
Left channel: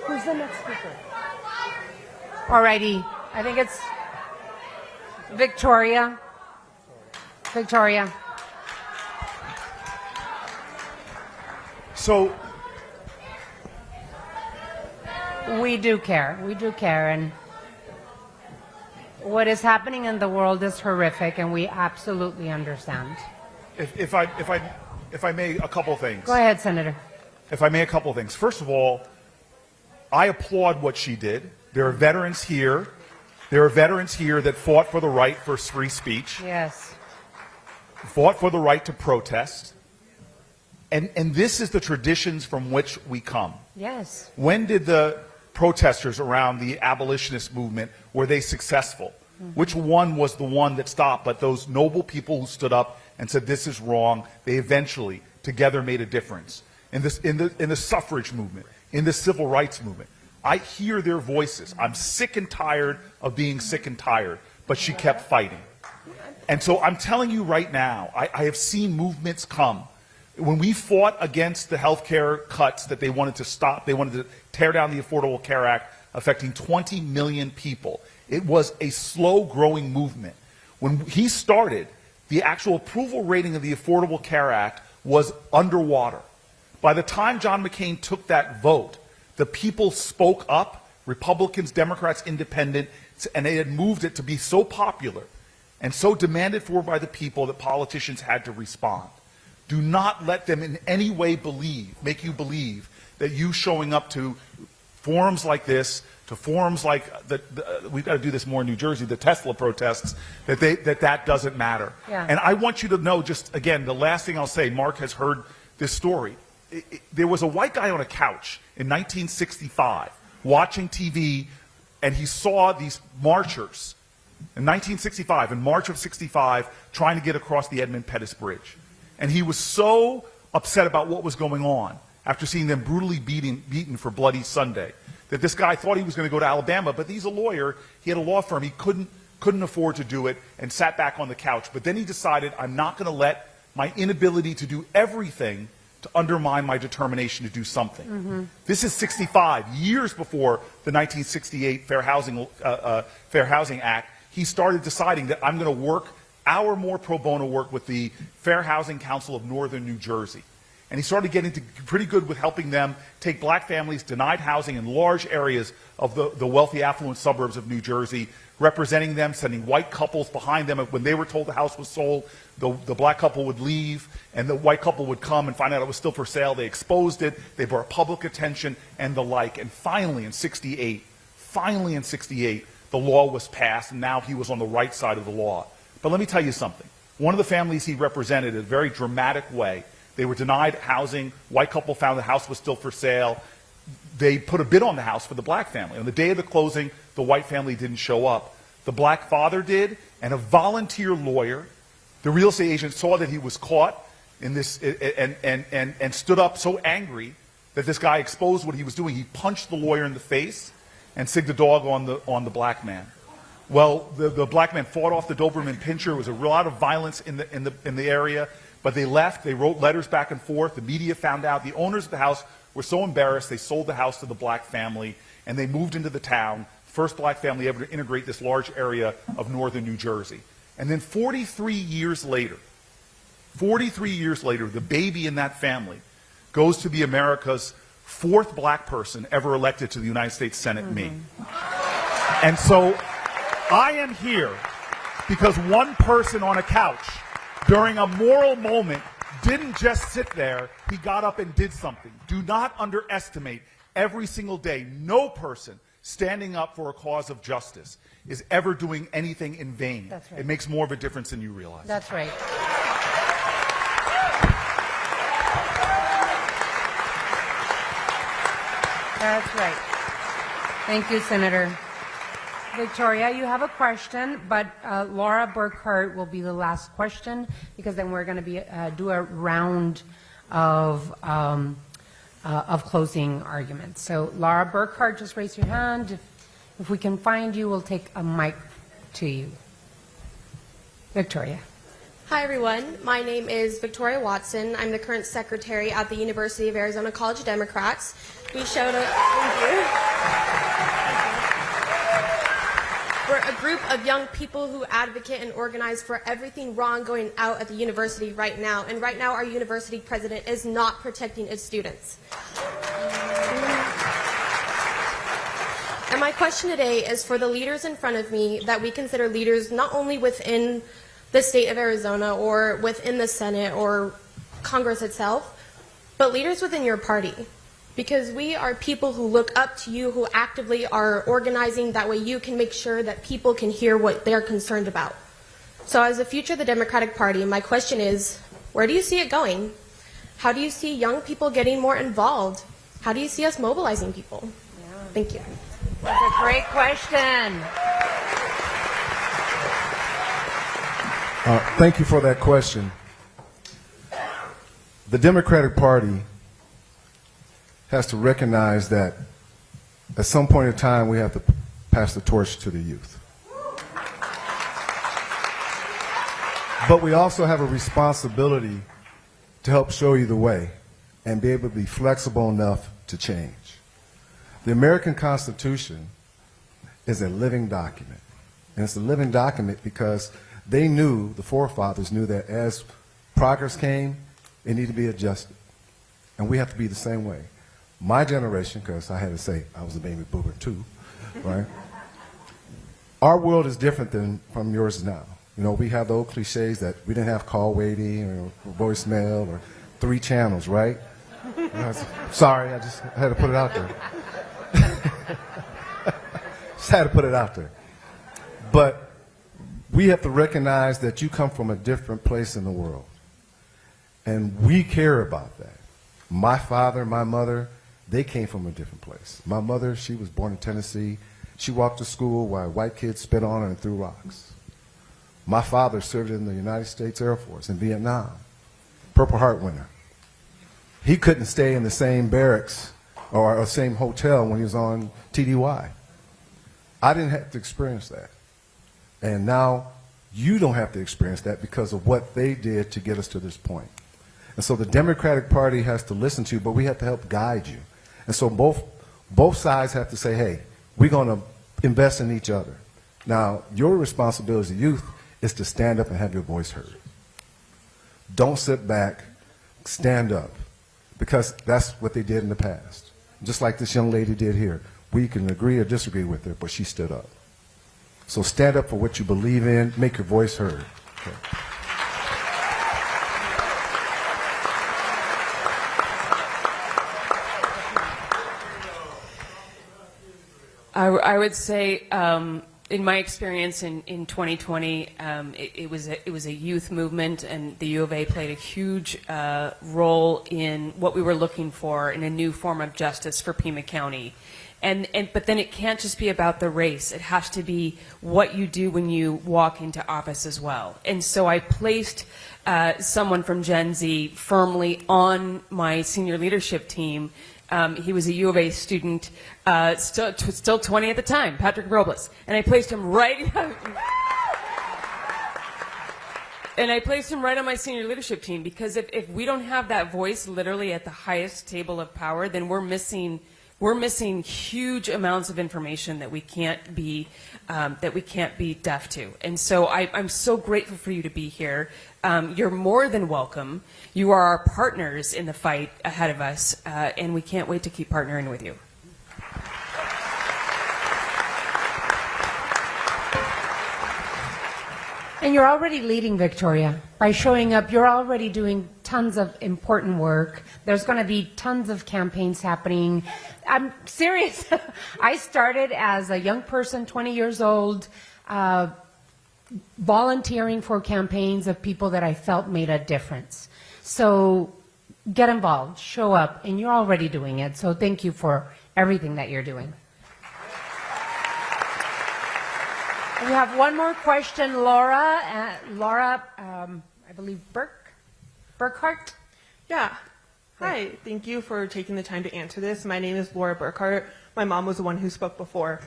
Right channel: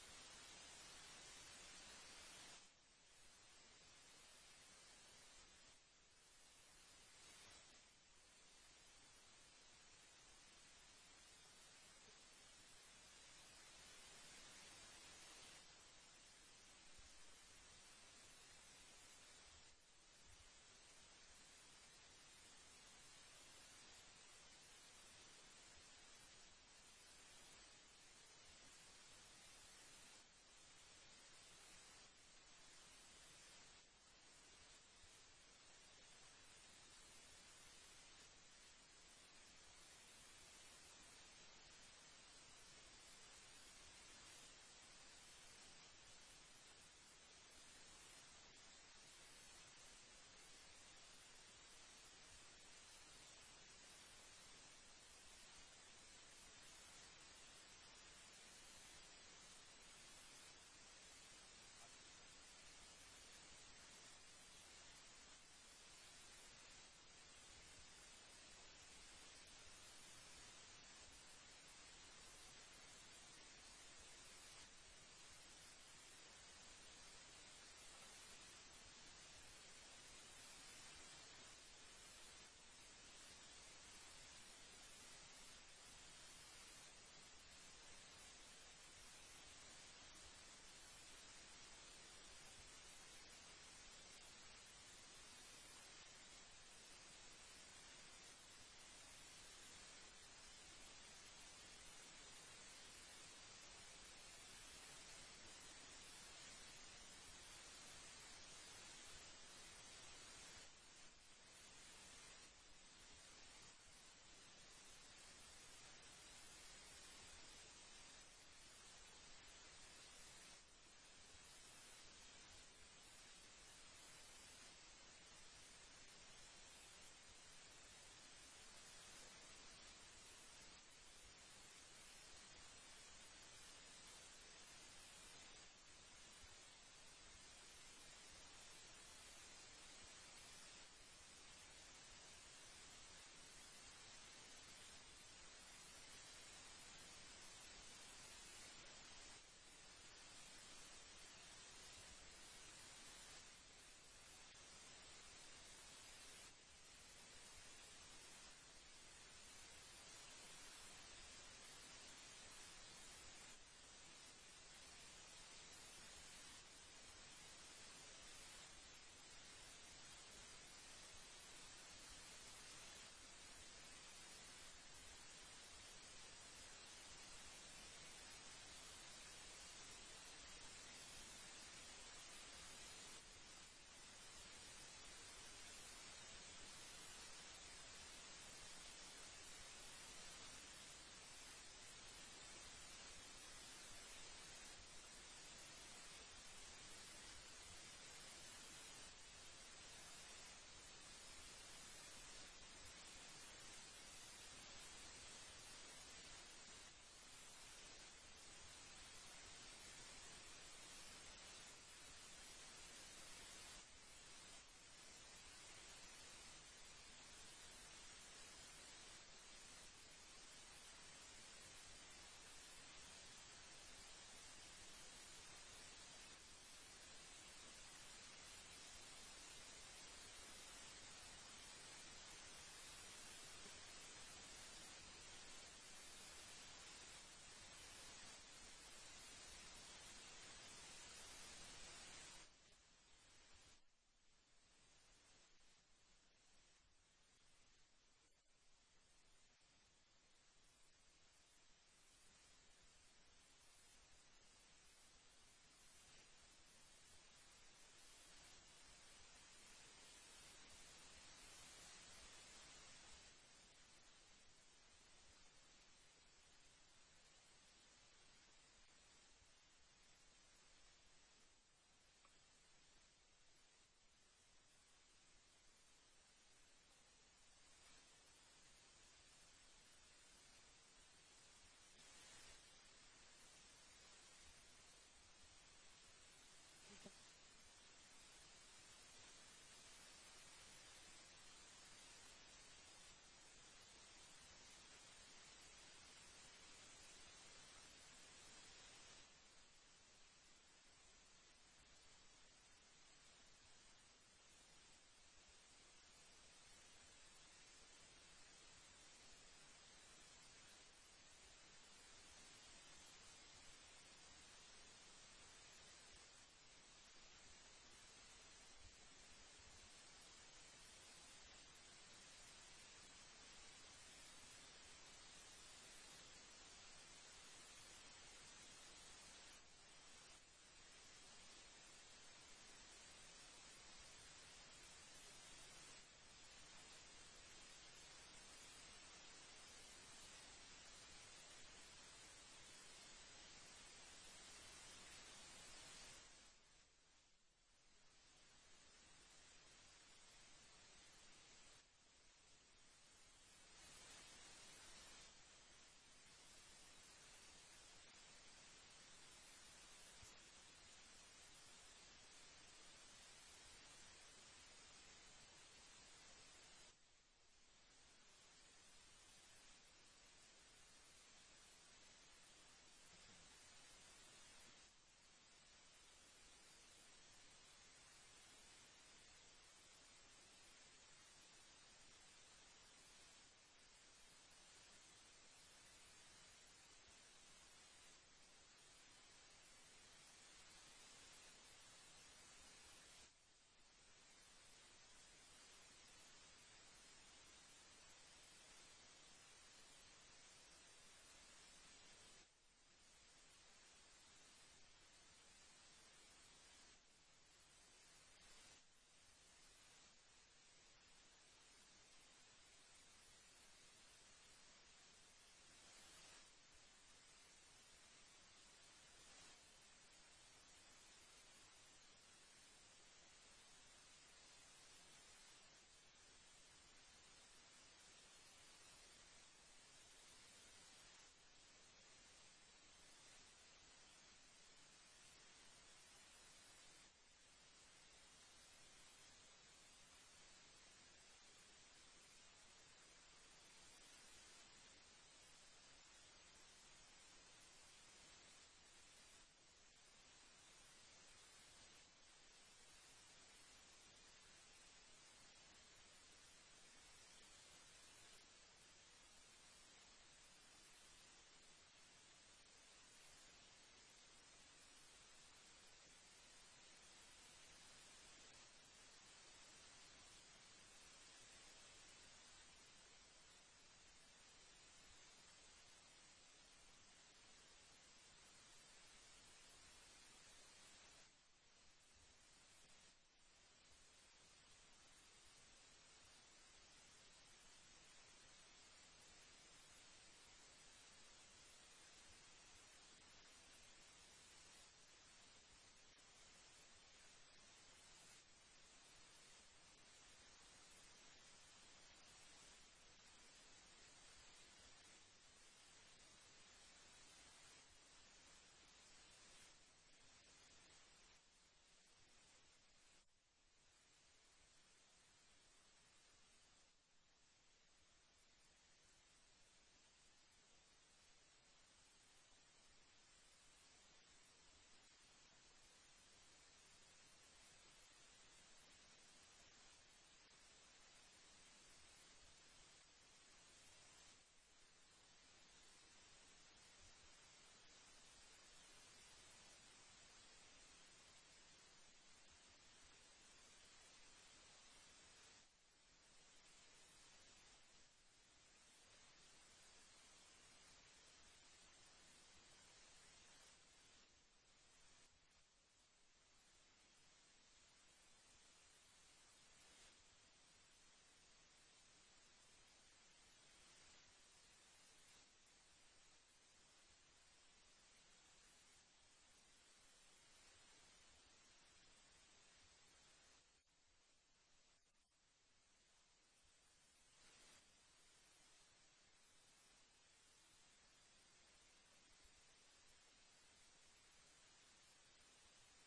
Who's the next speaker? Alrighty, I think it's Victoria. Victoria. So we do care. We do care, and what is happening in the world is horrific, and we absolutely understand. If I may, a couple things. Go ahead, Senator. If I may, a couple things. First of all, I applaud what she did. There are veterans here. There are veterans here that fought for the right for free speech. Yes. Fought for the right to protest. And this is the traditions from which we come. Yes. When did the protesters around the abolitionist movement, were they successful? Mm-hmm. Which one was the one that stopped? But those noble people who stood up and said this is wrong, they eventually together made a difference. In the suffrage movement, in the civil rights movement. I hear their voices. I'm sick and tired of being sick and tired, but she kept fighting. And so I'm telling you right now, I have seen movements come. When we fought against the health care cuts that they wanted to stop, they wanted to tear down the Affordable Care Act affecting 20 million people. It was a slow-growing movement. When he started, the actual approval rating of the Affordable Care Act was underwater. By the time John McCain took that vote, the people spoke up, Republicans, Democrats, Independents, and they had moved it to be so popular and so demanded for by the people that politicians had to respond. Do not let them in any way make you believe that you showing up to forums like this, to forums like we've got to do this more in New Jersey, the Tesla protests, that doesn't matter. Yeah. And I want you to know, just again, the last thing I'll say, Mark has heard this story. There was a white guy on a couch in 1965 watching TV, and he saw these marchers in 1965, in March of 65, trying to get across the Edmund Pettus Bridge. And he was so upset about what was going on after seeing them brutally beaten for Bloody Sunday that this guy thought he was going to go to Alabama, but he's a lawyer, he had a law firm, he couldn't afford to do it, and sat back on the couch. But then he decided, I'm not going to let my inability to do everything to undermine my determination to do something. This is 65, years before the 1968 Fair Housing Act. He started deciding that I'm going to work more pro bono work with the Fair Housing Council of Northern New Jersey. And he started getting pretty good with helping them take black families denied housing in large areas of the wealthy, affluent suburbs of New Jersey, representing them, sending white couples behind them. When they were told the house was sold, the black couple would leave, and the white couple would come and find out it was still for sale. They exposed it, they brought public attention, and the like. And finally in 68, the law was passed, and now he was on the right side of the law. But let me tell you something. One of the families he represented in a very dramatic way, they were denied housing. White couple found the house was still for sale. They put a bid on the house for the black family. On the day of the closing, the white family didn't show up. The black father did, and a volunteer lawyer, the real estate agent, saw that he was caught in this and stood up so angry that this guy exposed what he was doing. He punched the lawyer in the face and sigged the dog on the black man. Well, the black man fought off the Doberman Pinscher. There was a lot of violence in the area, but they left. They wrote letters back and forth. The media found out. The owners of the house were so embarrassed, they sold the house to the black family, and they moved into the town, first black family ever to integrate this large area of northern New Jersey. And then 43 years later, the baby in that family goes to be America's fourth black person ever elected to the United States Senate, me. And so I am here because one person on a couch during a moral moment didn't just sit there, he got up and did something. Do not underestimate every single day, no person standing up for a cause of justice is ever doing anything in vain. That's right. It makes more of a difference than you realize. That's right. That's right. Thank you, Senator. Victoria, you have a question, but Laura Burkhart will be the last question because then we're going to do a round of closing arguments. So, Laura Burkhart, just raise your hand. If we can find you, we'll take a mic to you. Victoria. Hi, everyone. My name is Victoria Watson. I'm the current secretary at the University of Arizona College of Democrats. We showed up. Thank you. We're a group of young people who advocate and organize for everything wrong going out at the university right now. And right now, our university president is not protecting its students. And my question today is for the leaders in front of me that we consider leaders not only within the state of Arizona or within the Senate or Congress itself, but leaders within your party. Because we are people who look up to you, who actively are organizing. That way you can make sure that people can hear what they're concerned about. So as the future of the Democratic Party, my question is, where do you see it going? How do you see young people getting more involved? How do you see us mobilizing people? Yeah. Thank you. That's a great question. Thank you for that question. The Democratic Party has to recognize that at some point in time we have to pass the torch to the youth. But we also have a responsibility to help show you the way and be able to be flexible enough to change. The American Constitution is a living document. And it's a living document because they knew, the forefathers knew, that as progress came, it needed to be adjusted. And we have to be the same way. My generation, because I had to say I was a baby boomer too, right? Our world is different than from yours now. You know, we have the old cliches that we didn't have call waiting or voicemail or 3 channels, right? Sorry, I just had to put it out there. Just had to put it out there. But we have to recognize that you come from a different place in the world. And we care about that. My father, my mother, they came from a different place. My mother, she was born in Tennessee. She walked to school while white kids spit on her and threw rocks. My father served in the United States Air Force in Vietnam, Purple Heart winner. He couldn't stay in the same barracks or same hotel when he was on TDY. I didn't have to experience that. And now you don't have to experience that because of what they did to get us to this point. And so the Democratic Party has to listen to you, but we have to help guide you. And so both sides have to say, hey, we're going to invest in each other. Now, your responsibility as a youth is to stand up and have your voice heard. Don't sit back, stand up, because that's what they did in the past. Just like this young lady did here. We can agree or disagree with her, but she stood up. So stand up for what you believe in, make your voice heard. Okay. I would say, in my experience in 2020, it was a youth movement, and the U of A played a huge role in what we were looking for in a new form of justice for Pima County. But then it can't just be about the race. It has to be what you do when you walk into office as well. And so I placed someone from Gen Z firmly on my senior leadership team. He was a U of A student, still 20 at the time, Patrick Robles. And I placed him right... And I placed him right on my senior leadership team because if we don't have that voice literally at the highest table of power, then we're missing huge amounts of information that we can't be deaf to. And so I'm so grateful for you to be here. You're more than welcome. You are our partners in the fight ahead of us, and we can't wait to keep partnering with you. And you're already leading, Victoria. By showing up, you're already doing tons of important work. There's going to be tons of campaigns happening. I'm serious. I started as a young person, 20 years old, volunteering for campaigns of people that I felt made a difference. So get involved, show up, and you're already doing it. So thank you for everything that you're doing. We have one more question, Laura. Laura, I believe Burkhart? Yeah. Hi. Thank you for taking the time to answer this. My name is Laura Burkhart. My mom was the one who spoke before.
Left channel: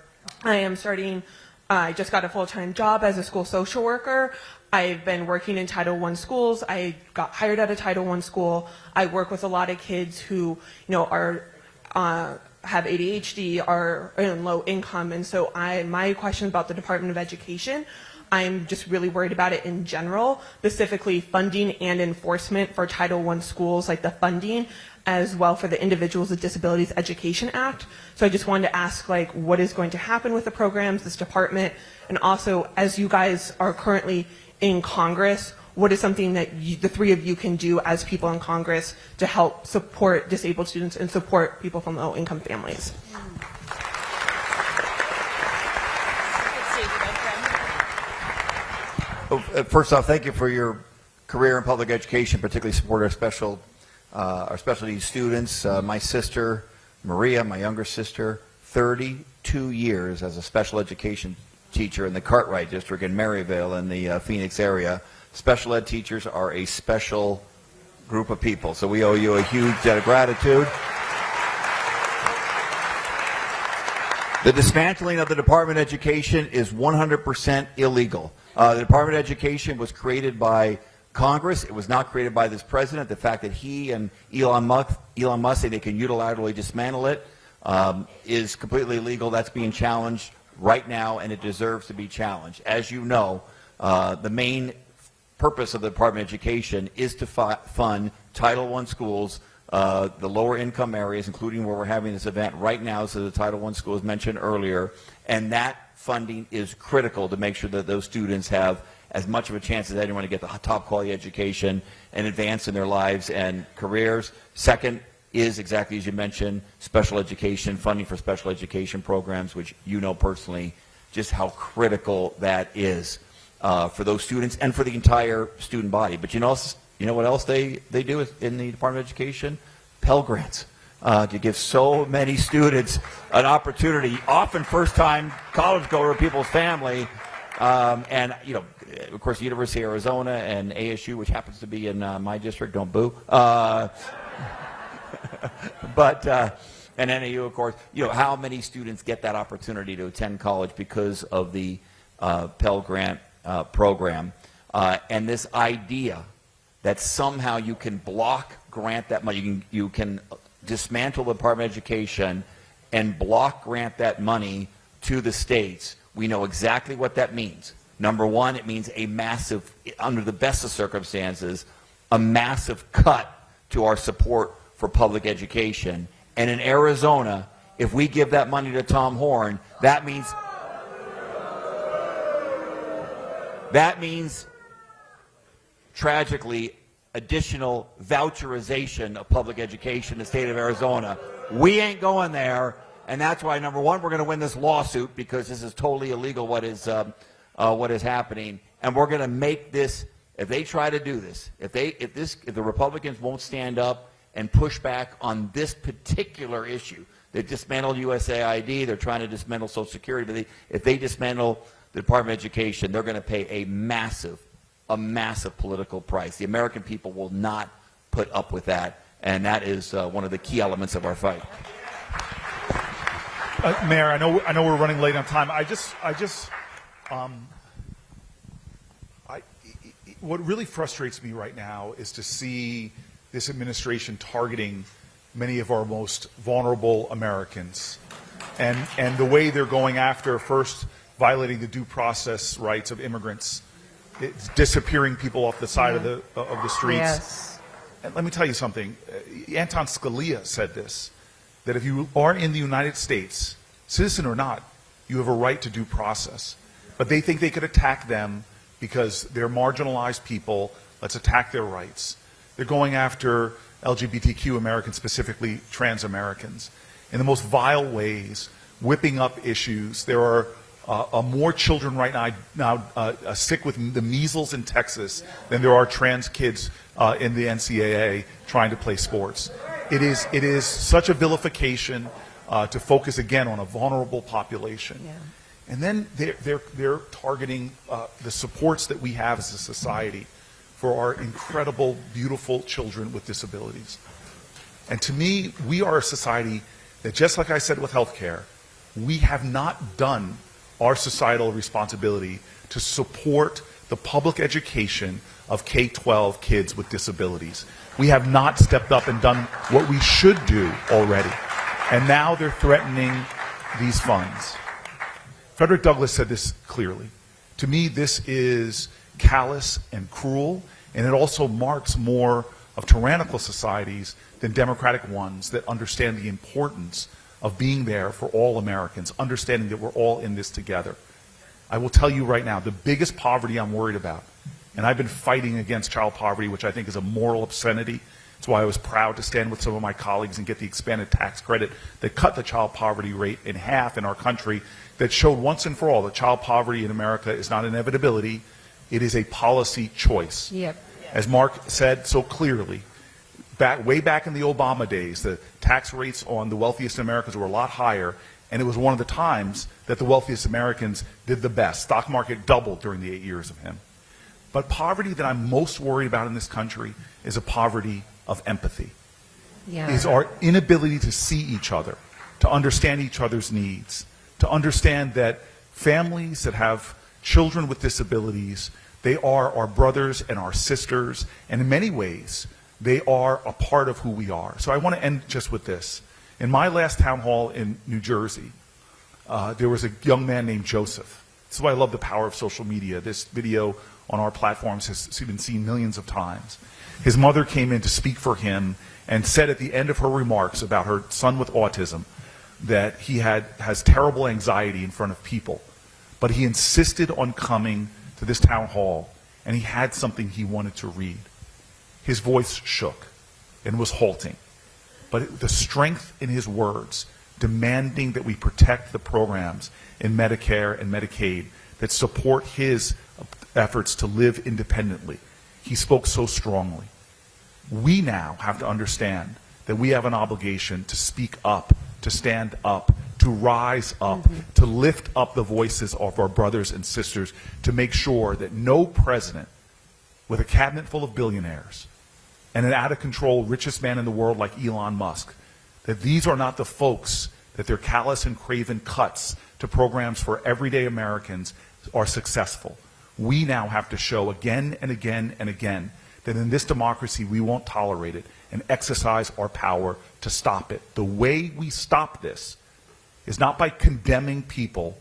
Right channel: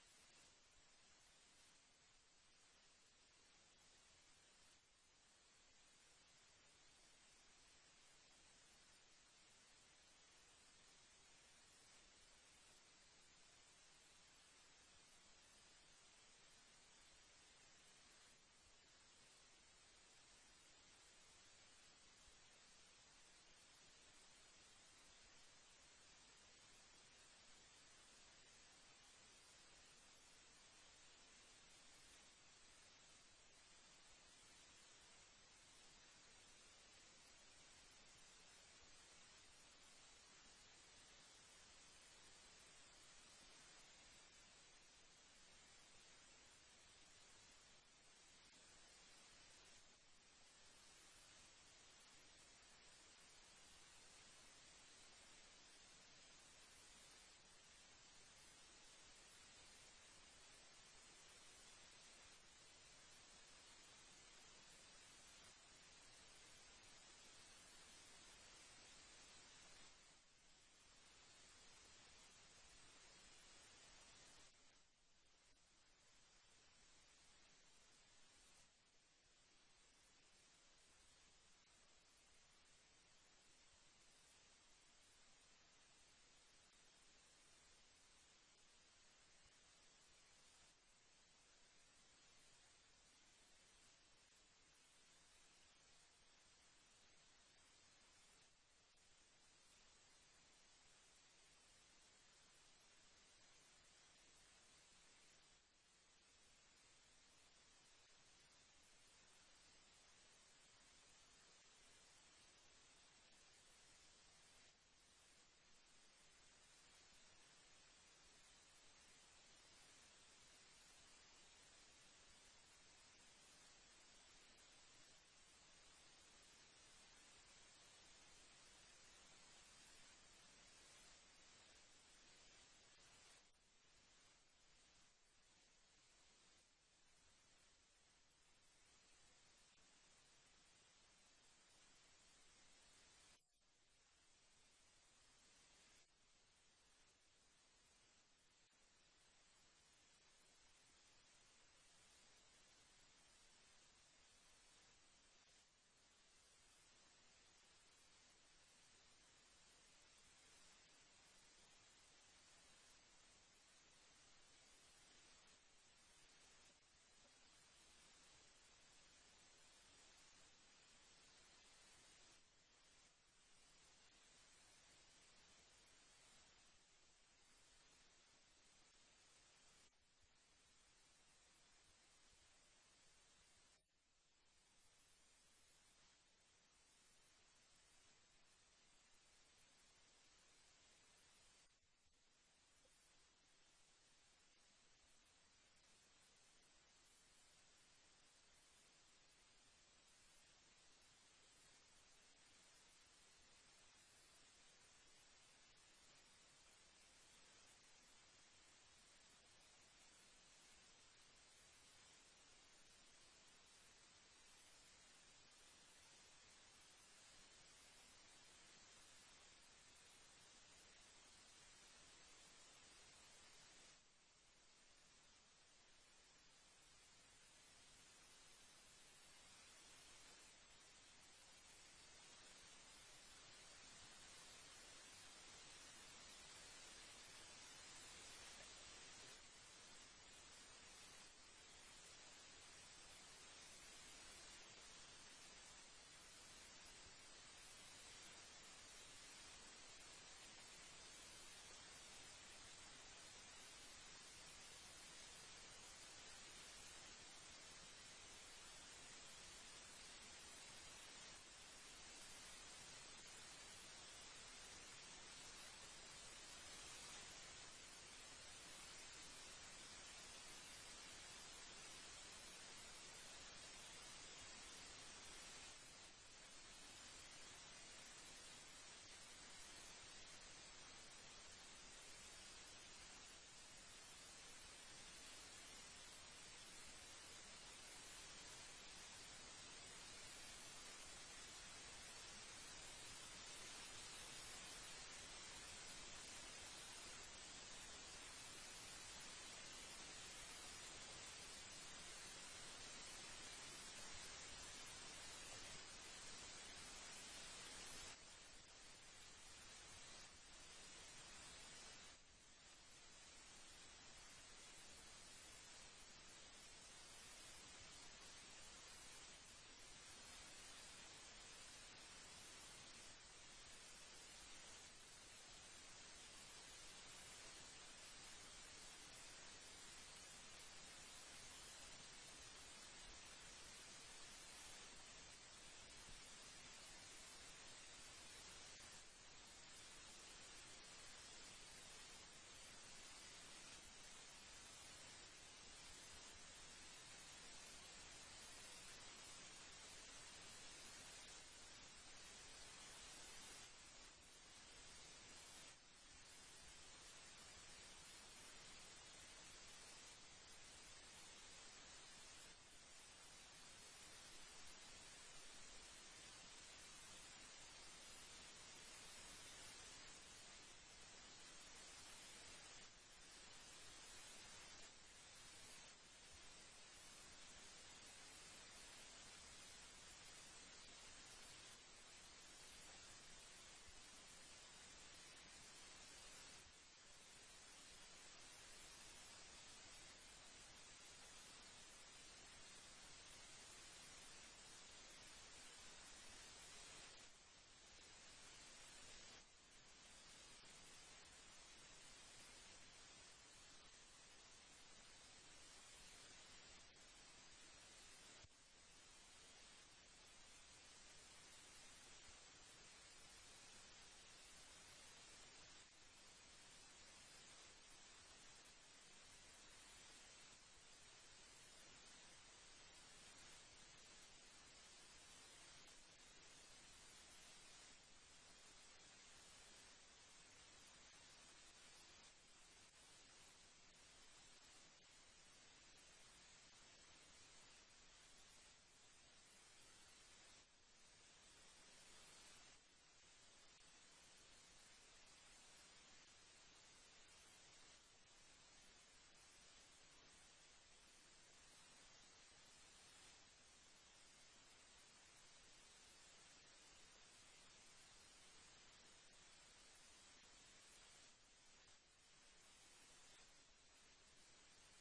I just got a full-time job as a school social worker. I've been working in Title I schools. I got hired at a Title I school. I work with a lot of kids who, have ADHD, are in low income, and so my question about the Department of Education, I'm just really worried about it in general, specifically funding and enforcement for Title I schools, like the funding, as well for the Individuals with Disabilities Education Act. So I just wanted to ask, what is going to happen with the programs, this department, and also, as you guys are currently in Congress, what is something that the three of you can do as people in Congress to help support disabled students and support people from low-income families? First off, thank you for your career in public education, particularly support our special needs students. My sister, Maria, my younger sister, 32 years as a special education teacher in the Cartwright district in Maryville in the Phoenix area. Special ed teachers are a special group of people, so we owe you a huge debt of gratitude. The dismantling of the Department of Education is 100% illegal. The Department of Education was created by Congress. It was not created by this president. The fact that he and Elon Musk say they can unilaterally dismantle it is completely illegal. That's being challenged right now, and it deserves to be challenged. As you know, the main purpose of the Department of Education is to fund Title I schools, the lower income areas, including where we're having this event right now, so the Title I schools mentioned earlier, and that funding is critical to make sure that those students have as much of a chance as anyone to get the top quality education and advance in their lives and careers. Second is, exactly as you mentioned, special education, funding for special education programs, which you know personally just how critical that is for those students and for the entire student body. But you know what else they do in the Department of Education? Pell Grants. to give so many students an opportunity, often first-time college goer people's family, and of course, the University of Arizona and ASU, which happens to be in my district, don't boo. And NAU, of course, how many students get that opportunity to attend college because of the Pell Grant program, and this idea that somehow you can grant that money, you can dismantle the Department of Education and grant that money to the states. We know exactly what that means. Number one, it means a massive, under the best of circumstances, a massive cut to our support for public education. And in Arizona, if we give that money to Tom Horn, that means tragically additional voucherization of public education in the state of Arizona. We ain't going there, and that's why, number one, we're going to win this lawsuit because this is totally illegal what is happening, and we're going to make this. If they try to do this, if the Republicans won't stand up and push back on this particular issue, they dismantled USAID, they're trying to dismantle Social Security, but if they dismantle the Department of Education, they're going to pay a massive political price. The American people will not put up with that, and that is one of the key elements of our fight. Mayor, I know we're running late on time. What really frustrates me right now is to see this administration targeting many of our most vulnerable Americans, and the way they're going after, first violating the due process rights of immigrants. It's disappearing people off the side of the streets. Yes. And let me tell you something. Anton Scalia said this, that if you are in the United States, citizen or not, you have a right to due process. But they think they could attack them because they're marginalized people. Let's attack their rights. They're going after LGBTQ Americans, specifically trans Americans, in the most vile ways, whipping up issues. There are more children right now sick with the measles in Texas than there are trans kids in the NCAA trying to play sports. It is such a vilification to focus again on a vulnerable population. Yeah. And then they're targeting the supports that we have as a society for our incredible, beautiful children with disabilities. And to me, we are a society that, just like I said with healthcare, we have not done our societal responsibility to support the public education of K-12 kids with disabilities. We have not stepped up and done what we should do already. And now they're threatening these funds. Frederick Douglass said this clearly. To me, this is callous and cruel, and it also marks more of tyrannical societies than democratic ones that understand the importance of being there for all Americans, understanding that we're all in this together. I will tell you right now, the biggest poverty I'm worried about, and I've been fighting against child poverty, which I think is a moral obscenity. That's why I was proud to stand with some of my colleagues and get the expanded tax credit that cut the child poverty rate in half in our country, that showed once and for all that child poverty in America is not an inevitability, it is a policy choice. Yep. As Mark said so clearly, way back in the Obama days, the tax rates on the wealthiest Americans were a lot higher, and it was one of the times that the wealthiest Americans did the best. Stock market doubled during the 8 years of him. But poverty that I'm most worried about in this country is a poverty of empathy. Yeah. Is our inability to see each other, to understand each other's needs, to understand that families that have children with disabilities, they are our brothers and our sisters, and in many ways, they are a part of who we are. So I want to end just with this. In my last town hall in New Jersey, there was a young man named Joseph. This is why I love the power of social media. This video on our platforms has been seen millions of times. His mother came in to speak for him and said at the end of her remarks about her son with autism that he has terrible anxiety in front of people, but he insisted on coming to this town hall, and he had something he wanted to read. His voice shook and was halting, but the strength in his words, demanding that we protect the programs in Medicare and Medicaid that support his efforts to live independently. He spoke so strongly. We now have to understand that we have an obligation to speak up, to stand up, to rise up, to lift up the voices of our brothers and sisters, to make sure that no president with a cabinet full of billionaires and an out-of-control richest man in the world like Elon Musk, that these are not the folks that their callous and craven cuts to programs for everyday Americans are successful. We now have to show again and again and again that in this democracy we won't tolerate it and exercise our power to stop it. The way we stop this is not by condemning people,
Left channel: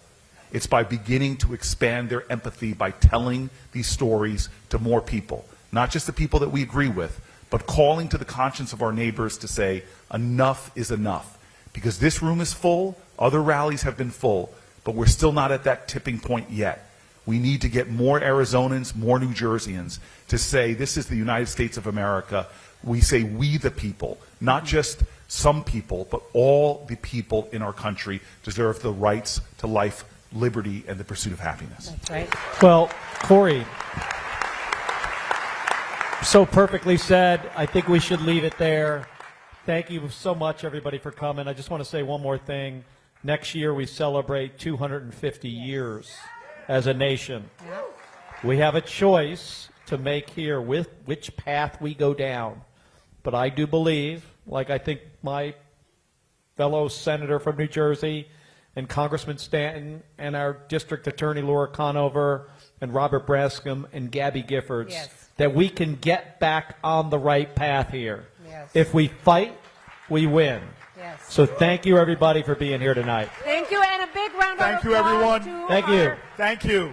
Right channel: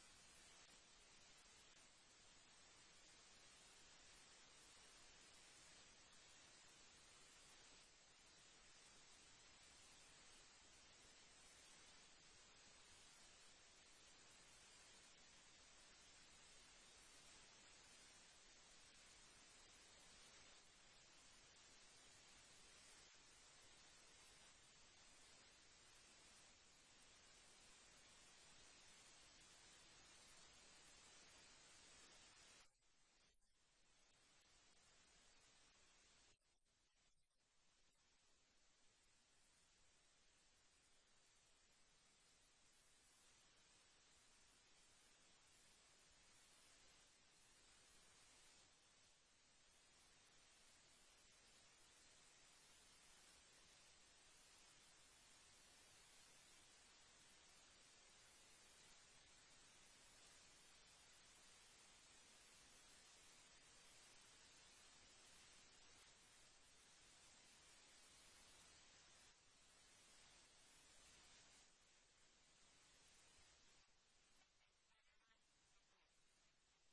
it's by beginning to expand their empathy by telling these stories to more people. Not just the people that we agree with, but calling to the conscience of our neighbors to say, enough is enough. Because this room is full, other rallies have been full, but we're still not at that tipping point yet. We need to get more Arizonans, more New Jerseyans to say, this is the United States of America. We say we the people, not just some people, but all the people in our country deserve the rights to life, liberty, and the pursuit of happiness. That's right. Well, Cory, so perfectly said. I think we should leave it there. Thank you so much, everybody, for coming. I just want to say one more thing. Next year, we celebrate 250 years as a nation. We have a choice to make here with which path we go down. But I do believe, like I think my fellow senator from New Jersey and Congressman Stanton and our district attorney Laura Conover and Robert Brascom and Gabby Giffords, that we can get back on the right path here. If we fight, we win. So thank you, everybody, for being here tonight. Thank you, and a big round of applause. Thank you, everyone. to Thank our you. Thank you.